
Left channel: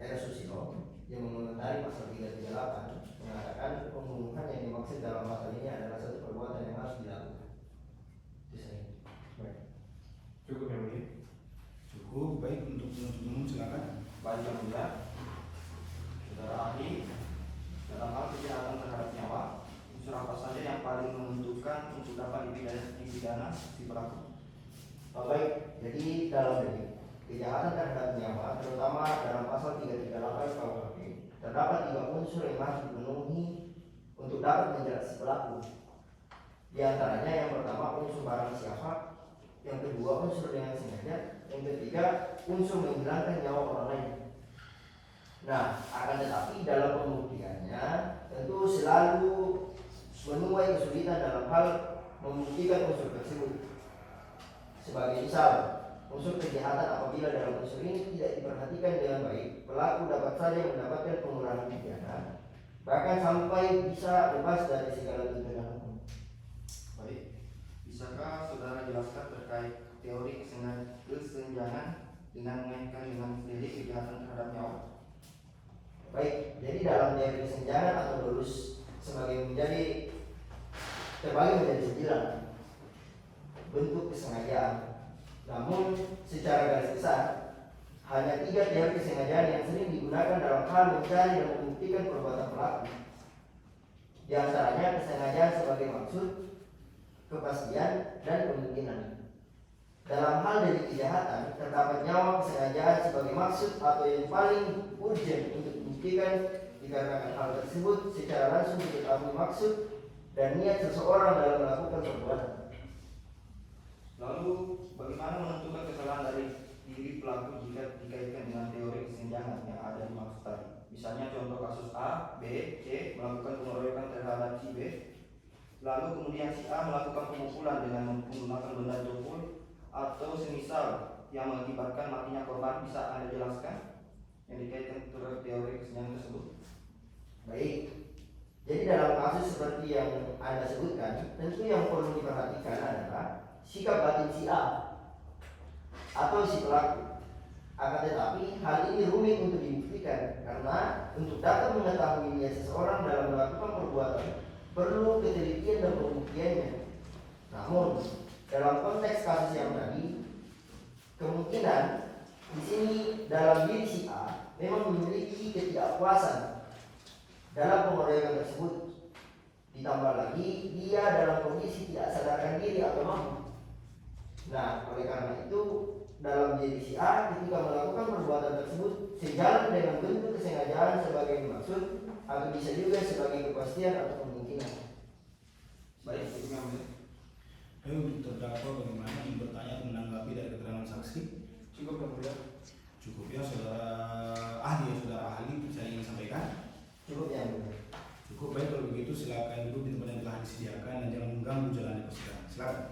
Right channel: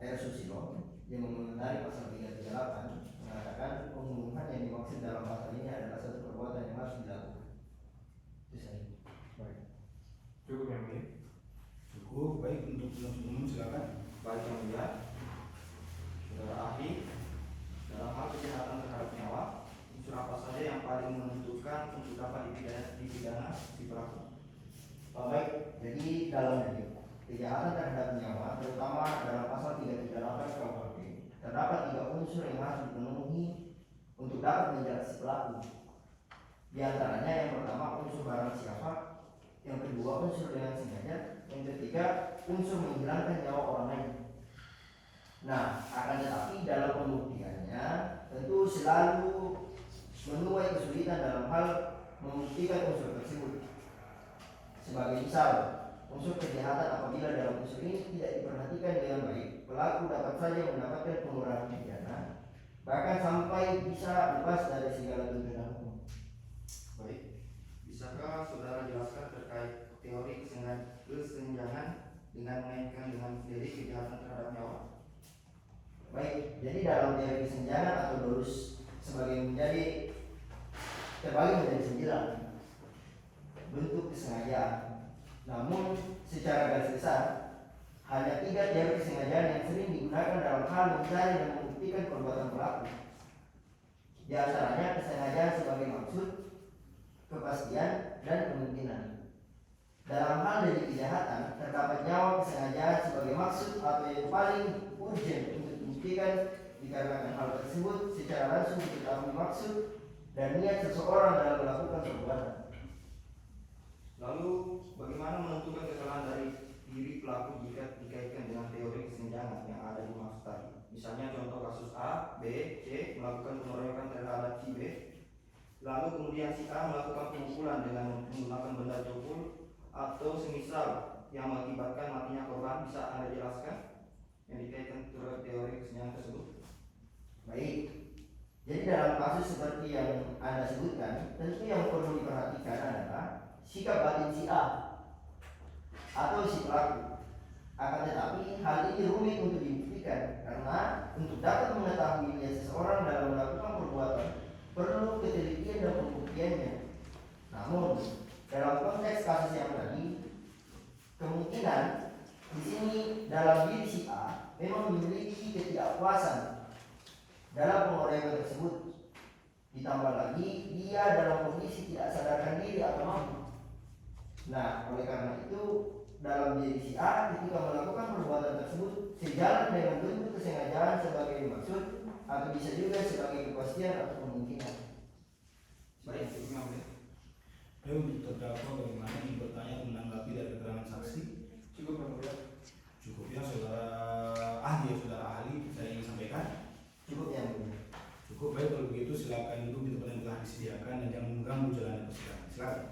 R. Susilo yang mengomentari pasal 338 mengatakan pembunuhan yang dimaksud dalam pasal ini adalah satu perbuatan yang harus dilakukan. Itu saya. Baik. Cukup yang mulia. Cukup. Baik, untuk penuntut umum silakan. Baik yang mulia, saudara ahli, dalam hal kejahatan terhadap nyawa, unsur apa saja yang paling menentukan untuk dapat dipidana si pelaku? Baik, jadi dalam delik kejahatan terhadap nyawa, terutama dalam pasal 338 KUHP, terdapat 3 unsur yang harus dipenuhi untuk dapat menjerat si pelaku. Di antaranya yang pertama unsur barang siapa, yang kedua unsur dengan sengaja, yang ketiga unsur menghilangkan nyawa orang lain. Nah, akan tetapi dalam pembuktiannya tentu selalu menuai kesulitan dalam hal membuktikan unsur tersebut. Sebagai misal, unsur kejahatan apabila dalam unsur ini tidak diperhatikan dengan baik, pelaku dapat saja mendapatkan pengurangan pidana, bahkan sampai bisa bebas dari segala tuntutan hukum. Baik, bisakah saudara jelaskan terkait teori kesenjangan dengan mengaitkan dengan delik kejahatan terhadap nyawa? Baik, jadi dalam teori kesenjangan atau dolus sebagai menjadi terbagi menjadi 9 bentuk kesengajaan. Namun secara garis besar hanya 3 teori kesengajaan yang sering digunakan dalam hal mencari dan membuktikan perbuatan pelaku. Di antaranya kesengajaan sebagai maksud, kepastian, dan kemungkinan. Dalam hal delik kejahatan terdapat nyawa kesengajaan sebagai maksud atau yang paling urgent untuk dibuktikan dikarenakan hal tersebut secara langsung diketahui maksud dan niat seseorang dalam melakukan perbuatan. Lalu, bagaimana menentukan kesalahan dari diri pelaku jika dikaitkan dengan teori kesenjangan yang ada di maksud tadi? Misalnya contoh kasus A, B, C melakukan pengeroyokan terhadap si B, lalu kemudian si A melakukan pemukulan dengan menggunakan benda tumpul atau semisal yang mengakibatkan matinya korban. Bisa Anda jelaskan yang dikaitkan terhadap teori kesenjangan tersebut? Baik, jadi dalam kasus seperti yang Anda sebutkan, tentu yang perlu diperhatikan adalah sikap batin si A atau si pelaku. Akan tetapi hal ini rumit untuk dibuktikan karena untuk dapat mengetahui niat seseorang dalam melakukan perbuatan perlu ketelitian dan pembuktiannya. Namun dalam konteks kasus yang tadi, kemungkinan di sini dalam diri si A memang memiliki ketidakpuasan dalam pengeroyokan tersebut. Ditambah lagi dia dalam kondisi tidak sadarkan diri atau mampu. Nah, oleh karena itu dalam diri si A ketika melakukan perbuatan tersebut sejalan dengan bentuk kesengajaan sebagai maksud atau bisa juga sebagai kepastian atau kemungkinan. Baik, itu Untuk terdakwa bagaimana bertanya menanggapi dari keterangan saksi? Cukup yang mulia. Cukup ya saudara ahli, saudara ahli saya ingin sampaikan. Cukup yang mulia. Cukup. Baik, kalau begitu silakan duduk di tempat yang telah disediakan dan jangan mengganggu jalannya persidangan. Silakan.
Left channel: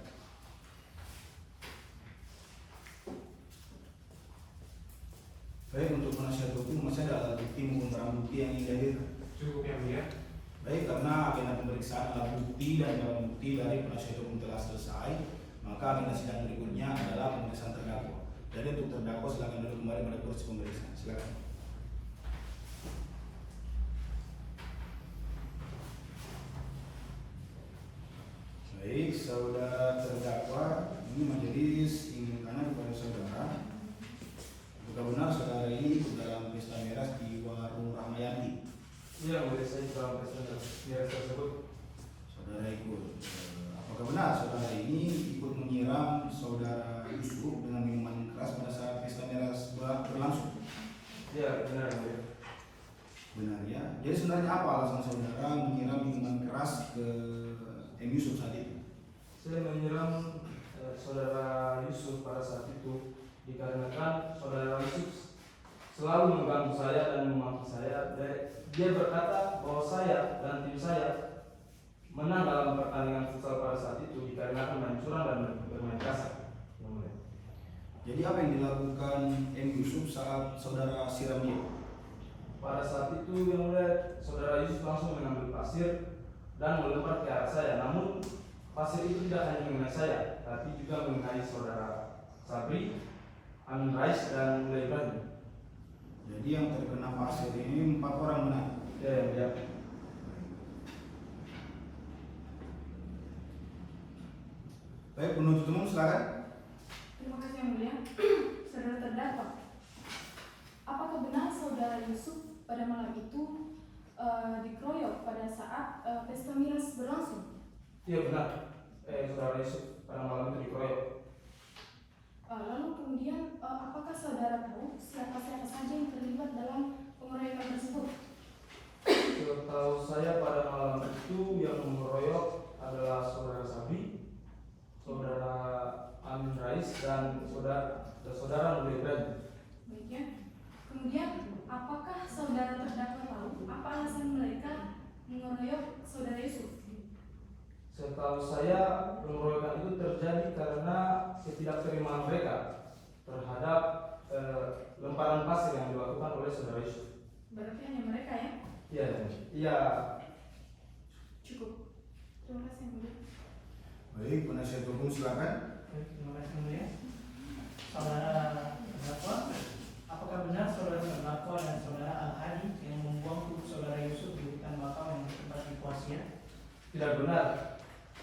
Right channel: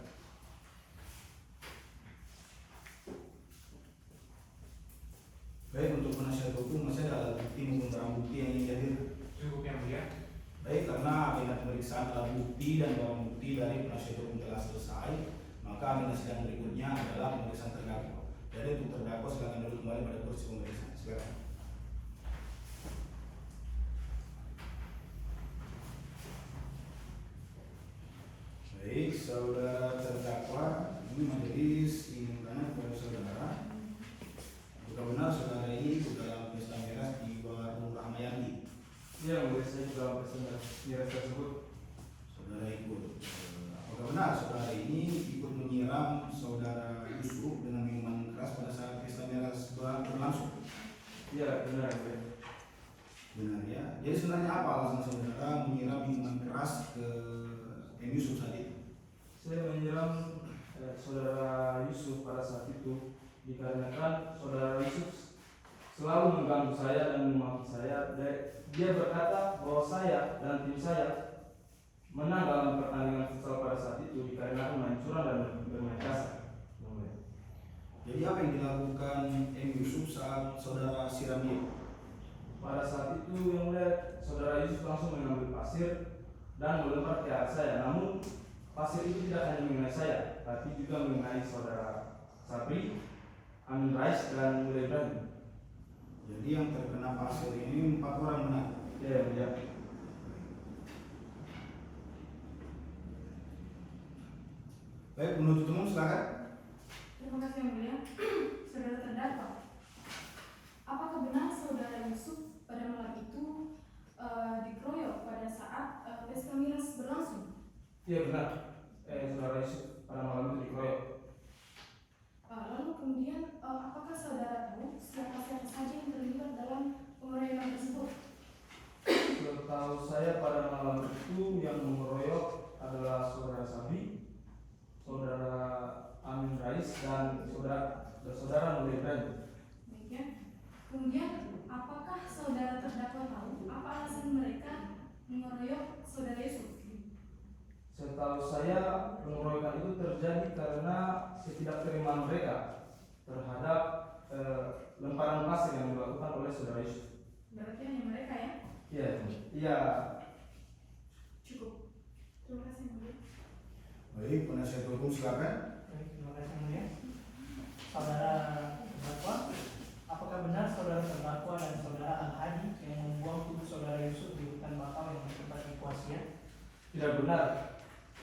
Baik, untuk penasihat hukum masih ada alat bukti maupun barang bukti yang ingin dihadirkan? Cukup yang mulia. Baik, karena agenda pemeriksaan alat bukti dan barang bukti dari penasihat hukum telah selesai, maka agenda sidang berikutnya adalah pemeriksaan terdakwa. Jadi untuk terdakwa silakan duduk kembali pada kursi pemeriksaan. Silakan. Baik, saudara terdakwa, ini majelis ingin tanya kepada saudara, apakah benar saudara ini ikut dalam pesta miras di warung Ramayani? Iya, boleh saya dalam pesta miras tersebut. Saudara ikut. Apakah benar saudara ini ikut menyiram saudara Yusuf dengan minuman keras pada saat pesta miras berlangsung? Iya, benar. Benar ya. Jadi sebenarnya apa alasan saudara menyiram minuman keras ke M. Yusuf saat itu? Saya menyiram saudara Yusuf pada saat itu dikarenakan saudara Yusuf selalu mengganggu saya dan memaki saya. Dia berkata bahwa saya dan tim saya menang dalam pertandingan futsal pada saat itu dikarenakan main curang dan bermain kasar. Jadi apa yang dilakukan M. Yusuf saat saudara siram dia? Pada saat itu yang mulia, saudara Yusuf langsung mengambil pasir dan melempar ke arah saya. Namun pasal itu tidak hanya mengenai saya, tapi juga mengenai saudara Sabri, Amin Rais, dan Mulai Ibrahim. Jadi yang terkena pasal ini 4 orang benar. Ya, yang mulia. Baik, penuntut umum silakan. Terima kasih yang mulia. Saudara terdakwa, apakah benar saudara Yusuf pada malam itu dikeroyok pada saat pesta miras berlangsung? Iya benar. Saudara Yusuf pada malam itu dikeroyok. Lalu kemudian apakah saudara tahu siapa-siapa saja yang terlibat dalam pengeroyokan tersebut? Setahu saya pada malam itu yang mengeroyok adalah saudara Sabri, saudara Amin Rais, dan saudara Mulai Ibrahim. Baik ya. Kemudian apakah saudara terdakwa tahu apa alasan mereka mengeroyok saudara Yusuf? Setahu saya pengeroyokan itu terjadi karena ketidakterimaan mereka terhadap lemparan pasir yang dilakukan oleh saudara Yusuf. Berarti hanya mereka ya? Iya. Cukup. Terima kasih yang mulia. Baik, penasihat hukum silakan. Baik, terima kasih yang mulia. Saudara terdakwa, apakah benar saudara terdakwa dan saudara Al-Hadi yang membuang tubuh saudara Yusuf di hutan bakau yang bertempat di Kuasia? Tidak benar.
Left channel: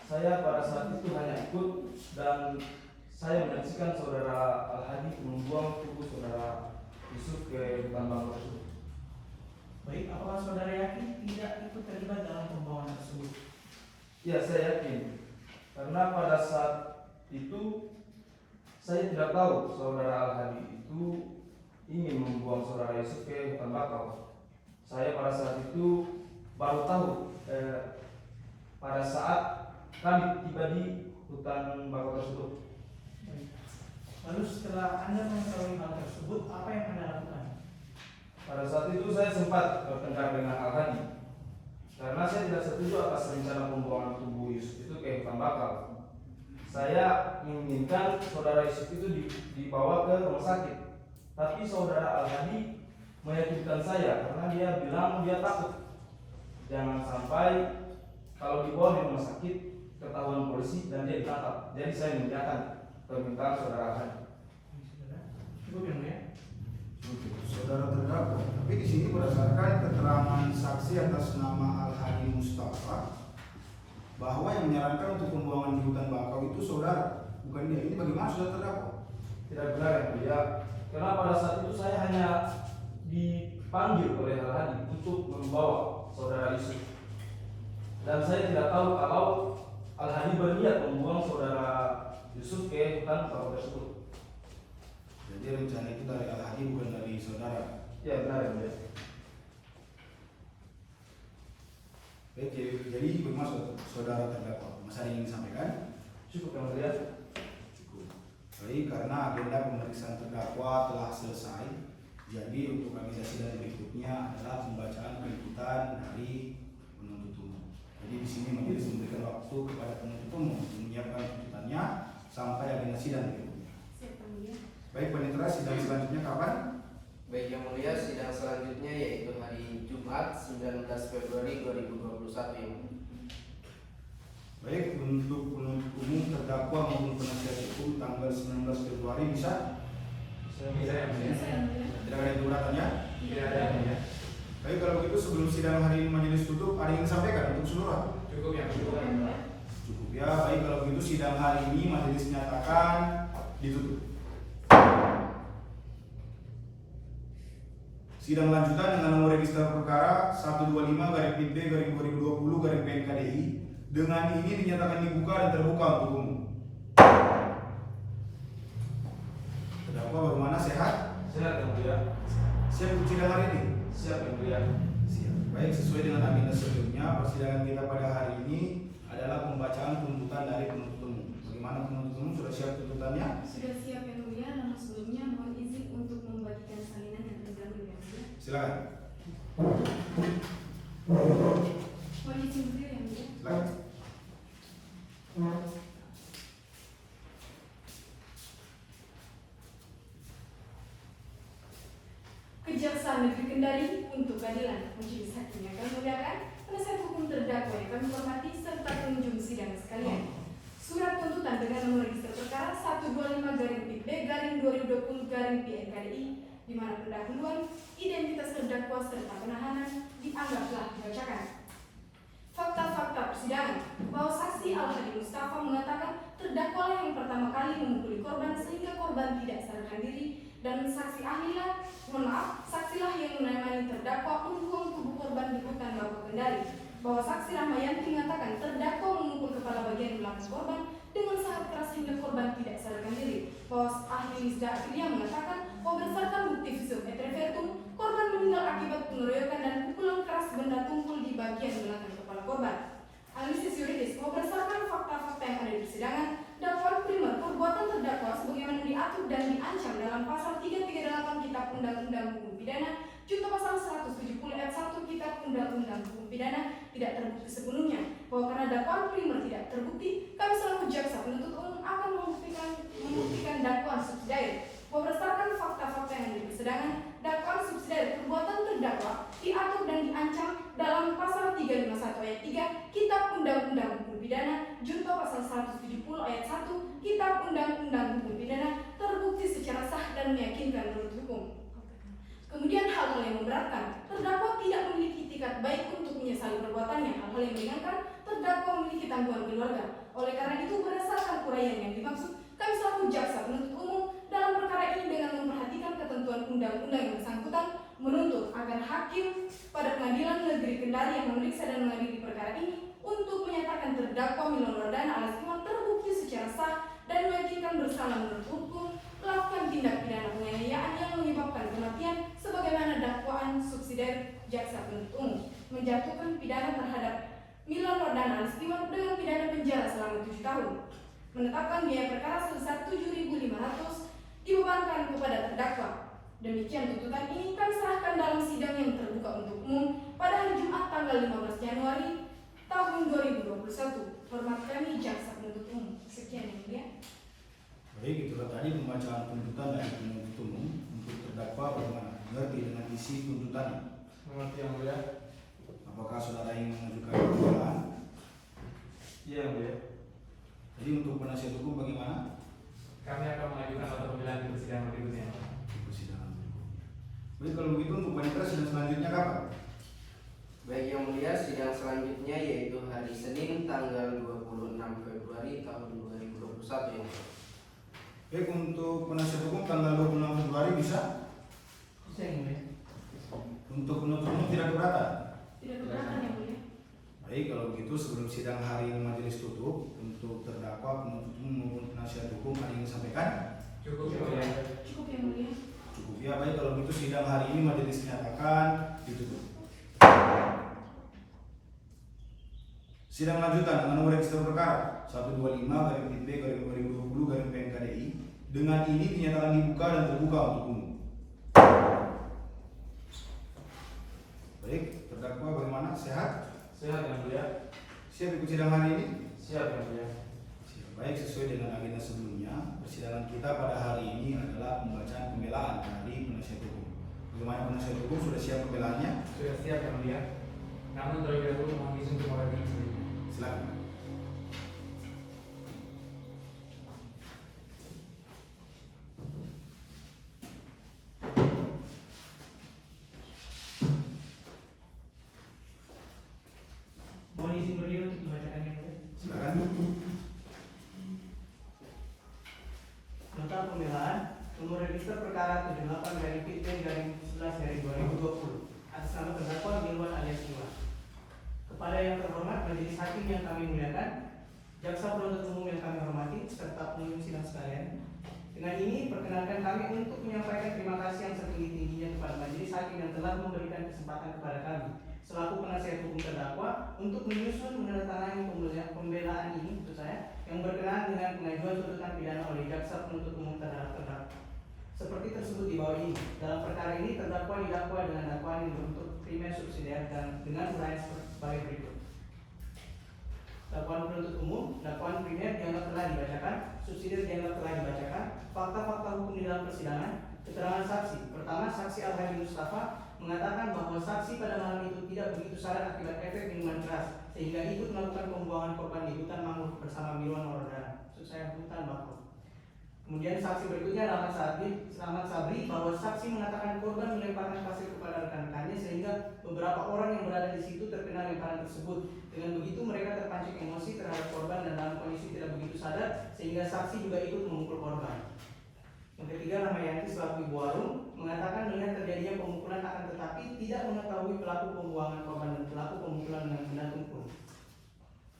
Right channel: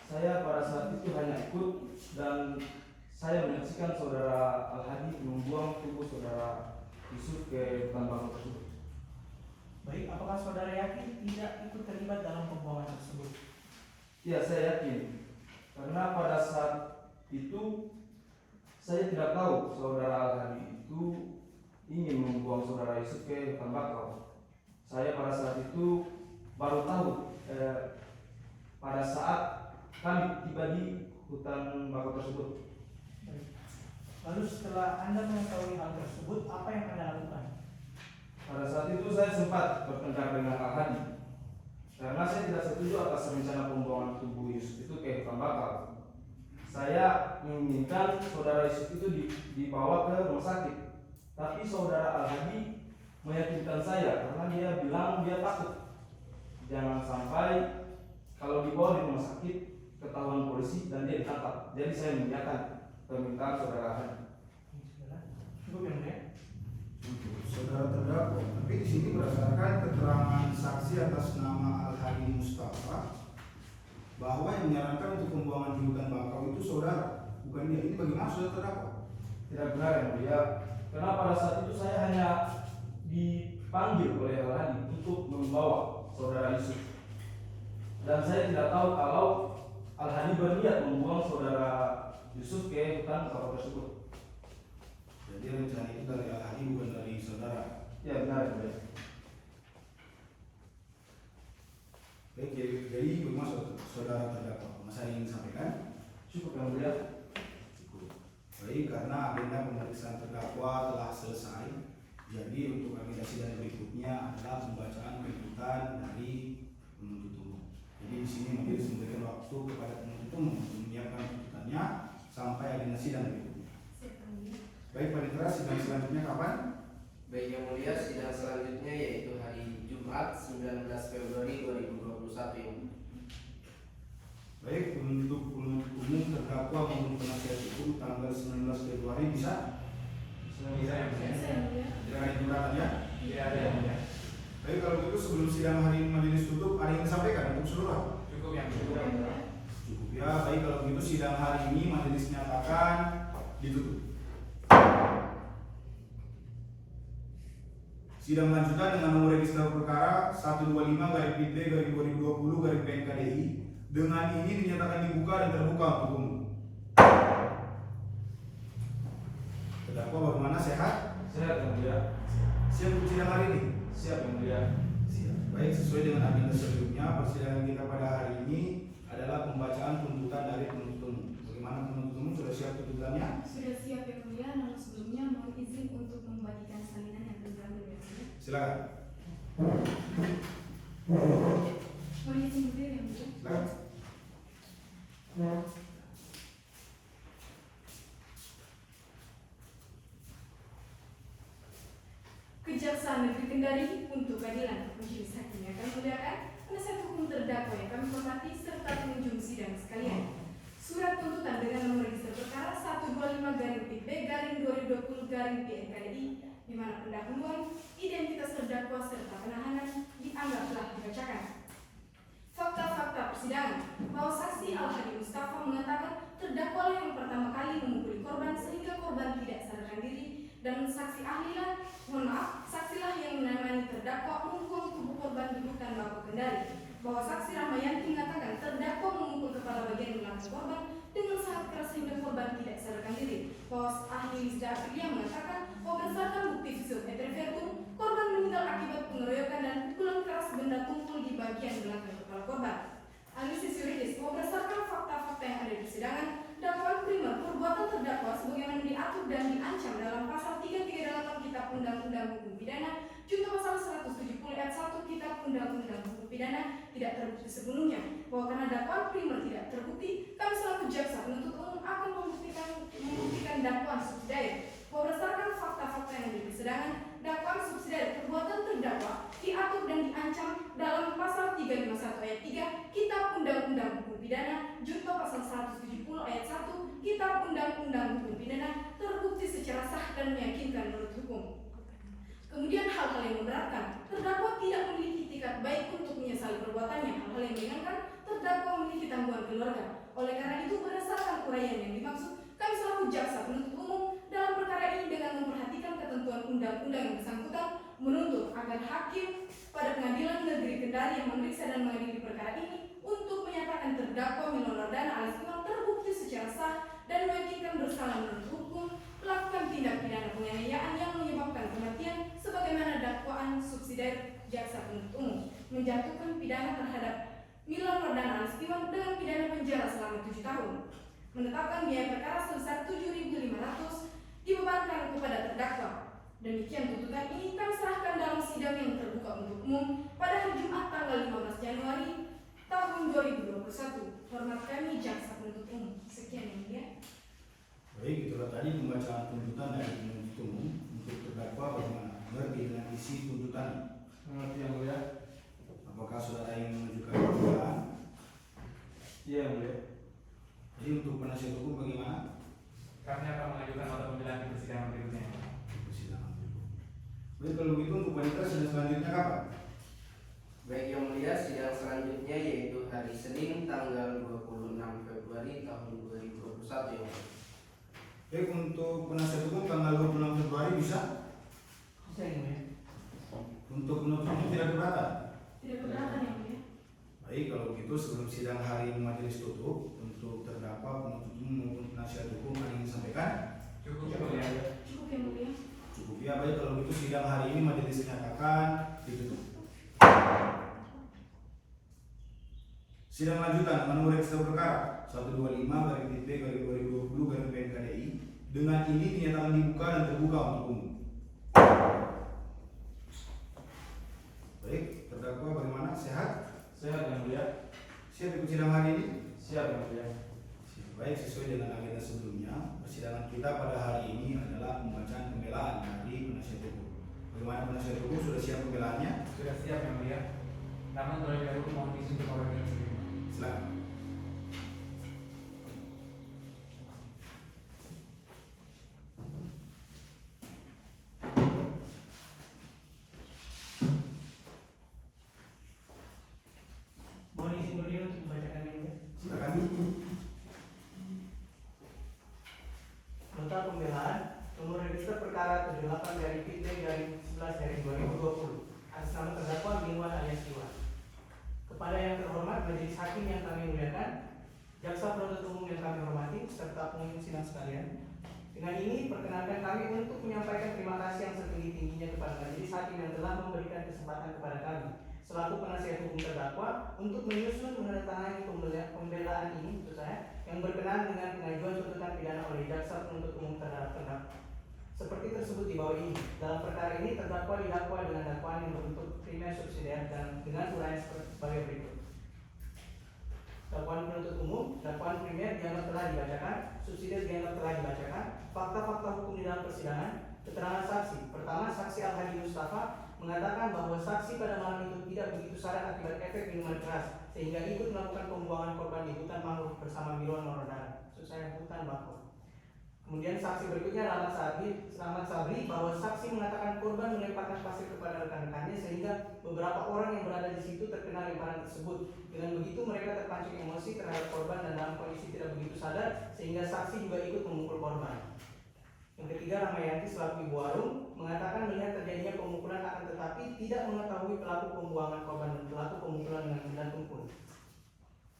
Saya pada saat itu hanya ikut dan saya menyaksikan saudara Al-Hadi membuang tubuh saudara Yusuf ke hutan bakau tersebut. Baik, apakah saudara yakin tidak ikut terlibat dalam pembuangan tersebut? Ya, saya yakin. Karena pada saat itu saya tidak tahu saudara Al-Hadi itu ingin membuang saudara Yusuf ke hutan bakau. Saya pada saat itu baru tahu pada saat kami tiba di hutan bakau tersebut. Baik. Lalu setelah Anda mengetahui hal tersebut, apa yang Anda lakukan? Pada saat itu saya sempat bertengkar dengan Al-Hadi karena saya tidak setuju atas rencana pembuangan tubuh Yusuf itu ke hutan bakau. Saya menginginkan saudara Yusuf itu dibawa ke rumah sakit, tapi saudara Al-Hadi meyakinkan saya karena dia bilang dia takut jangan sampai kalau dibawa di rumah sakit ketahuan polisi dan dia ditangkap. Jadi saya mengiyakan permintaan saudara Al-Hadi. Cukup yang mulia. Saudara terdakwa, tapi di sini berdasarkan keterangan saksi atas nama Al-Hadi Mustafa bahwa yang menyarankan untuk pembuangan di hutan bakau itu saudara, bukan dia. Ini bagaimana saudara terdakwa? Tidak benar yang mulia. Karena pada saat itu saya hanya dipanggil oleh Al-Hadi untuk membawa saudara Yusuf. Dan saya tidak tahu kalau Al-Hadi berniat membuang saudara Yusuf ke hutan bakau tersebut. Jadi rencana itu dari Al-Hadi bukan dari saudara. Ya benar ya. Baik, jadi bagaimana saudara terdakwa? Mas ada yang ingin sampaikan? Cukup yang mulia. Cukup. Baik, karena agenda pemeriksaan terdakwa telah selesai. Jadi untuk agenda sidang berikutnya adalah pembacaan tuntutan dari penuntut umum. Jadi di sini majelis memberikan waktu kepada penuntut umum untuk menyiapkan tuntutannya sampai agenda sidang berikutnya. Baik, panitera, sidang selanjutnya kapan? Baik yang mulia, sidang selanjutnya yaitu hari Jumat 19 Februari 2021 yang Baik, untuk penuntut umum terdakwa maupun penasihat hukum tanggal 19 Februari bisa? Tidak Tidak ada yang keberatan ya? Tidak ada yang mulia. Baik, kalau begitu sebelum sidang hari ini majelis tutup, ada yang disampaikan untuk seluruh? Cukup yang mulia. Cukup ya. Baik, kalau begitu sidang hari ini majelis nyatakan ditutup. Sidang lanjutan dengan nomor register perkara 125/B/2020/PNKDI dengan ini dinyatakan dibuka dan terbuka untuk umum. Terdakwa bagaimana, sehat? Sehat yang mulia. Siap untuk sidang hari ini? Siap yang mulia. Siap. Baik, sesuai dengan agenda sebelumnya, persidangan kita pada hari ini adalah pembacaan tuntutan dari penuntut umum. Bagaimana penuntut umum, sudah siap tuntutannya? Sudah siap yang mulia, namun sebelumnya mohon izin untuk membagikan salinan yang terdahulu ya mulia. Silakan. Mohon izin berdiri yang mulia. Silakan. Kejaksaan Negeri Kendari untuk keadilan majelis hakim yang kami muliakan, penasihat hukum terdakwa yang kami hormati serta pengunjung sidang sekalian. Surat tuntutan dengan nomor register perkara 125-PIB-2020-PNKDI di mana pendahuluan, identitas terdakwa serta penahanan dianggap telah dibacakan. Fakta-fakta persidangan bahwa saksi Al-Hadi Mustafa mengatakan terdakwalah yang pertama kali memukuli korban sehingga korban tidak sadarkan diri, dan saksilah yang menemani terdakwa memukul tubuh korban di hutan Bapa Kendari. Bahwa saksi Rahmayanti mengatakan terdakwa memukul kepala bagian belakang korban dengan sangat keras hingga korban tidak sadarkan diri. Bahwa ahli Wisda Aprilia mengatakan bahwa berdasarkan bukti visum et repertum, korban meninggal akibat pengeroyokan dan pukulan keras benda tumpul di bagian belakang kepala korban. Analisis yuridis bahwa berdasarkan fakta-fakta yang ada di persidangan, dakwaan primer perbuatan terdakwa sebagaimana diatur dan diancam dalam pasal 338 Kitab Undang-Undang Hukum Pidana junto pasal 170 ayat 1 Kitab Undang-Undang Hukum Pidana tidak terbukti sepenuhnya. Bahwa karena dakwaan primer tidak terbukti, kami selaku jaksa penuntut umum akan membuktikan dakwaan subsidiar. Bahwa berdasarkan fakta-fakta yang ada di persidangan, dakwaan subsidiar perbuatan terdakwa diatur dan diancam dalam pasal 351 ayat 3 Kitab Undang-Undang Hukum Pidana junto pasal 170 ayat 1 Kitab Undang-Undang Hukum Pidana terbukti secara sah dan meyakinkan menurut hukum. Kemudian hal-hal yang memberatkan, terdakwa tidak memiliki itikat baik untuk menyesali perbuatannya. Hal-hal yang meringankan, terdakwa memiliki tanggungan keluarga. Oleh karena itu, berdasarkan uraian yang dimaksud, kami selaku jaksa penuntut umum dalam perkara ini dengan memperhatikan ketentuan undang-undang yang bersangkutan menuntut agar hakim pada Pengadilan Negeri Kendari yang memeriksa dan mengadili perkara ini untuk menyatakan terdakwa Milan Wardana alias Iwan terbukti secara sah dan meyakinkan bersalah menurut hukum melakukan tindak pidana penganiayaan yang menyebabkan kematian sebagaimana dakwaan subsidiar jaksa penuntut umum, menjatuhkan pidana terhadap Milan Wardana alias Iwan dengan pidana penjara selama 7 tahun, menetapkan biaya perkara sebesar 7.500 dibebankan kepada terdakwa. Demikian tuntutan ini kami serahkan dalam sidang yang terbuka untuk umum pada hari Jumat tanggal 15 Januari tahun 2021. Hormat kami jaksa penuntut umum. Sekian yang mulia. Baik, itulah tadi pembacaan tuntutan dari penuntut umum untuk terdakwa. Bagaimana? Mengerti dengan isi tuntutan? Mengerti yang mulia. Apakah saudara yang mengajukan pembelaan? Iya yang mulia. Jadi untuk penasihat hukum bagaimana? Kami akan mengajukan nota pembelaan di persidangan berikutnya. Di persidangan berikutnya. Baik, kalau begitu untuk wanita sidang selanjutnya kapan? Baik yang mulia, sidang selanjutnya yaitu hari Senin tanggal 26 Februari tahun 2021 yang mulia. Baik, untuk penasihat hukum tanggal 26 Februari bisa? Bisa yang mulia. Untuk penuntut umum tidak keberatan? Tidak keberatan yang mulia. Baik, kalau begitu sebelum sidang hari ini majelis tutup, untuk terdakwa, penuntut umum maupun penasihat hukum ada yang disampaikan? Cukup yang mulia. Cukup yang mulia. Cukup ya. Baik, kalau begitu sidang hari ini majelis dinyatakan ditutup. Sidang lanjutan dengan nomor register perkara 125/IP/2020/PNKDI dengan ini dinyatakan dibuka dan terbuka untuk umum. Baik, terdakwa bagaimana? Sehat? Sehat yang mulia. Siap ikut sidang hari ini? Siap yang mulia. Baik, sesuai dengan agenda sebelumnya, persidangan kita pada hari ini adalah pembacaan pembelaan dari penasihat hukum. Bagaimana penasihat hukum, sudah siap pembelaannya? Sudah siap yang mulia. Namun terlebih dahulu mohon izin untuk mengawal sebelumnya. Silakan. Mohon izin berdiri untuk membacakan yang mulia. Silakan. Nota pembelaan nomor register perkara 78 dari PIB dari 11 dari 2020 atas nama terdakwa Milwan alias Iwan. Kepada yang terhormat majelis hakim yang kami muliakan, jaksa penuntut umum yang kami hormati, serta pengunjung sidang sekalian. Dengan ini perkenankan kami untuk menyampaikan terima kasih yang setinggi-tingginya kepada majelis hakim yang telah memberikan kesempatan kepada kami selaku penasihat hukum terdakwa untuk menyusun menandatangani pembelaan ini untuk saya yang berkenaan dengan pengajuan tuntutan pidana oleh jaksa penuntut umum terhadap terdakwa. Seperti tersebut di bawah ini, dalam perkara ini terdakwa didakwa dengan dakwaan yang berbentuk primer subsidiar dan dengan uraian sebagai berikut. Dakwaan penuntut umum, dakwaan primer dianggap telah dibacakan, subsidiar dianggap telah dibacakan, fakta-fakta hukum di dalam persidangan, keterangan saksi. Pertama, saksi Al-Hadi Mustafa mengatakan bahwa saksi pada malam itu tidak begitu sadar akibat efek minuman keras sehingga ikut melakukan pembuangan korban di hutan mangrove bersama Milwan Waradana. Maksud saya hutan bakau. Kemudian saksi berikutnya adalah Selamat Sabri bahwa saksi mengatakan korban melemparkan pasir kepada rekan-rekannya sehingga beberapa orang yang berada di situ terkena lemparan tersebut. Dengan begitu mereka terpancing emosi terhadap korban dan dalam kondisi tidak begitu sadar sehingga saksi juga ikut memukul korban. Yang ketiga, Rahmayanti selaku ibu warung mengatakan melihat terjadinya pemukulan akan tetapi tidak mengetahui pelaku pembuangan korban dan pelaku pemukulan dengan benda tumpul.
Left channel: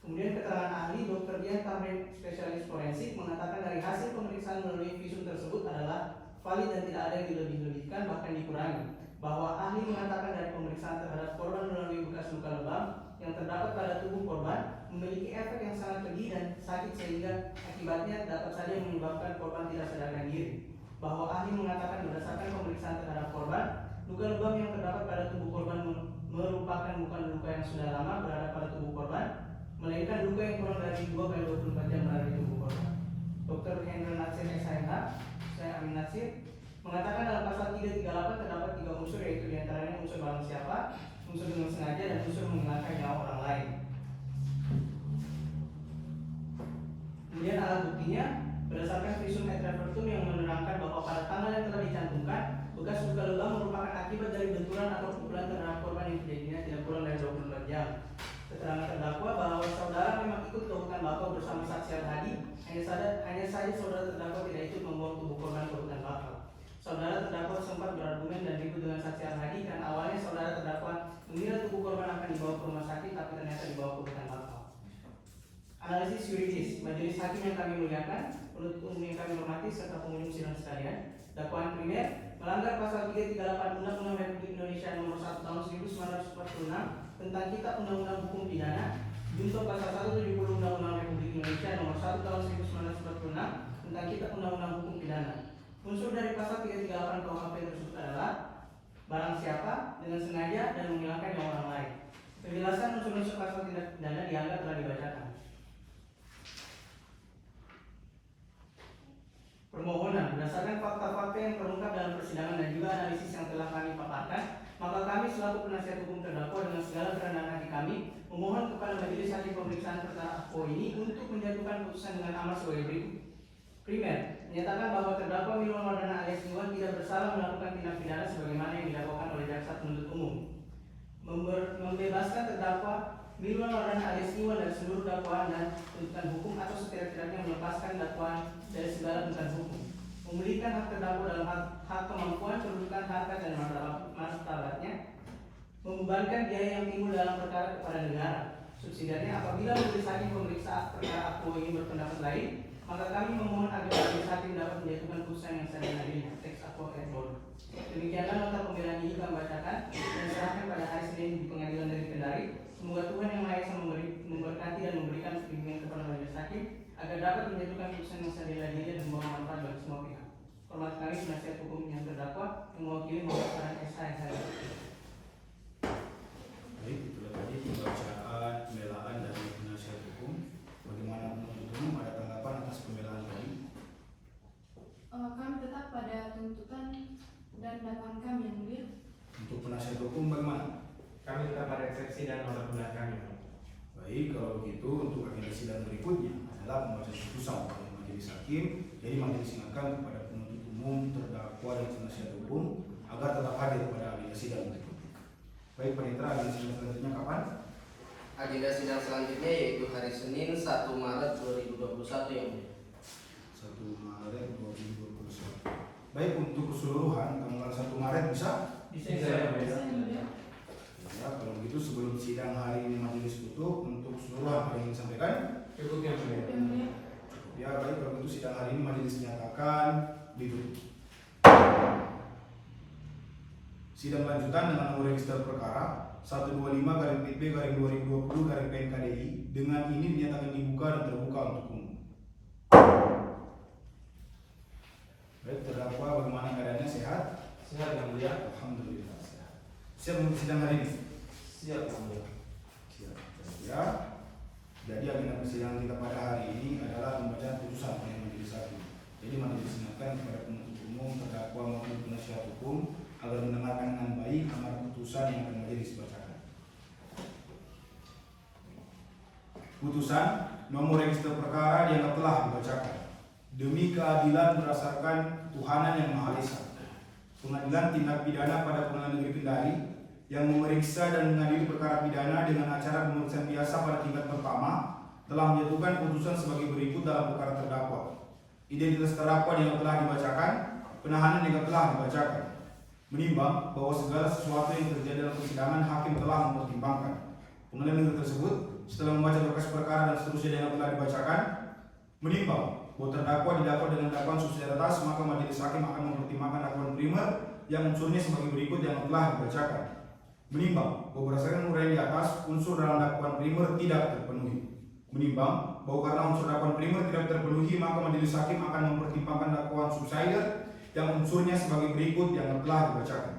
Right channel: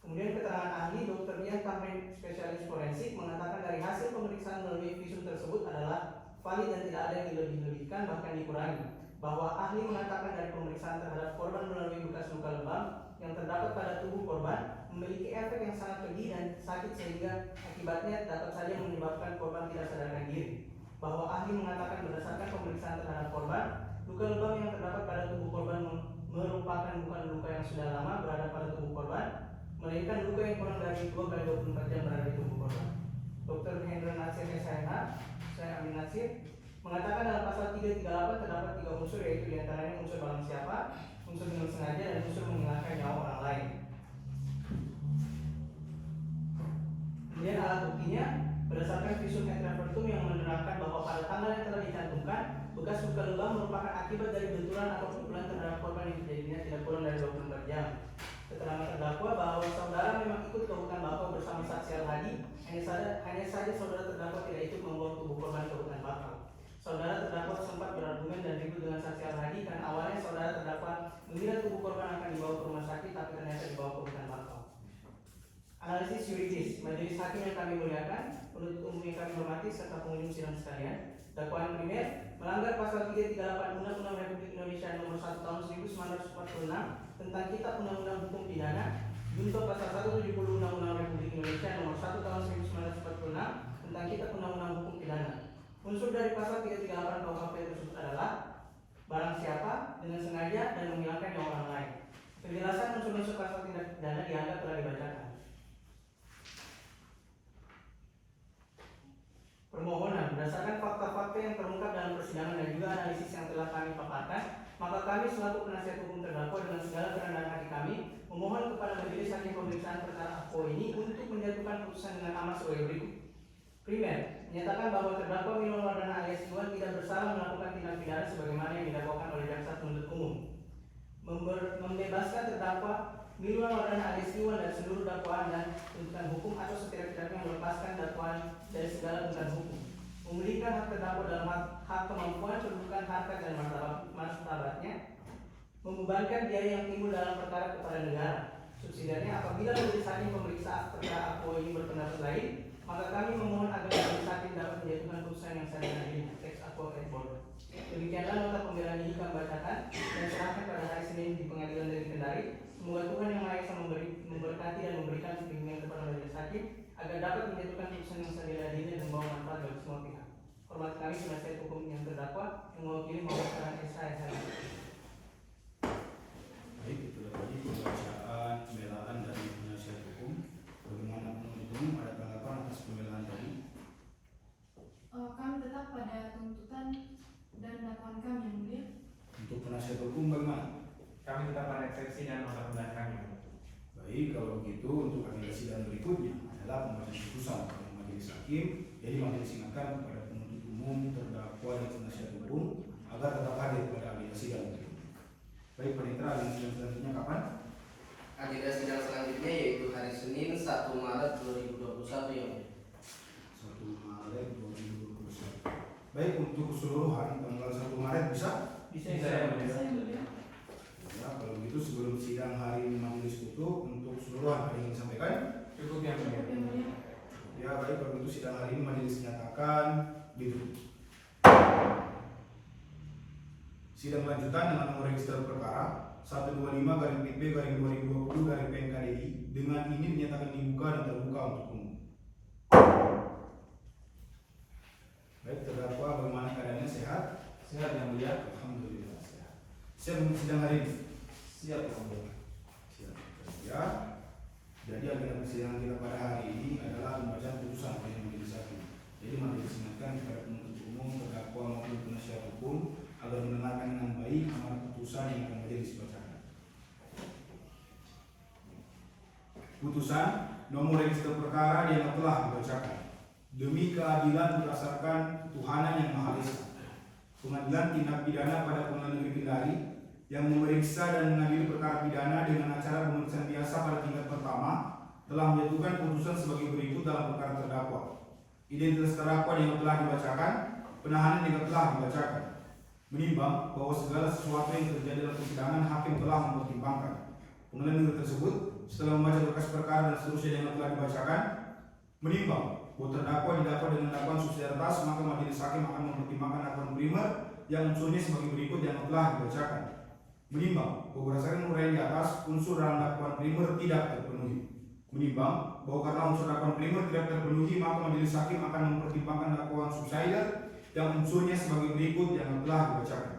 Kemudian keterangan ahli Dr. Dian Tarmen, spesialis forensik, mengatakan dari hasil pemeriksaan melalui visum tersebut adalah valid dan tidak ada yang dilebih-lebihkan bahkan dikurangi. Bahwa ahli mengatakan dari pemeriksaan terhadap korban melalui bekas luka lebam yang terdapat pada tubuh korban memiliki efek yang sangat keji dan sakit sehingga akibatnya dapat saja menyebabkan korban tidak sadarkan diri. Bahwa ahli mengatakan berdasarkan pemeriksaan terhadap korban, luka lebam yang terdapat pada tubuh korban merupakan bukan luka yang sudah lama berada pada tubuh korban, melainkan luka yang kurang dari 2x24 jam berada di tubuh korban. Dr. Hendra Nasir SHMH, saya Amin Nasir, mengatakan dalam pasal 338 terdapat 3 unsur, yaitu diantaranya unsur barang siapa, unsur dengan sengaja, dan unsur menghilangkan nyawa orang lain. Kemudian alat buktinya berdasarkan visum et repertum yang menerangkan bahwa pada tanggal yang telah dicantumkan, bekas luka lebam merupakan akibat dari benturan atau pukulan terhadap korban yang terjadinya tidak kurang dari 24 jam. Keterangan terdakwa bahwa saudara memang ikut ke hutan bakau bersama saksi Al-Hadi, hanya saja saudara terdakwa tidak ikut membawa tubuh korban ke hutan bakau. Saudara terdakwa sempat berargumen dan ribut dengan saksi Al-Hadi karena awalnya saudara terdakwa mengira tubuh korban akan dibawa ke rumah sakit tapi ternyata dibawa ke hutan bakau. Analisis yuridis, majelis hakim yang kami muliakan, penuntut umum yang kami hormati serta pengunjung sidang sekalian, dakwaan primer melanggar pasal 338 Undang-Undang Republik Indonesia Nomor 1 Tahun 1946 tentang Kitab Undang-Undang Hukum Pidana, junto pasal 170 Undang-Undang Republik Indonesia Nomor 1 Tahun 1946 tentang Kitab Undang-Undang Hukum Pidana. Unsur dari pasal 338 KUHP tersebut adalah barang siapa dengan sengaja dan menghilangkan nyawa orang lain. Penjelasan unsur-unsur pasal tindak pidana dianggap telah dibacakan. Permohonan berdasarkan fakta-fakta yang terungkap dalam persidangan dan juga analisis yang telah kami paparkan, maka kami selaku penasihat hukum terdakwa dengan segala kerendahan hati kami memohon kepada majelis hakim pemeriksaan perkara AFPO ini untuk menjatuhkan putusan dengan amar sebagai berikut. Primer, menyatakan bahwa terdakwa Milwan Waradana alias Iwan tidak bersalah melakukan tindak pidana sebagaimana yang didakwakan oleh jaksa penuntut umum. Membebaskan terdakwa Milwan Waradana alias Iwan dari seluruh dakwaan dan tuntutan hukum atau setidak-tidaknya melepaskan dakwaan dari segala tuntutan hukum. Memulihkan hak terdakwa dalam hak kemampuan, kedudukan, harkat dan martabatnya. Membebankan biaya yang timbul dalam perkara kepada negara. Subsidiarnya, apabila majelis hakim pemeriksa perkara AFPO ini berpendapat lain, maka kami memohon agar majelis hakim dapat menjatuhkan putusan yang seadil-adilnya. Teks AFPO et al. Demikianlah nota pembelaan ini kami bacakan dan serahkan pada hari Senin di Pengadilan Negeri Kendari. Semoga Tuhan Yang Maha Esa memberkati dan memberikan bimbingan kepada majelis hakim agar dapat menjatuhkan putusan yang seadil-adilnya dan membawa manfaat bagi semua pihak. Hormat kami penasihat hukum yang terdakwa yang mewakili Muhammad SHMH. Baik, itulah tadi pembacaan pembelaan dari penasihat hukum. Bagaimana penuntut umum, ada tanggapan atas pembelaan tadi? Kami tetap pada tuntutan dan dakwaan kami yang mulia. Untuk penasihat hukum bagaimana? Kami tetap pada eksepsi dan nota pembelaan kami. Baik, kalau begitu untuk agenda sidang berikutnya adalah pembacaan putusan oleh majelis hakim. Jadi majelis ingatkan kepada penuntut umum, terdakwa dan penasihat hukum agar tetap hadir pada agenda sidang berikutnya. Baik, Panitra, agenda sidang selanjutnya kapan? Agenda sidang selanjutnya yaitu hari Senin 1 Maret 2021 yang 1 Maret 2021. Baik, untuk keseluruhan tanggal 1 Maret bisa? Bisa. Ya, kalau begitu sebelum sidang hari ini majelis tutup, untuk keseluruhan ada yang disampaikan? Cukup yang mulia. Ya, baik, kalau begitu sidang hari ini majelis nyatakan ditutup. Sidang lanjutan dengan nomor register perkara 125/PP/2020/PNKDI dengan ini dinyatakan dibuka dan terbuka untuk umum. Baik, terdakwa bagaimana keadaannya, sehat? Sehat yang mulia. Alhamdulillah sehat. Siap untuk sidang hari ini? Siap yang mulia. Siap. Ya. Jadi agenda persidangan kita pada hari ini adalah pembacaan putusan oleh majelis hakim. Jadi majelis ingatkan kepada penuntut umum, terdakwa maupun penasihat hukum agar mendengarkan dengan baik amar Putusan nomor register perkara dianggap telah dibacakan. Demi keadilan berdasarkan ketuhanan yang Maha Esa, Pengadilan Tindak Pidana pada Pengadilan Negeri Kendari yang memeriksa dan mengadili perkara pidana dengan acara pemeriksaan biasa pada tingkat pertama telah menjatuhkan putusan sebagai berikut dalam perkara terdakwa. Identitas terdakwa yang telah dibacakan, penahanan yang telah dibacakan. Menimbang bahwa segala sesuatu yang terjadi dalam persidangan hakim telah mempertimbangkan. Pengadilan negeri tersebut setelah membaca berkas perkara dan seterusnya yang telah dibacakan, menimbang bahwa terdakwa didakwa dengan dakwaan subsidiar atas, maka majelis hakim akan mempertimbangkan dakwaan primer yang unsurnya sebagai berikut yang telah dibacakan. Menimbang bahwa berdasarkan uraian di atas, unsur dalam dakwaan primer tidak terpenuhi. Menimbang bahwa karena unsur dakwaan primer tidak terpenuhi, maka majelis hakim akan mempertimbangkan dakwaan subsidiar yang unsurnya sebagai berikut yang telah dibacakan.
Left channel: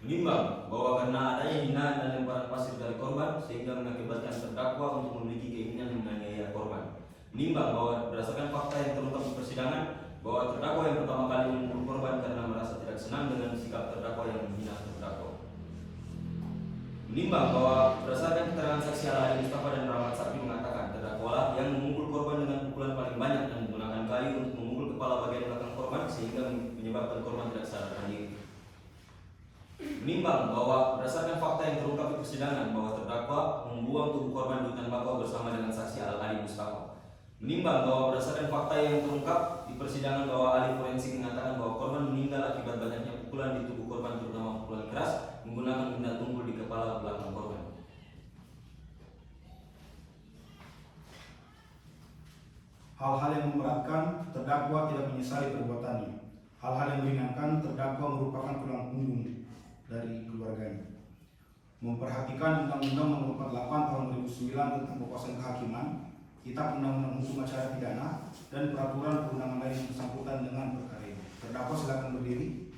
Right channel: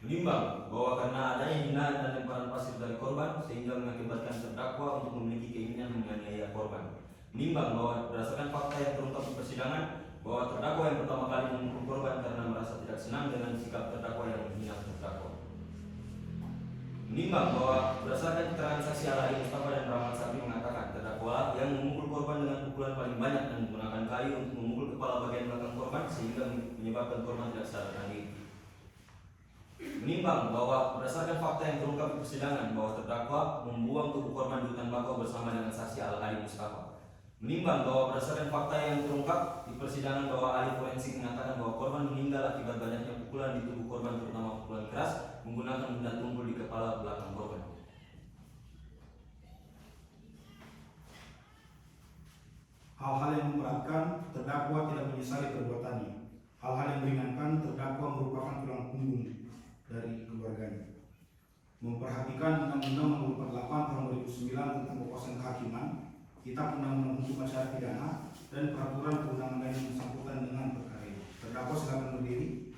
Menimbang bahwa karena adanya hinaan dan lemparan pasir dari korban sehingga mengakibatkan terdakwa untuk memiliki keinginan menganiaya korban. Menimbang bahwa berdasarkan fakta yang terungkap di persidangan bahwa terdakwa yang pertama kali memukul korban karena merasa tidak senang dengan sikap terdakwa yang menghina terdakwa. Menimbang bahwa berdasarkan keterangan saksi Al-Hadi Mustafa dan Rahmat Sapi mengatakan terdakwa yang memukul korban dengan pukulan paling banyak dan menggunakan kayu untuk memukul kepala bagian belakang korban sehingga menyebabkan korban tidak sadarkan diri. Menimbang bahwa berdasarkan fakta yang terungkap di persidangan bahwa terdakwa membuang tubuh korban di hutan bakau bersama dengan saksi Al-Hadi Mustafa. Menimbang bahwa berdasarkan fakta yang terungkap di persidangan bahwa ahli forensik mengatakan bahwa korban meninggal akibat banyaknya pukulan di tubuh korban terutama pukulan keras menggunakan benda tumpul di kepala belakang korban. Hal-hal yang memberatkan terdakwa tidak menyesali perbuatannya. Hal-hal yang meringankan terdakwa merupakan tulang punggung dari keluarganya. Memperhatikan Undang-Undang Nomor 48 Tahun 2009 tentang Kekuasaan Kehakiman, Kitab Undang-Undang Hukum Acara Pidana, dan peraturan perundangan lain yang bersangkutan dengan perkara ini. Terdakwa silakan berdiri.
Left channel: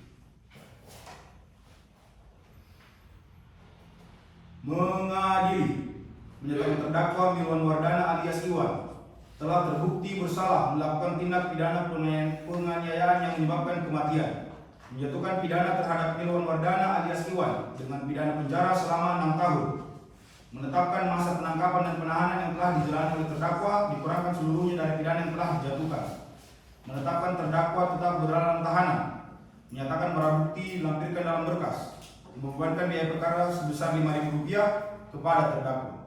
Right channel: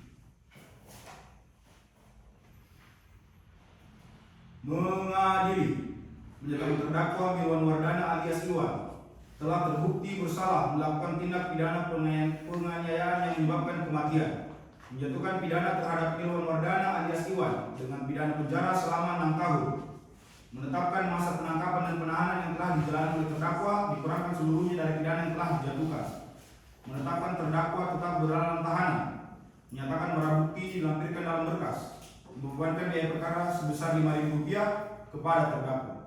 Mengadili, menyatakan terdakwa Mirwan Wardana alias Iwan telah terbukti bersalah melakukan tindak pidana penganiayaan yang menyebabkan kematian, menjatuhkan pidana terhadap Mirwan Wardana alias Iwan dengan pidana penjara selama 6 tahun, menetapkan masa penangkapan dan penahanan yang telah dijalani oleh terdakwa dikurangkan seluruhnya dari pidana yang telah dijatuhkan, menetapkan terdakwa tetap berada tahanan, menyatakan barang bukti dilampirkan dalam berkas, membebankan biaya perkara sebesar Rp5.000 kepada terdakwa.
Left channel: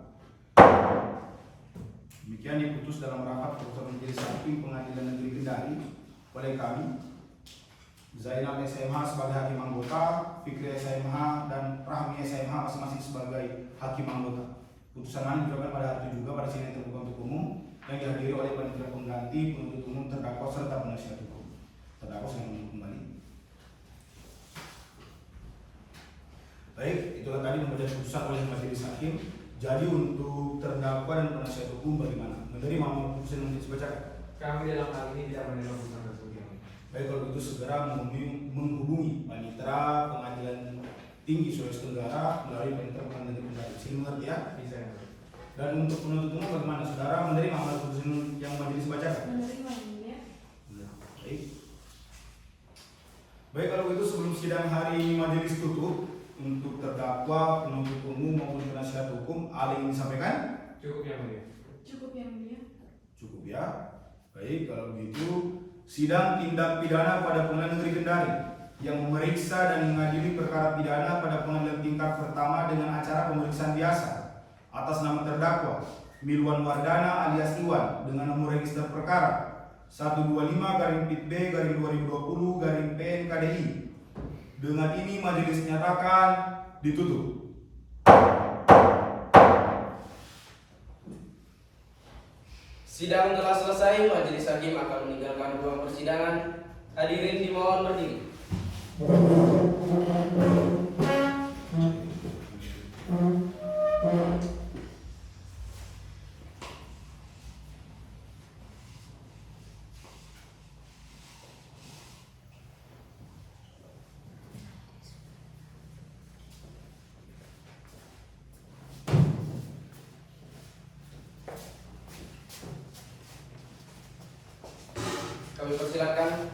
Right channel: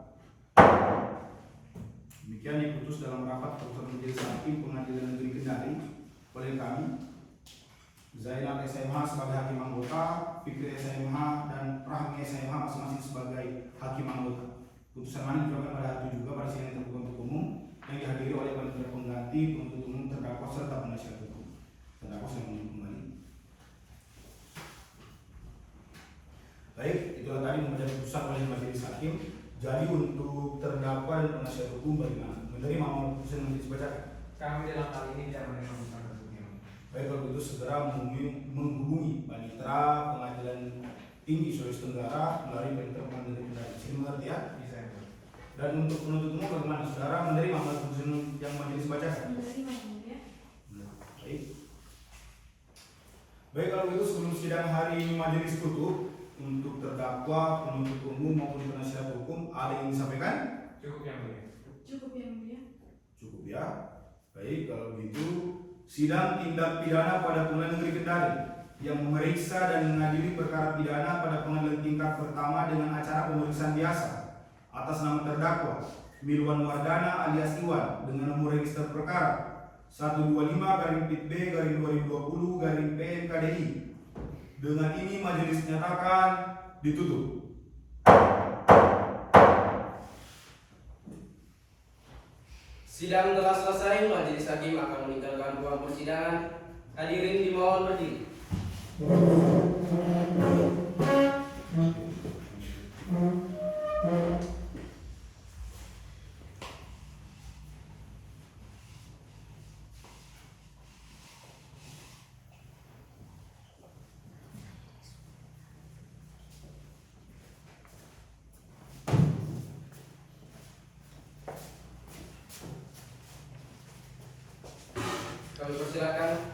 Demikian diputus dalam rapat keputusan majelis hakim Pengadilan Negeri Kendari oleh kami, Zainal SMH sebagai hakim anggota, Fikri SMH dan Rahmi SMH masing-masing sebagai hakim anggota. Putusan ini dilakukan pada hari itu juga pada sidang terbuka untuk umum yang dihadiri oleh panitia pengganti, penuntut umum, terdakwa serta penasihat hukum. Terdakwa sedang menunggu kembali. Baik, itulah tadi membaca putusan oleh majelis hakim. Jadi untuk terdakwa dan penasihat hukum bagaimana? Menerima putusan yang dibacakan? Kami dalam hal ini tidak menerima putusan tersebut. Baik, kalau begitu segera menghubungi Panitera Pengadilan Tinggi Sulawesi Tenggara melalui Panitera Pengadilan Negeri Kendari. Sini mengerti ya? Bisa. Dan untuk penuntut umum bagaimana? Saudara menerima amal putusan yang majelis bacakan? Menerima ya. Baik. Baik, kalau begitu sebelum sidang hari ini majelis tutup, untuk terdakwa, penuntut umum maupun penasihat hukum ada yang disampaikan? Cukup yang mulia. Cukup yang mulia. Cukup ya. Baik, kalau begitu sidang tindak pidana pada Pengadilan Negeri Kendari yang memeriksa dan mengadili perkara pidana pada pengadilan tingkat pertama dengan acara pemeriksaan biasa atas nama terdakwa Mirwan Wardana alias Iwan dengan nomor register perkara 125-PB-2020-PNKDI. Dengan ini majelis nyatakan ditutup. Sidang telah selesai, majelis hakim akan meninggalkan ruang persidangan. Hadirin dimohon berdiri. Kami persilakan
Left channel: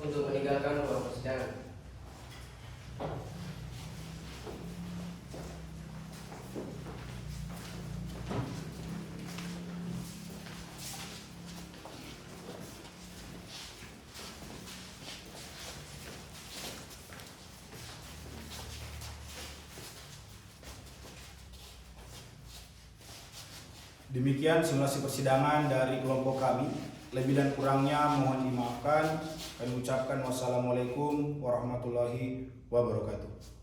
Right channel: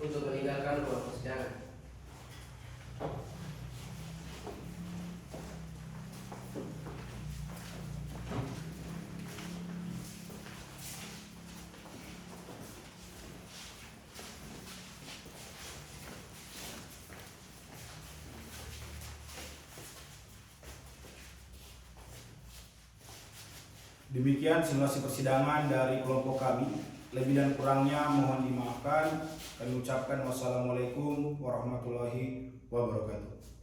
untuk meninggalkan ruang persidangan. Demikian simulasi persidangan dari kelompok kami. Lebih dan kurangnya mohon dimaafkan. Kami ucapkan wassalamualaikum warahmatullahi wabarakatuh.